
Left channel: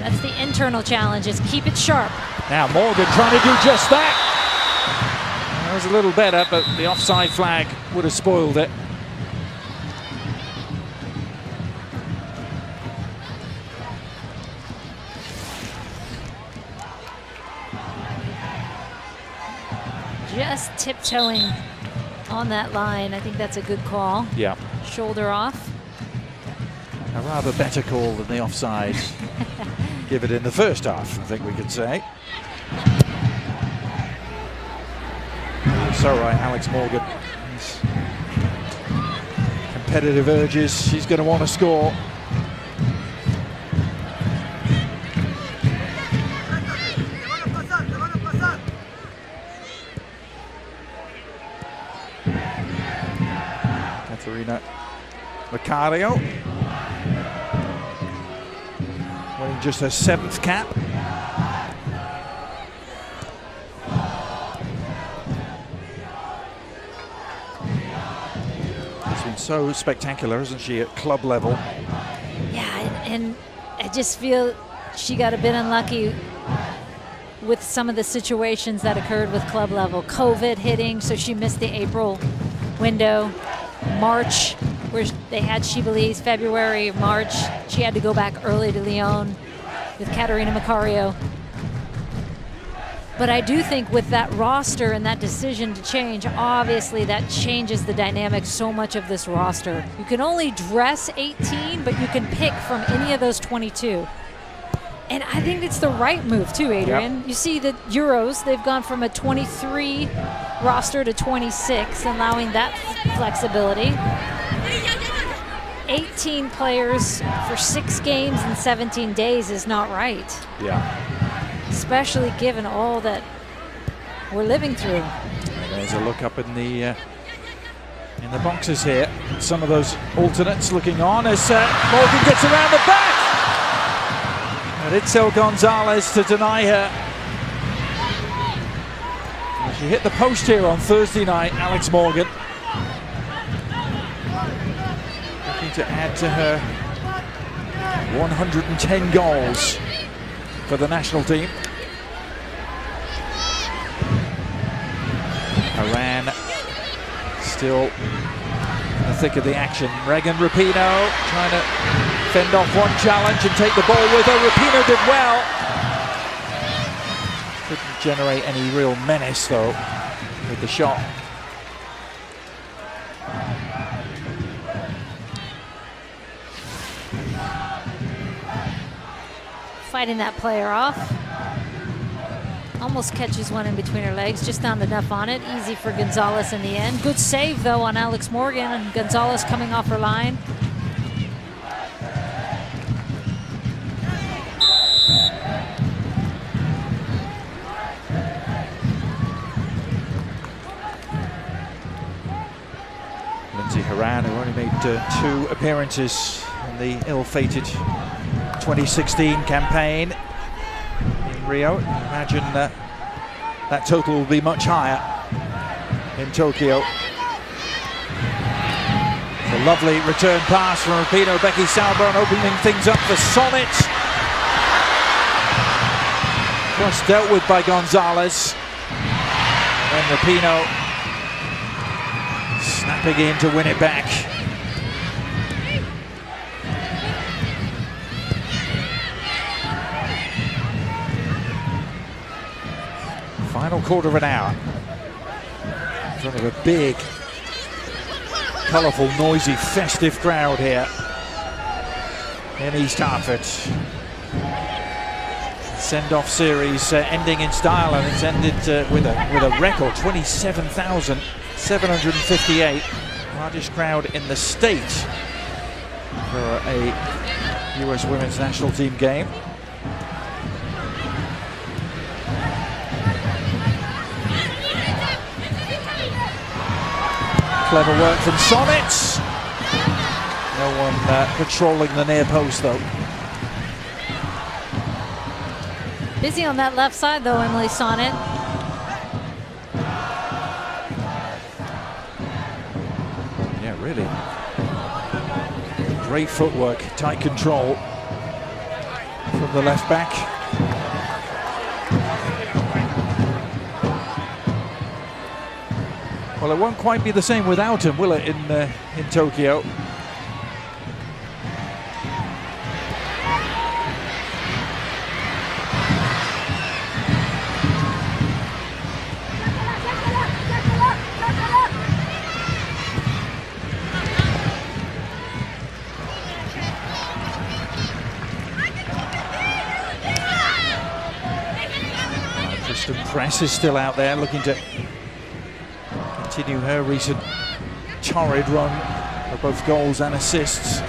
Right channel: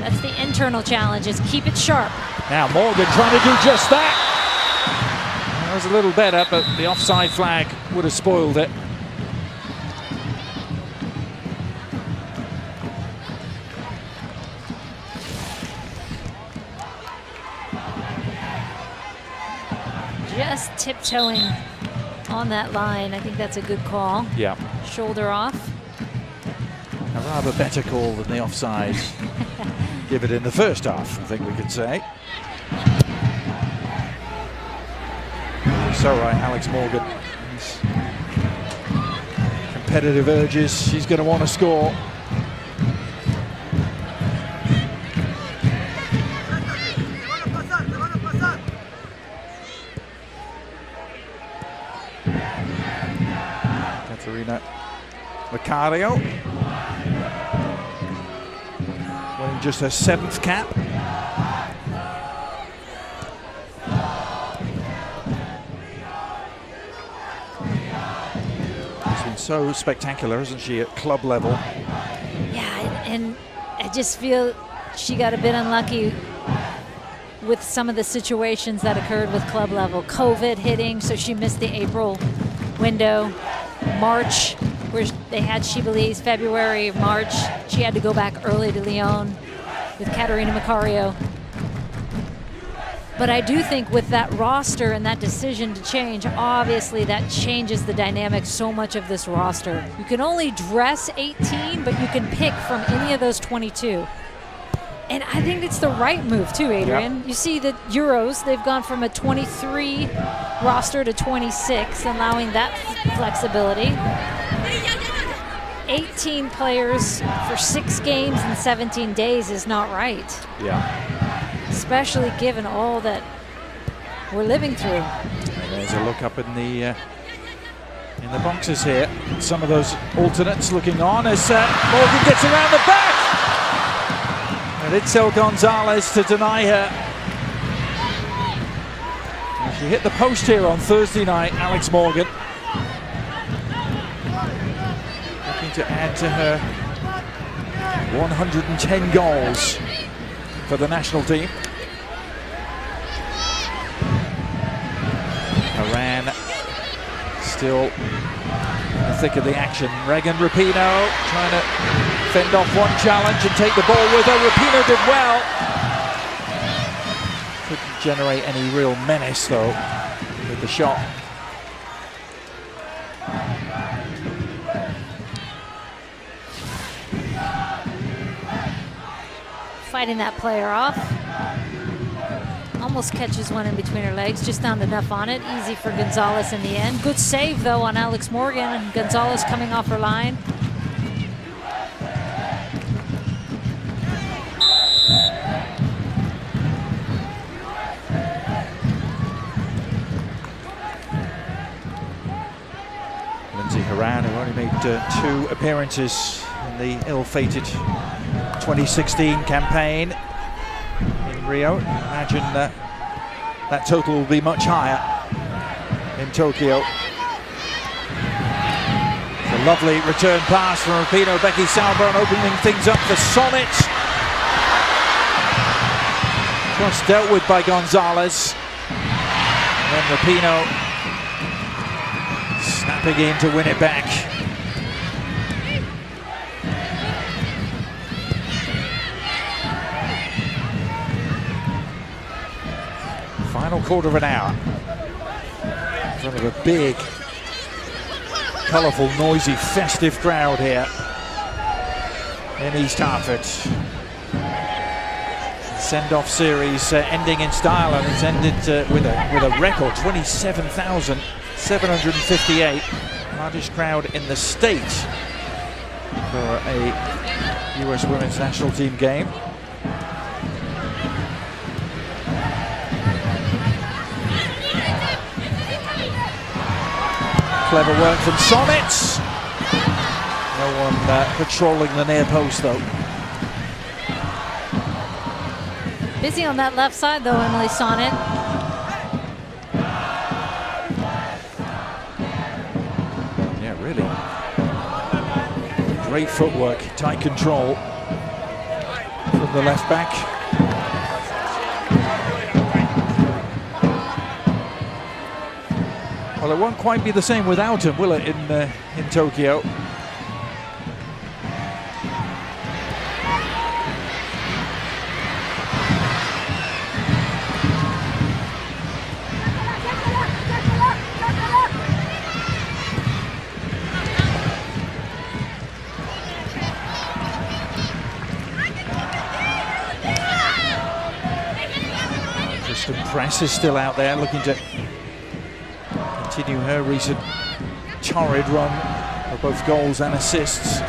That's the internal challenge, is keep it sharp. Now Morgan trying to do just that. That was a little better, but the offside flag would have spoiled it. Just tiptoeing on that line. I think that's a good call. Yeah. Shoulder off. A rather better call than the offside. Give it in the first half, I think we could say. You're so right, Alex Morgan. His competitive urges, she's going to want to score. Katarina Makaria winning just her 7th cap. Been so spectacular, hasn't she, at club level? Yeah, and I just feel she got a bit unlucky with some of the situations that occurred with club level. COVID hitting, so she missed the April window. March, where they had, she believes, February, March. She had to go back early to Lyon with Caterina Macario. But I do think with that roster and that decision to change, obviously that changes the dynamic so much of this roster. You can only dress 18, but you can pick from any of those 22. And I think it's the right move too, Adrian. Yep. You see the Euros, they've gone from a 23 roster to 26, allowing that flexibility. 18 players for 6 games in 17 days is not right. Yeah. Especially given all that we're living through. And there's a look up in the boxes here. Some of those alternates looking on as Morgan gets around the back. And Itzel Gonzalez to deny her. Well, she hit the post here on Thursday night, Alex Morgan. Looking to add to her 110 goals for the national team. Haran still in the thick of the action. Regan Rapinoe trying to fend off one challenge and take the ball with her. Rapinoe did well. Couldn't generate any real menace though with the shot. Fighting that player off. Almost catches one in between her legs, just not enough on it. Easy for Gonzalez in the end. Good save though on Alex Morgan, and Gonzalez coming off her line. Lindsay Haran, who only made 2 appearances in the ill-fated 2016 campaign in Rio. Imagine that total will be much higher in Tokyo. It's a lovely return pass from Rapinoe. Becky Sauerbrunn opening things up for Sonnet. Cross dealt with by Gonzalez. And then Rapinoe snapping in to win it back. Final quarter of an hour in front of a big, colourful, noisy, festive crowd here in East Hartford. Send-off series ending in style, and it's ended with a record 27,758, largest crowd in the state for a US Women's National Team game. Clever work from Sonnet. No one patrolling the near post though. Busy on that left side though, Emily Sonnet. Yeah, really. Great footwork, tight control from the left back. Well, it won't quite be the same without him, will it, in Tokyo? Kristen Press is still out there looking to continue her recent torrid run of both goals and assists.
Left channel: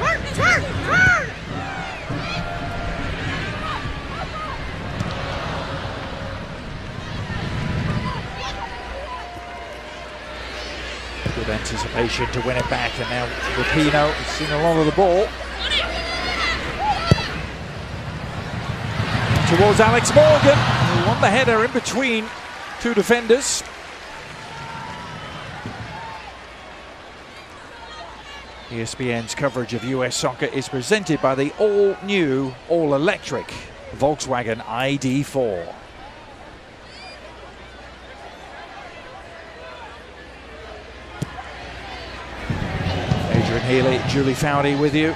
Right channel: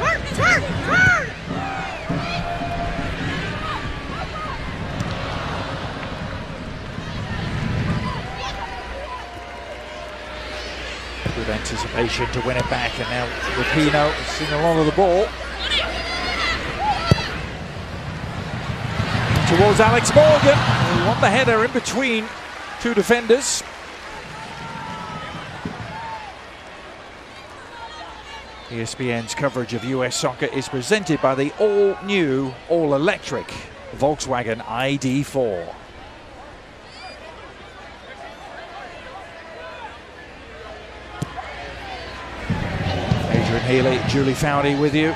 Good anticipation to win it back, and now Rapinoe has seen a lot of the ball. In towards Alex Morgan, who won the header in between 2 defenders. ESPN's coverage of US soccer is presented by the all-new, all-electric Volkswagen ID.4. Adrian Healy, Julie Foudy with you.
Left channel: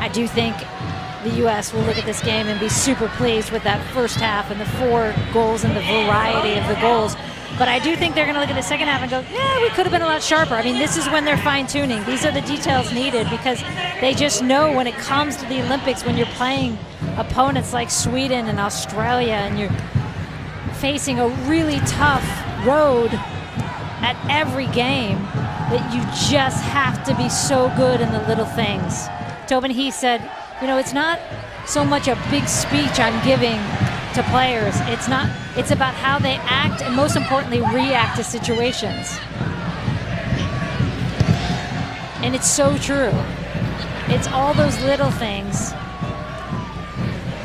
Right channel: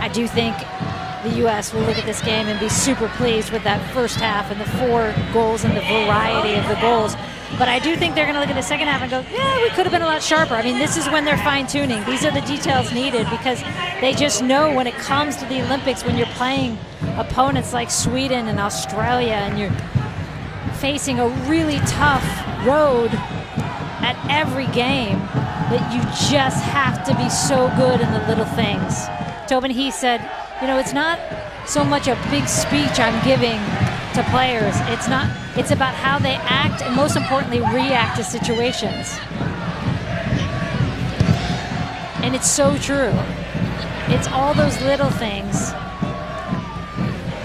I do think the U.S. will look at this game and be super pleased with that first half and the 4 goals and the variety of the goals. But I do think they're going to look at the second half and go, yeah, we could have been a lot sharper. I mean, this is when they're fine-tuning. These are the details needed because they just know when it comes to the Olympics, when you're playing opponents like Sweden and Australia and you're facing a really tough road at every game, that you just have to be so good in the little things. Tobin, he said, you know, it's not so much a big speech I'm giving to players. It's about how they act and most importantly react to situations. And it's so true. It's all those little things.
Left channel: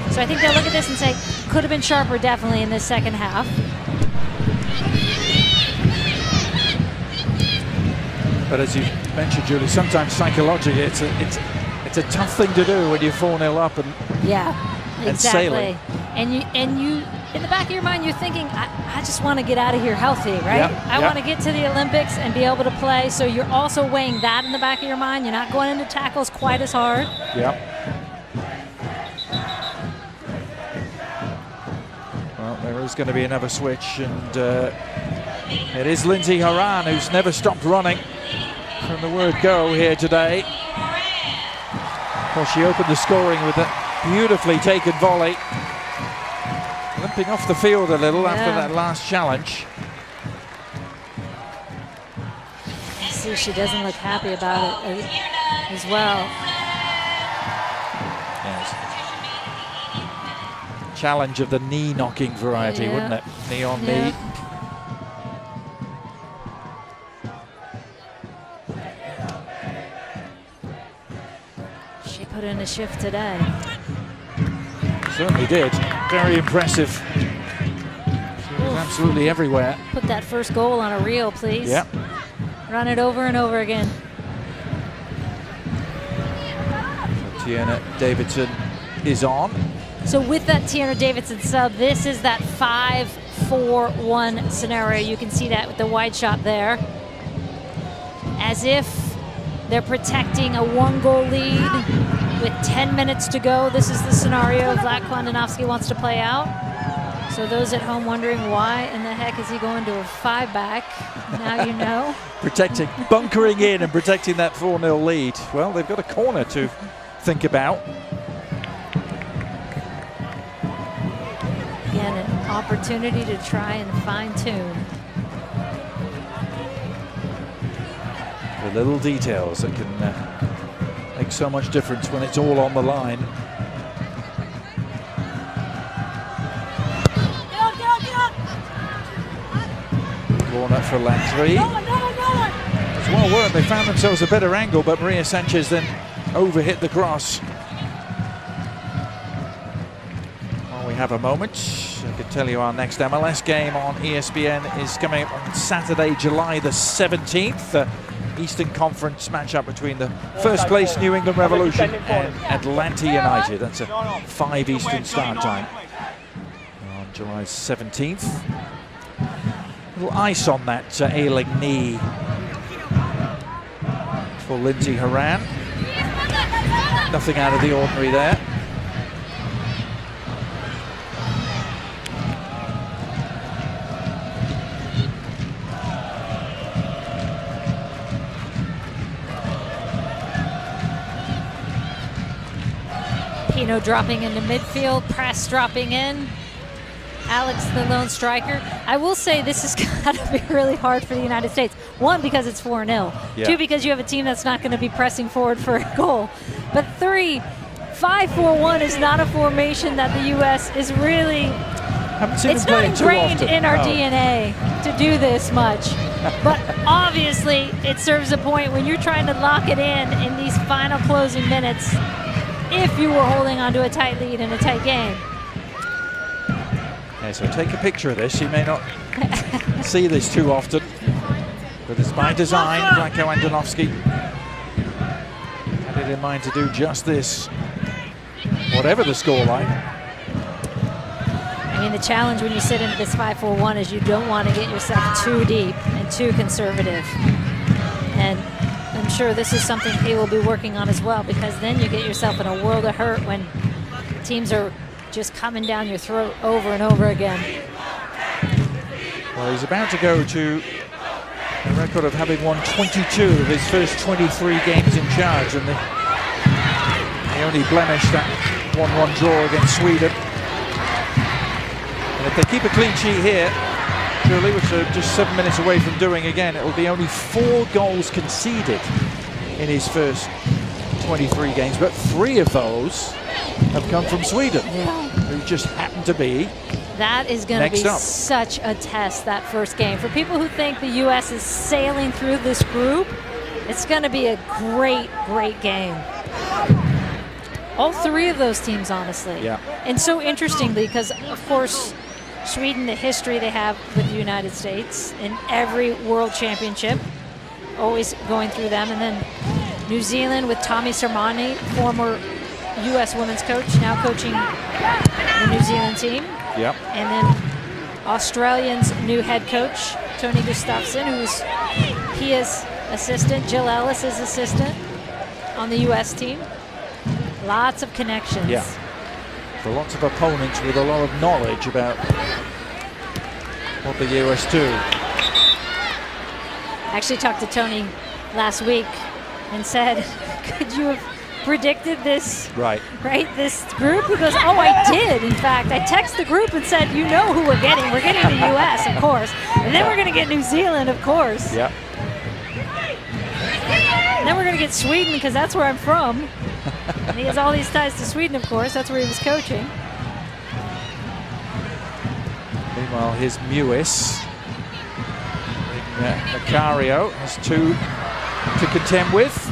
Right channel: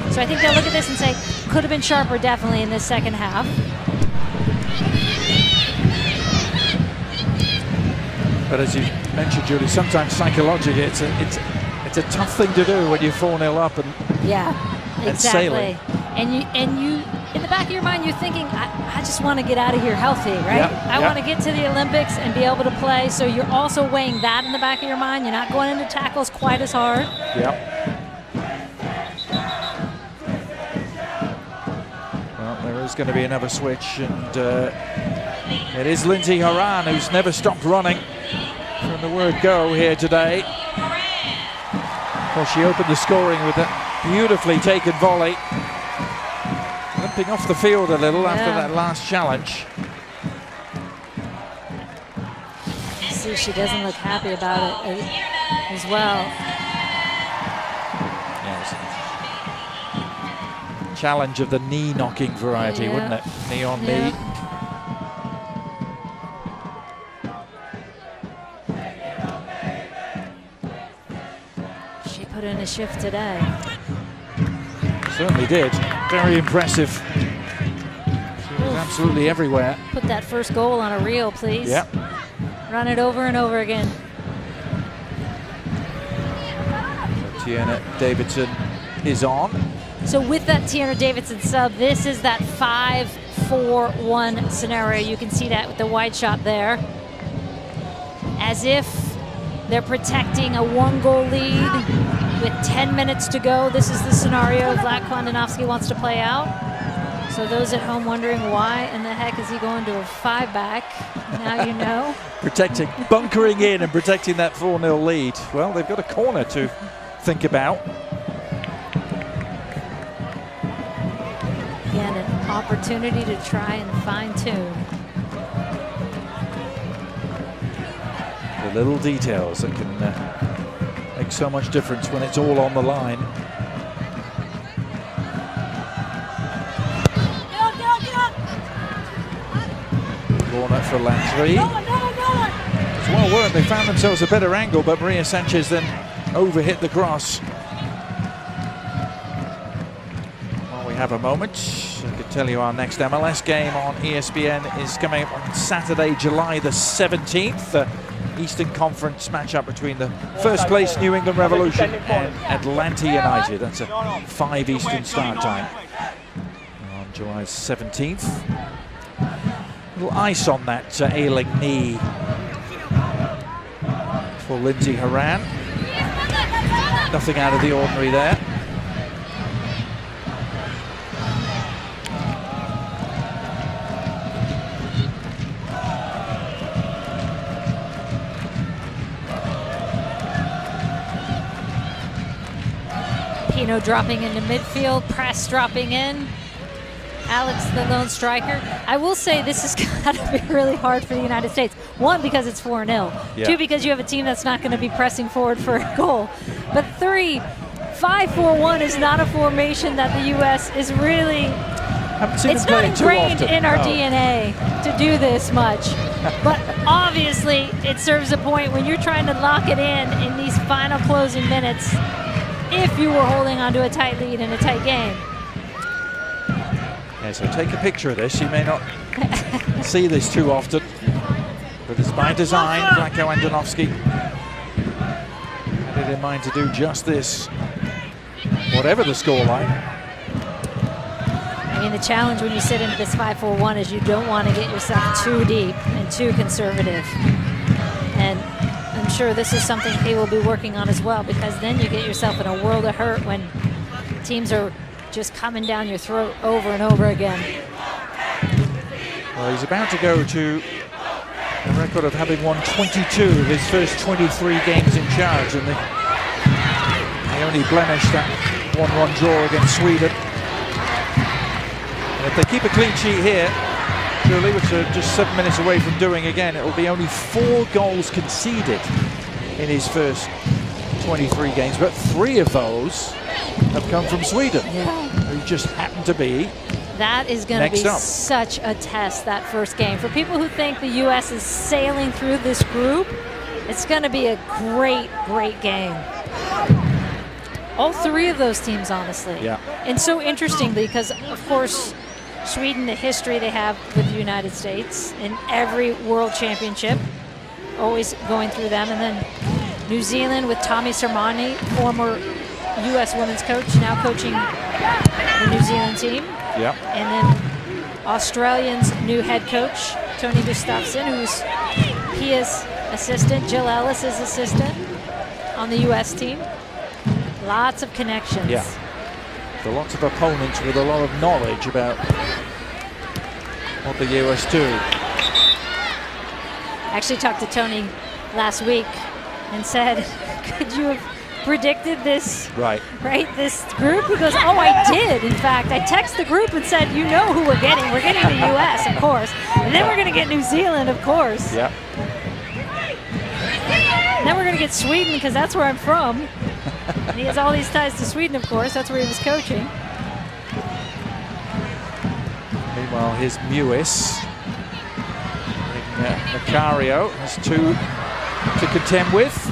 So I think they'll look at this and say, could have been sharper definitely in this second half. But as you mentioned, Julie, sometimes psychologically it's a tough thing to do when you're 4-0 up and exactly. Sailing. And you in the back of your mind you're thinking, I just want to get out of here healthy, right? I want to get to the Olympics and be able to play. So you're also weighing that in the back of your mind. You're not going into tackles quite as hard. Well, there is going to be another switch, and it is Lindsey Horan who's never stopped running from the word go here today. Well, she opened the scoring with that beautifully taken volley. Limping off the field a little after that last challenge. See, she doesn't look happy about it as well. Yes. Challenge of the knee knocking variety, wouldn't it? Knee on knee. She put in a shift today. Certainly did. Very impressive. She was absolutely everywhere. Put that first goal on a reel, please. Yep. Run it over and over again. So Tiana Davidson is on. So with that Tiana Davidson sub, this is that 5-4-1 scenario. You can see that with the wide shot there. As if they're protecting a 1-goal lead with 10 minutes to go. This is the scenario Vlad Klandanovsky wants to play out. So those at home wondering why in the heck is he going to a 5-back? Now you know. Protecting, bunkering in and protecting that 4-0 lead. Well, they've got a corner to think about. Again, an opportunity to try and fine-tune. The little details that can make so much difference when it's all on the line. Corner for Landry. It's well worked. They found themselves a better angle, but Maria Sanchez then overhit the cross. While we have a moment, I can tell you our next MLS game on ESPN is coming up on Saturday, July the 17th. Eastern Conference matchup between the first place New England Revolution and Atlanta United. That's a 5 Eastern start time on July 17th. A little ice on that ailing knee for Lindsey Horan. Nothing out of the ordinary there. Pino dropping into midfield, press dropping in. Alex, the lone striker. I will say this has got to be really hard for the United States. 1, because it's 4-0. 2, because you have a team that's not going to be pressing forward for a goal. But 3, 5-4-1 is not a formation that the U.S. is really... It's not ingrained in our DNA to do this much. But obviously, it serves a point when you're trying to lock it in these final closing minutes if you were holding on to a tight lead in a tight game. Yeah, so take a picture of this. You may not see this too often, but it's by design. Vlatko Andonovski had it in mind to do just this, whatever the scoreline. I mean, the challenge when you sit into this 5-4-1 is you don't want to get yourself too deep and too conservative. And I'm sure this is something he will be working on as well, because then you get yourself in a world of hurt when teams are just coming down your throat over and over again. Well, he's about to go to a record of having won 22 of his first 23 games in charge, and the only blemish, that 1-1 draw against Sweden. And if they keep a clean sheet here, Julie, which are just 7 minutes away from doing again, it will be only 4 goals conceded in his first 23 games, but 3 of those have come from Sweden, who just happen to be that is going to be up. Such a test, that first game. For people who think the U.S. is sailing through this group, it's going to be a great, great game. All 3 of those teams, honestly. Yeah. And so interestingly, because, of course, Sweden, the history they have with the United States in every World Championship, always going through them. And then New Zealand with Tommy Sermanni, former U.S. women's coach, now coaching the New Zealand team. Yeah. And then Australians' new head coach, Tony Gustafsson, who's Pia's assistant, Jill Ellis's assistant on the U.S. team. Lots of connections. Yeah. So lots of opponents with a lot of knowledge about what the U.S. do. I actually talked to Tony last week and said, could you have predicted this? Right. This group? He goes, oh, I did. In fact, I texted the group and said, you know who we're getting. We're getting the U.S., of course. And then we're going to get New Zealand, of course. Yeah. And then we're going to get Sweden, because that's where I'm from. And he has all these ties to Sweden, of course. That's where he was coaching. Meanwhile, his Mewis, Macario, has 2 to contend with.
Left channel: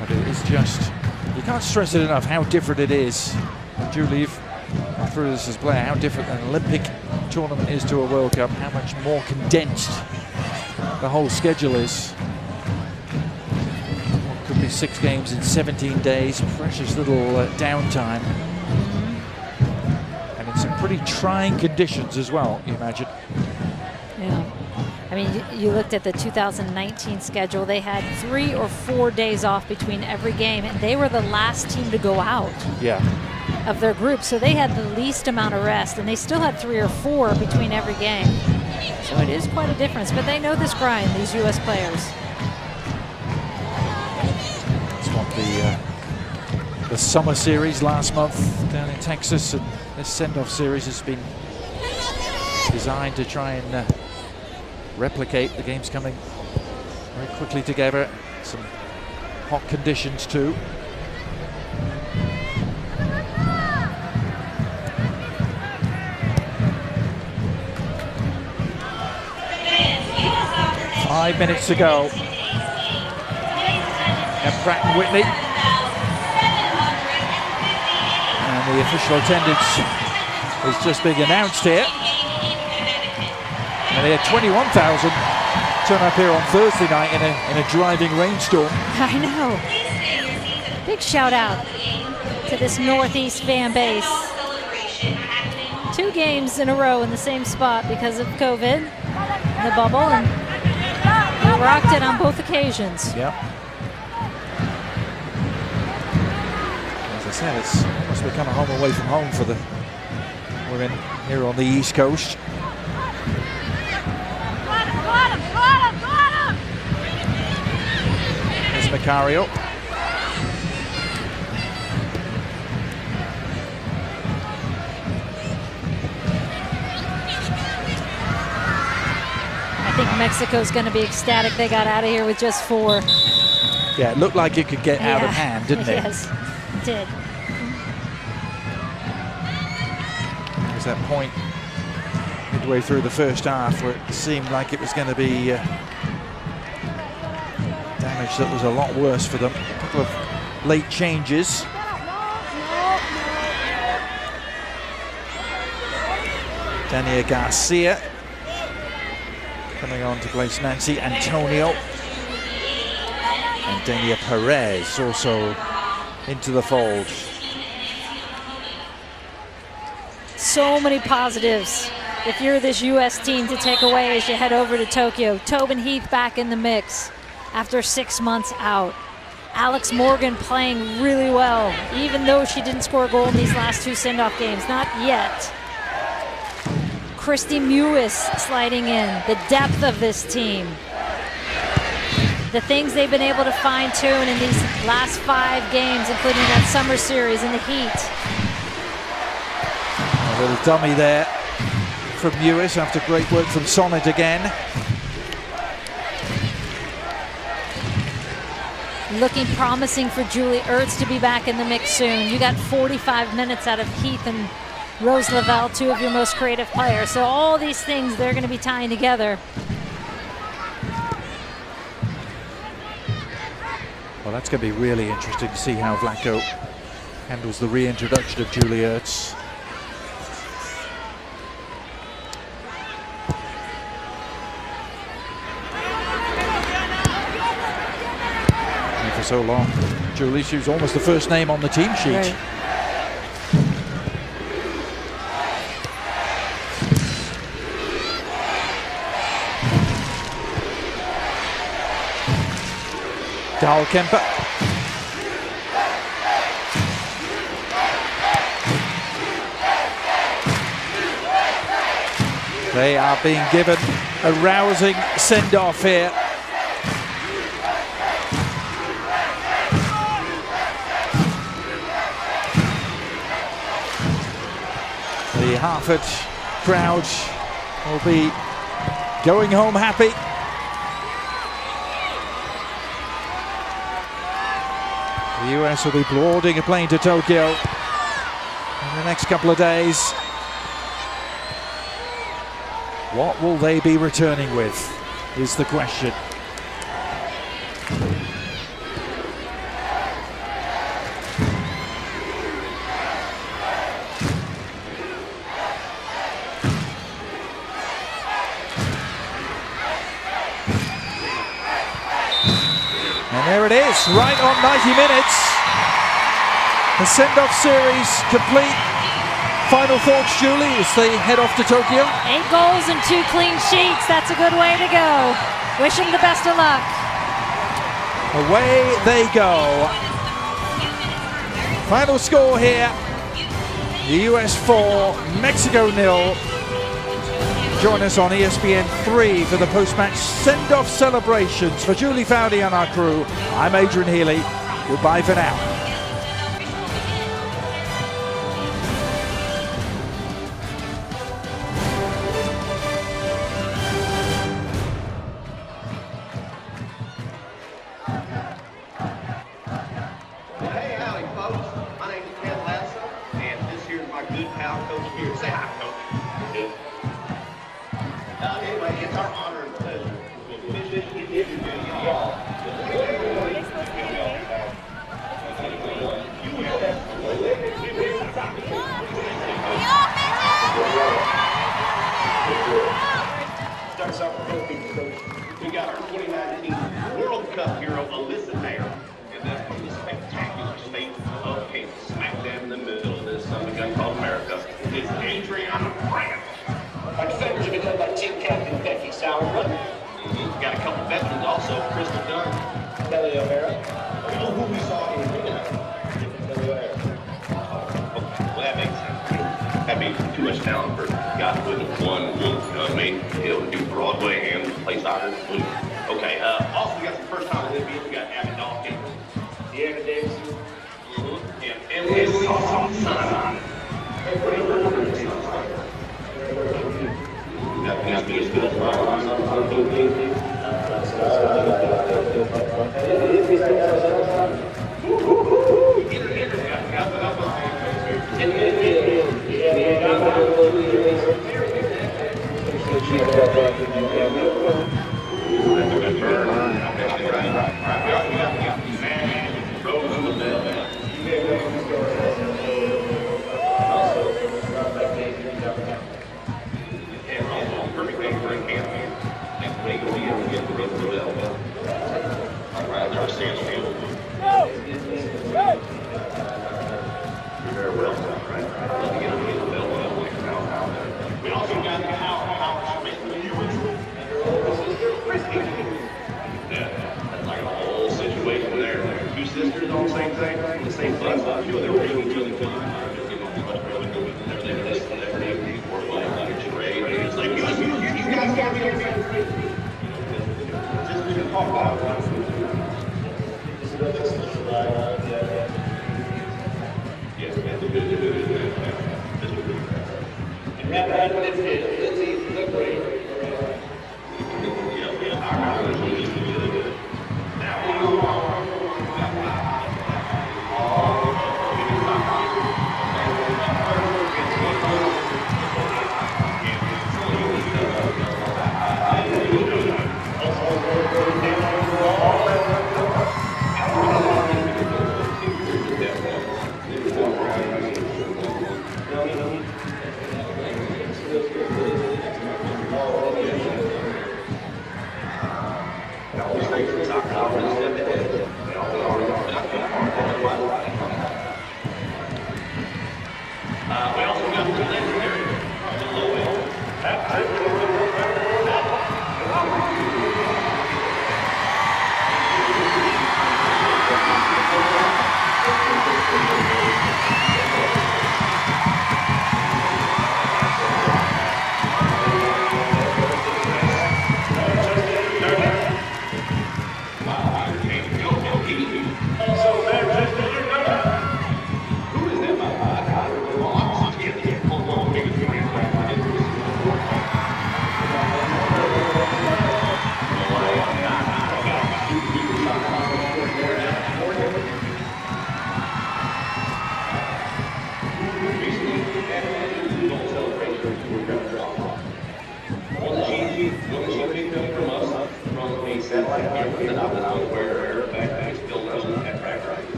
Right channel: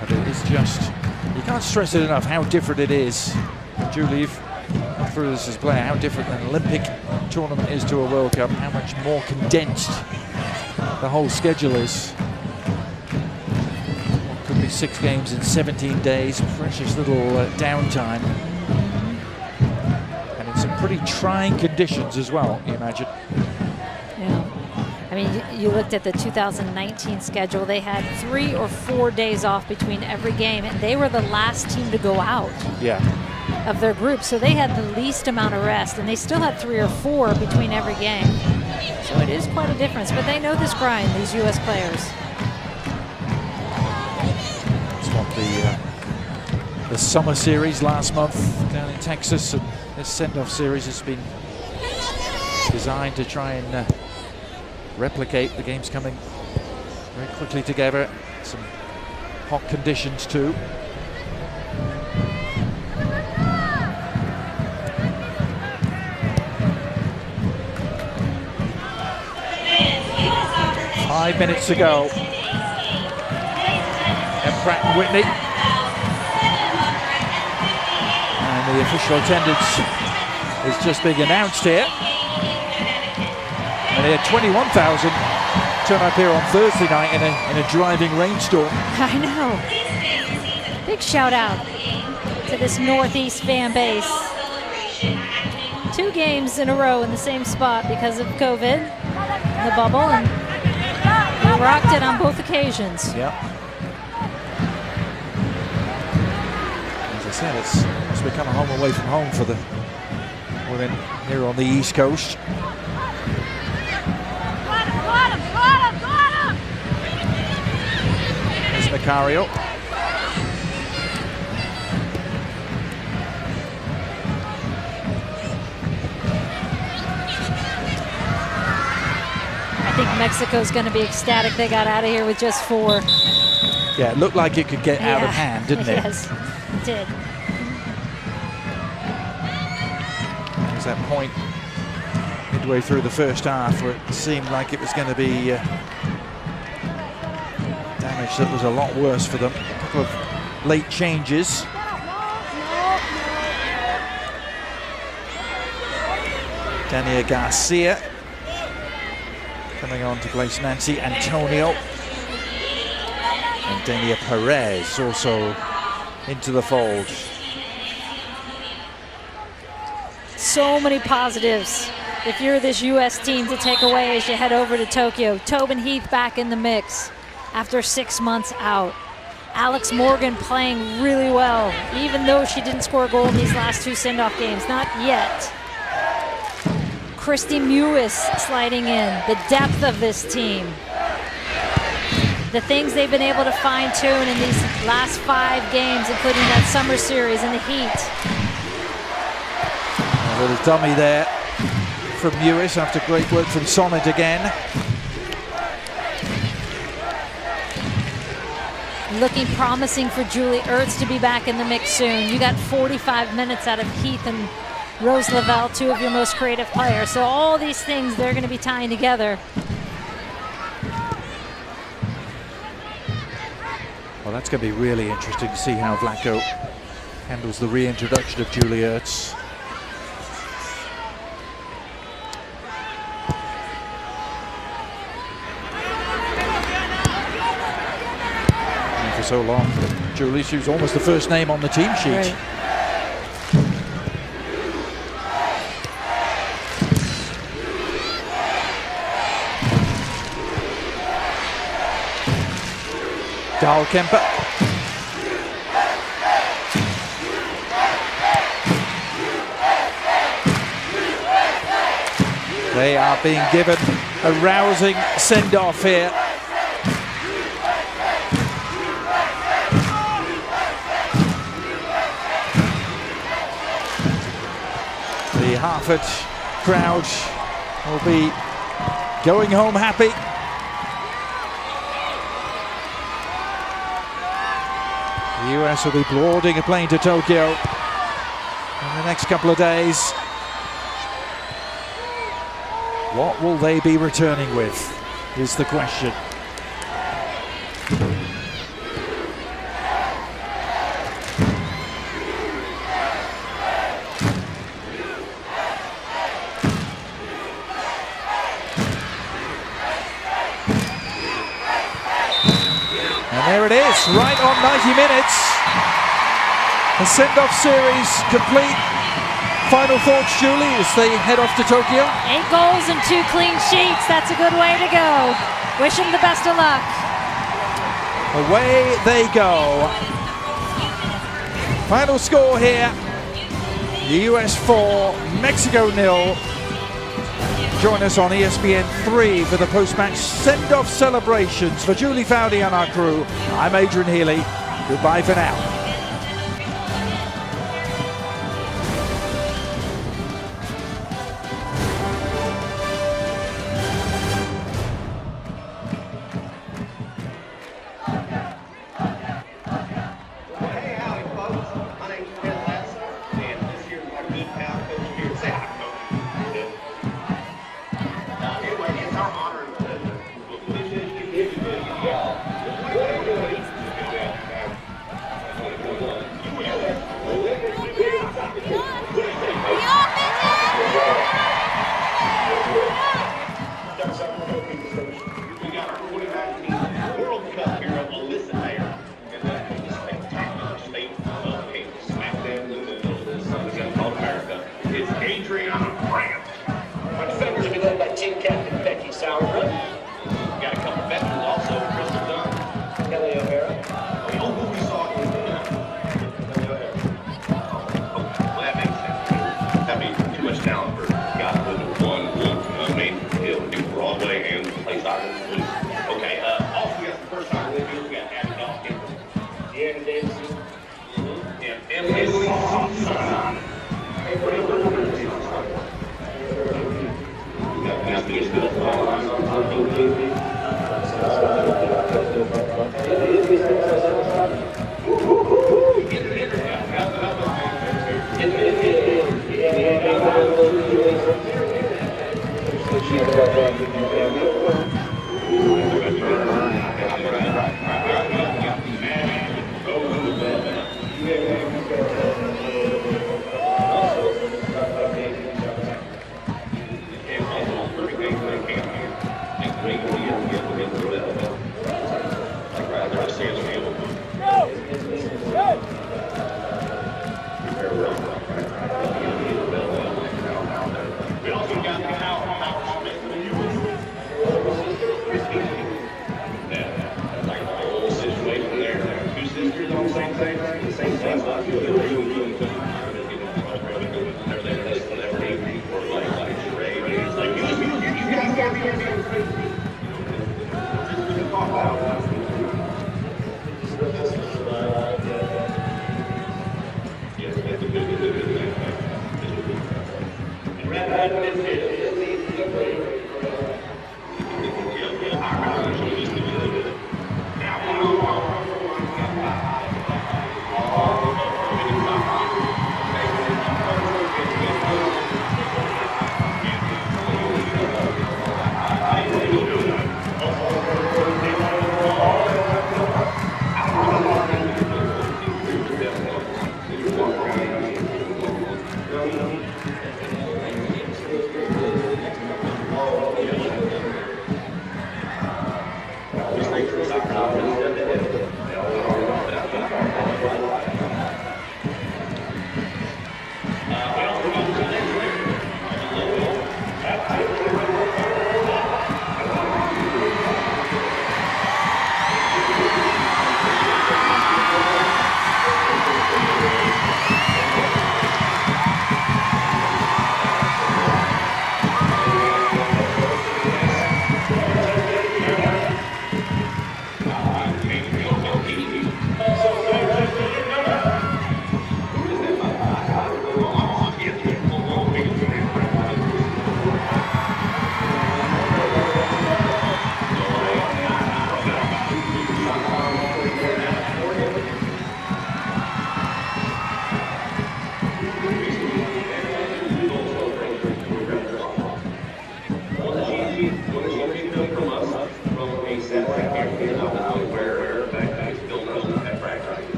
But it is just, you can't stress it enough how different it is. And Julie, you've gone through this as a player, how different an Olympic tournament is to a World Cup, how much more condensed the whole schedule is. What could be 6 games in 17 days, precious little downtime. And in some pretty trying conditions as well, you imagine. Yeah. I mean, you looked at the 2019 schedule. They had 3 or 4 days off between every game, and they were the last team to go out. Yeah. Of their group, so they had the least amount of rest, and they still had 3 or 4 between every game. So it is quite a difference, but they know this grind, these U.S. players. That's what the summer series last month down in Texas, and this send-off series has been designed to try and replicate. The games coming very quickly together, some hot conditions too. Five minutes to go. And Pratt and Whitney. And the official attendance is just being announced here. And they had 21,000 turn up here on Thursday night in a driving rainstorm. I know. Big shout out to this Northeast fan base. 2 games in a row in the same spot because of COVID, the bubble, and they rocked it on both occasions. Yep. As I said, it's almost become a home away from home for the women here on the East Coast. There's Macario. I think Mexico's going to be ecstatic they got out of here with just 4. Yeah, it looked like it could get out of hand, didn't it? Yes, it did. There was that point midway through the first half where it seemed like it was going to be down damage that was a lot worse for them. A couple of late changes. Dania Garcia coming on to place Nancy Antonio. And Dania Perez also into the fold. So many positives if you're this U.S. team to take away as you head over to Tokyo. Tobin Heath back in the mix after 6 months out. Alex Morgan playing really well, even though she didn't score a goal in these last 2 send-off games. Not yet. Christy Mewis sliding in. The depth of this team. The things they've been able to fine-tune in these last 5 games, including that summer series in the heat. A little dummy there from Mewis after great work from Sonnet again. Looking promising for Julie Ertz to be back in the mix soon. You got 45 minutes out of Heath and Rose Lavelle, 2 of your most creative players. So all these things, they're going to be tying together. Well, that's going to be really interesting to see how Vlatko handles the reintroduction of Julie Ertz. And for so long, Julie, she was almost the first name on the team sheet. Right. Dahlkemper. They are being given a rousing send-off here. The Hartford crowd will be going home happy. The US will be boarding a plane to Tokyo in the next couple of days. What will they be returning with, is the question. And there it is, right on 90 minutes. The send-off series complete. Final thoughts, Julie, as they head off to Tokyo? 8 goals and 2 clean sheets. That's a good way to go. Wish them the best of luck. Away they go. Final score here. The US 4, Mexico 0. Join us on ESPN 3 for the post-match send-off celebrations. For Julie Foudy and our crew, I'm Adrian Healy. Goodbye for now.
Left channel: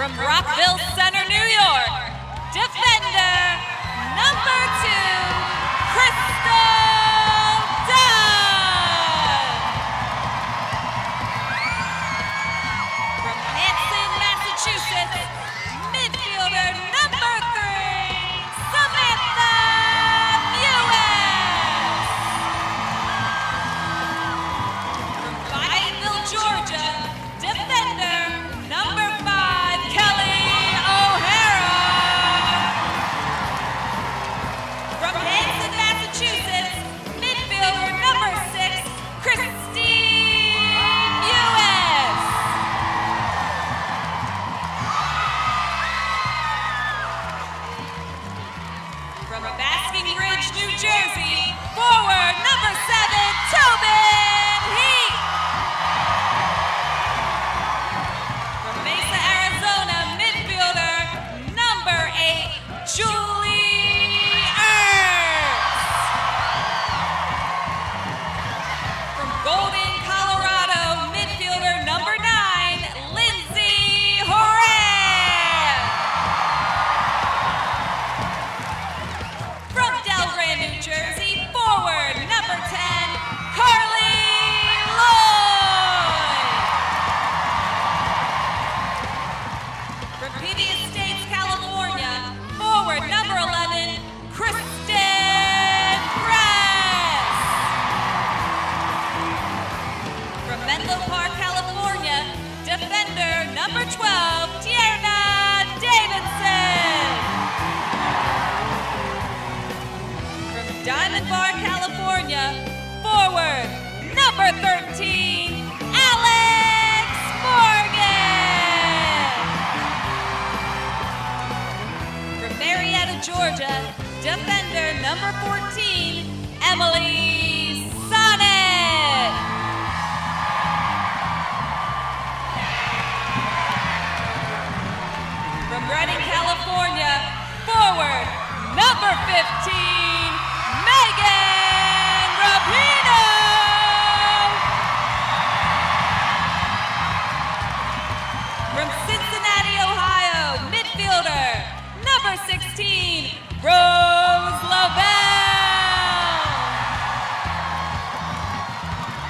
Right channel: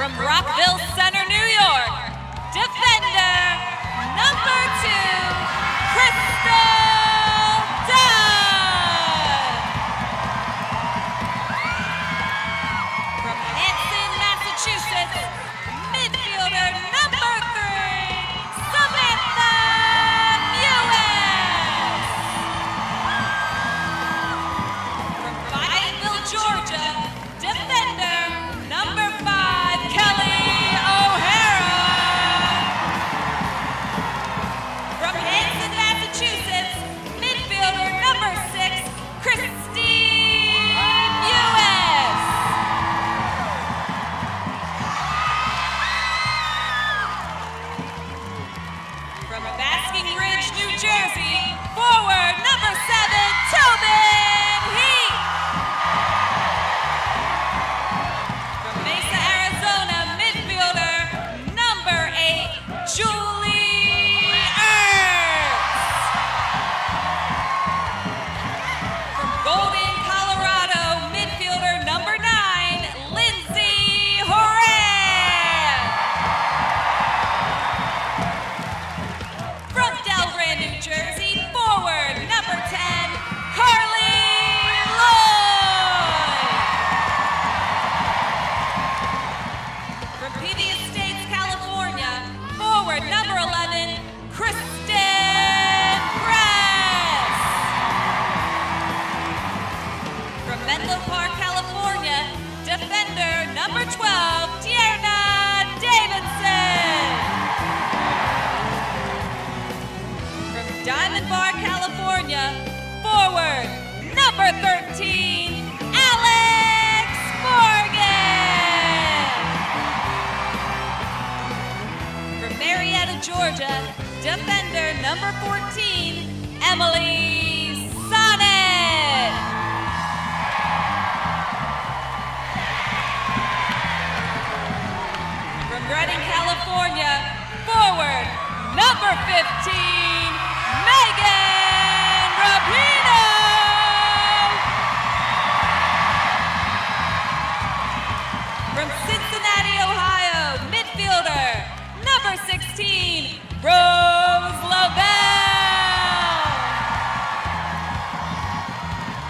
From Rockville Center, New York, defender number 2, Crystal Dunn. From Hanson, Massachusetts, midfielder number 3, Samantha Mewes. From Fayetteville, Georgia, defender number 5, Kelly O'Hara. From Hanson, Massachusetts, midfielder number 6, Christine Mewes. From Basking Ridge, New Jersey, forward number 7, Tobin Heath. From Mesa, Arizona, midfielder number 8, Julie Ertz. From Golden, Colorado, midfielder number 9, Lindsay Horan. From Delran, New Jersey, forward number 10, Carly Lloyd. From PV Estates, California, forward number 11, Kristen Press. From Menlo Park, California, defender number 12, Tierna Davidson. From Diamond Bar, California, forward number 13, Alex Morgan. From Marietta, Georgia, defender number 14, Emily Sonnet. From Redding, California, forward number 15, Megan Rapino. From Cincinnati, Ohio, midfielder number 16, Rose Lavelle.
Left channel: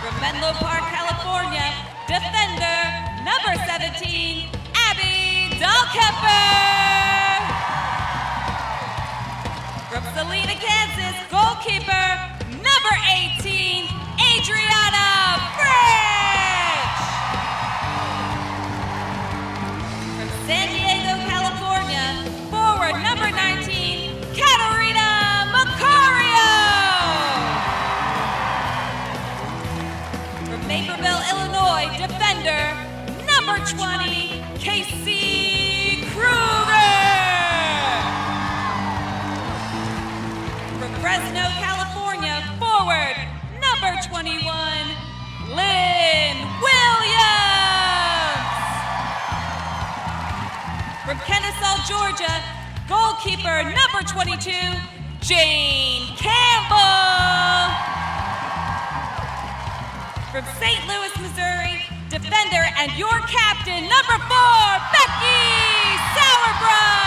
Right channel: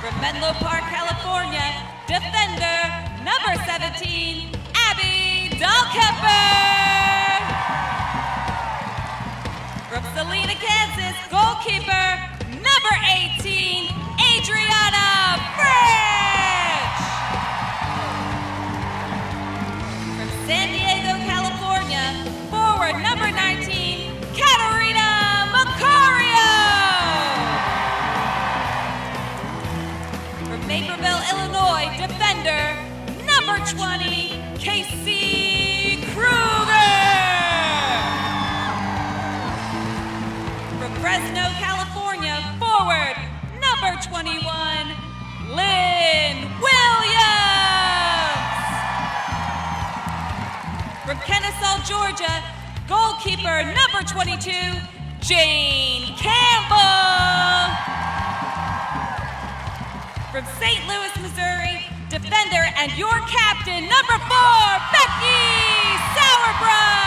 From Menlo Park, California, defender number 17, Abby Dahlkemper. From Salina, Kansas, goalkeeper number 18, Adriana French. From San Diego, California, forward number 19, Katarina Macario. From Naperville, Illinois, defender number 20, Casey Kruger. From Fresno, California, forward number 21, Lynn Williams. From Kennesaw, Georgia, goalkeeper number 22, Jane Campbell. From St. Louis, Missouri, defender and your captain, number 4, Becky Sauerbrunn.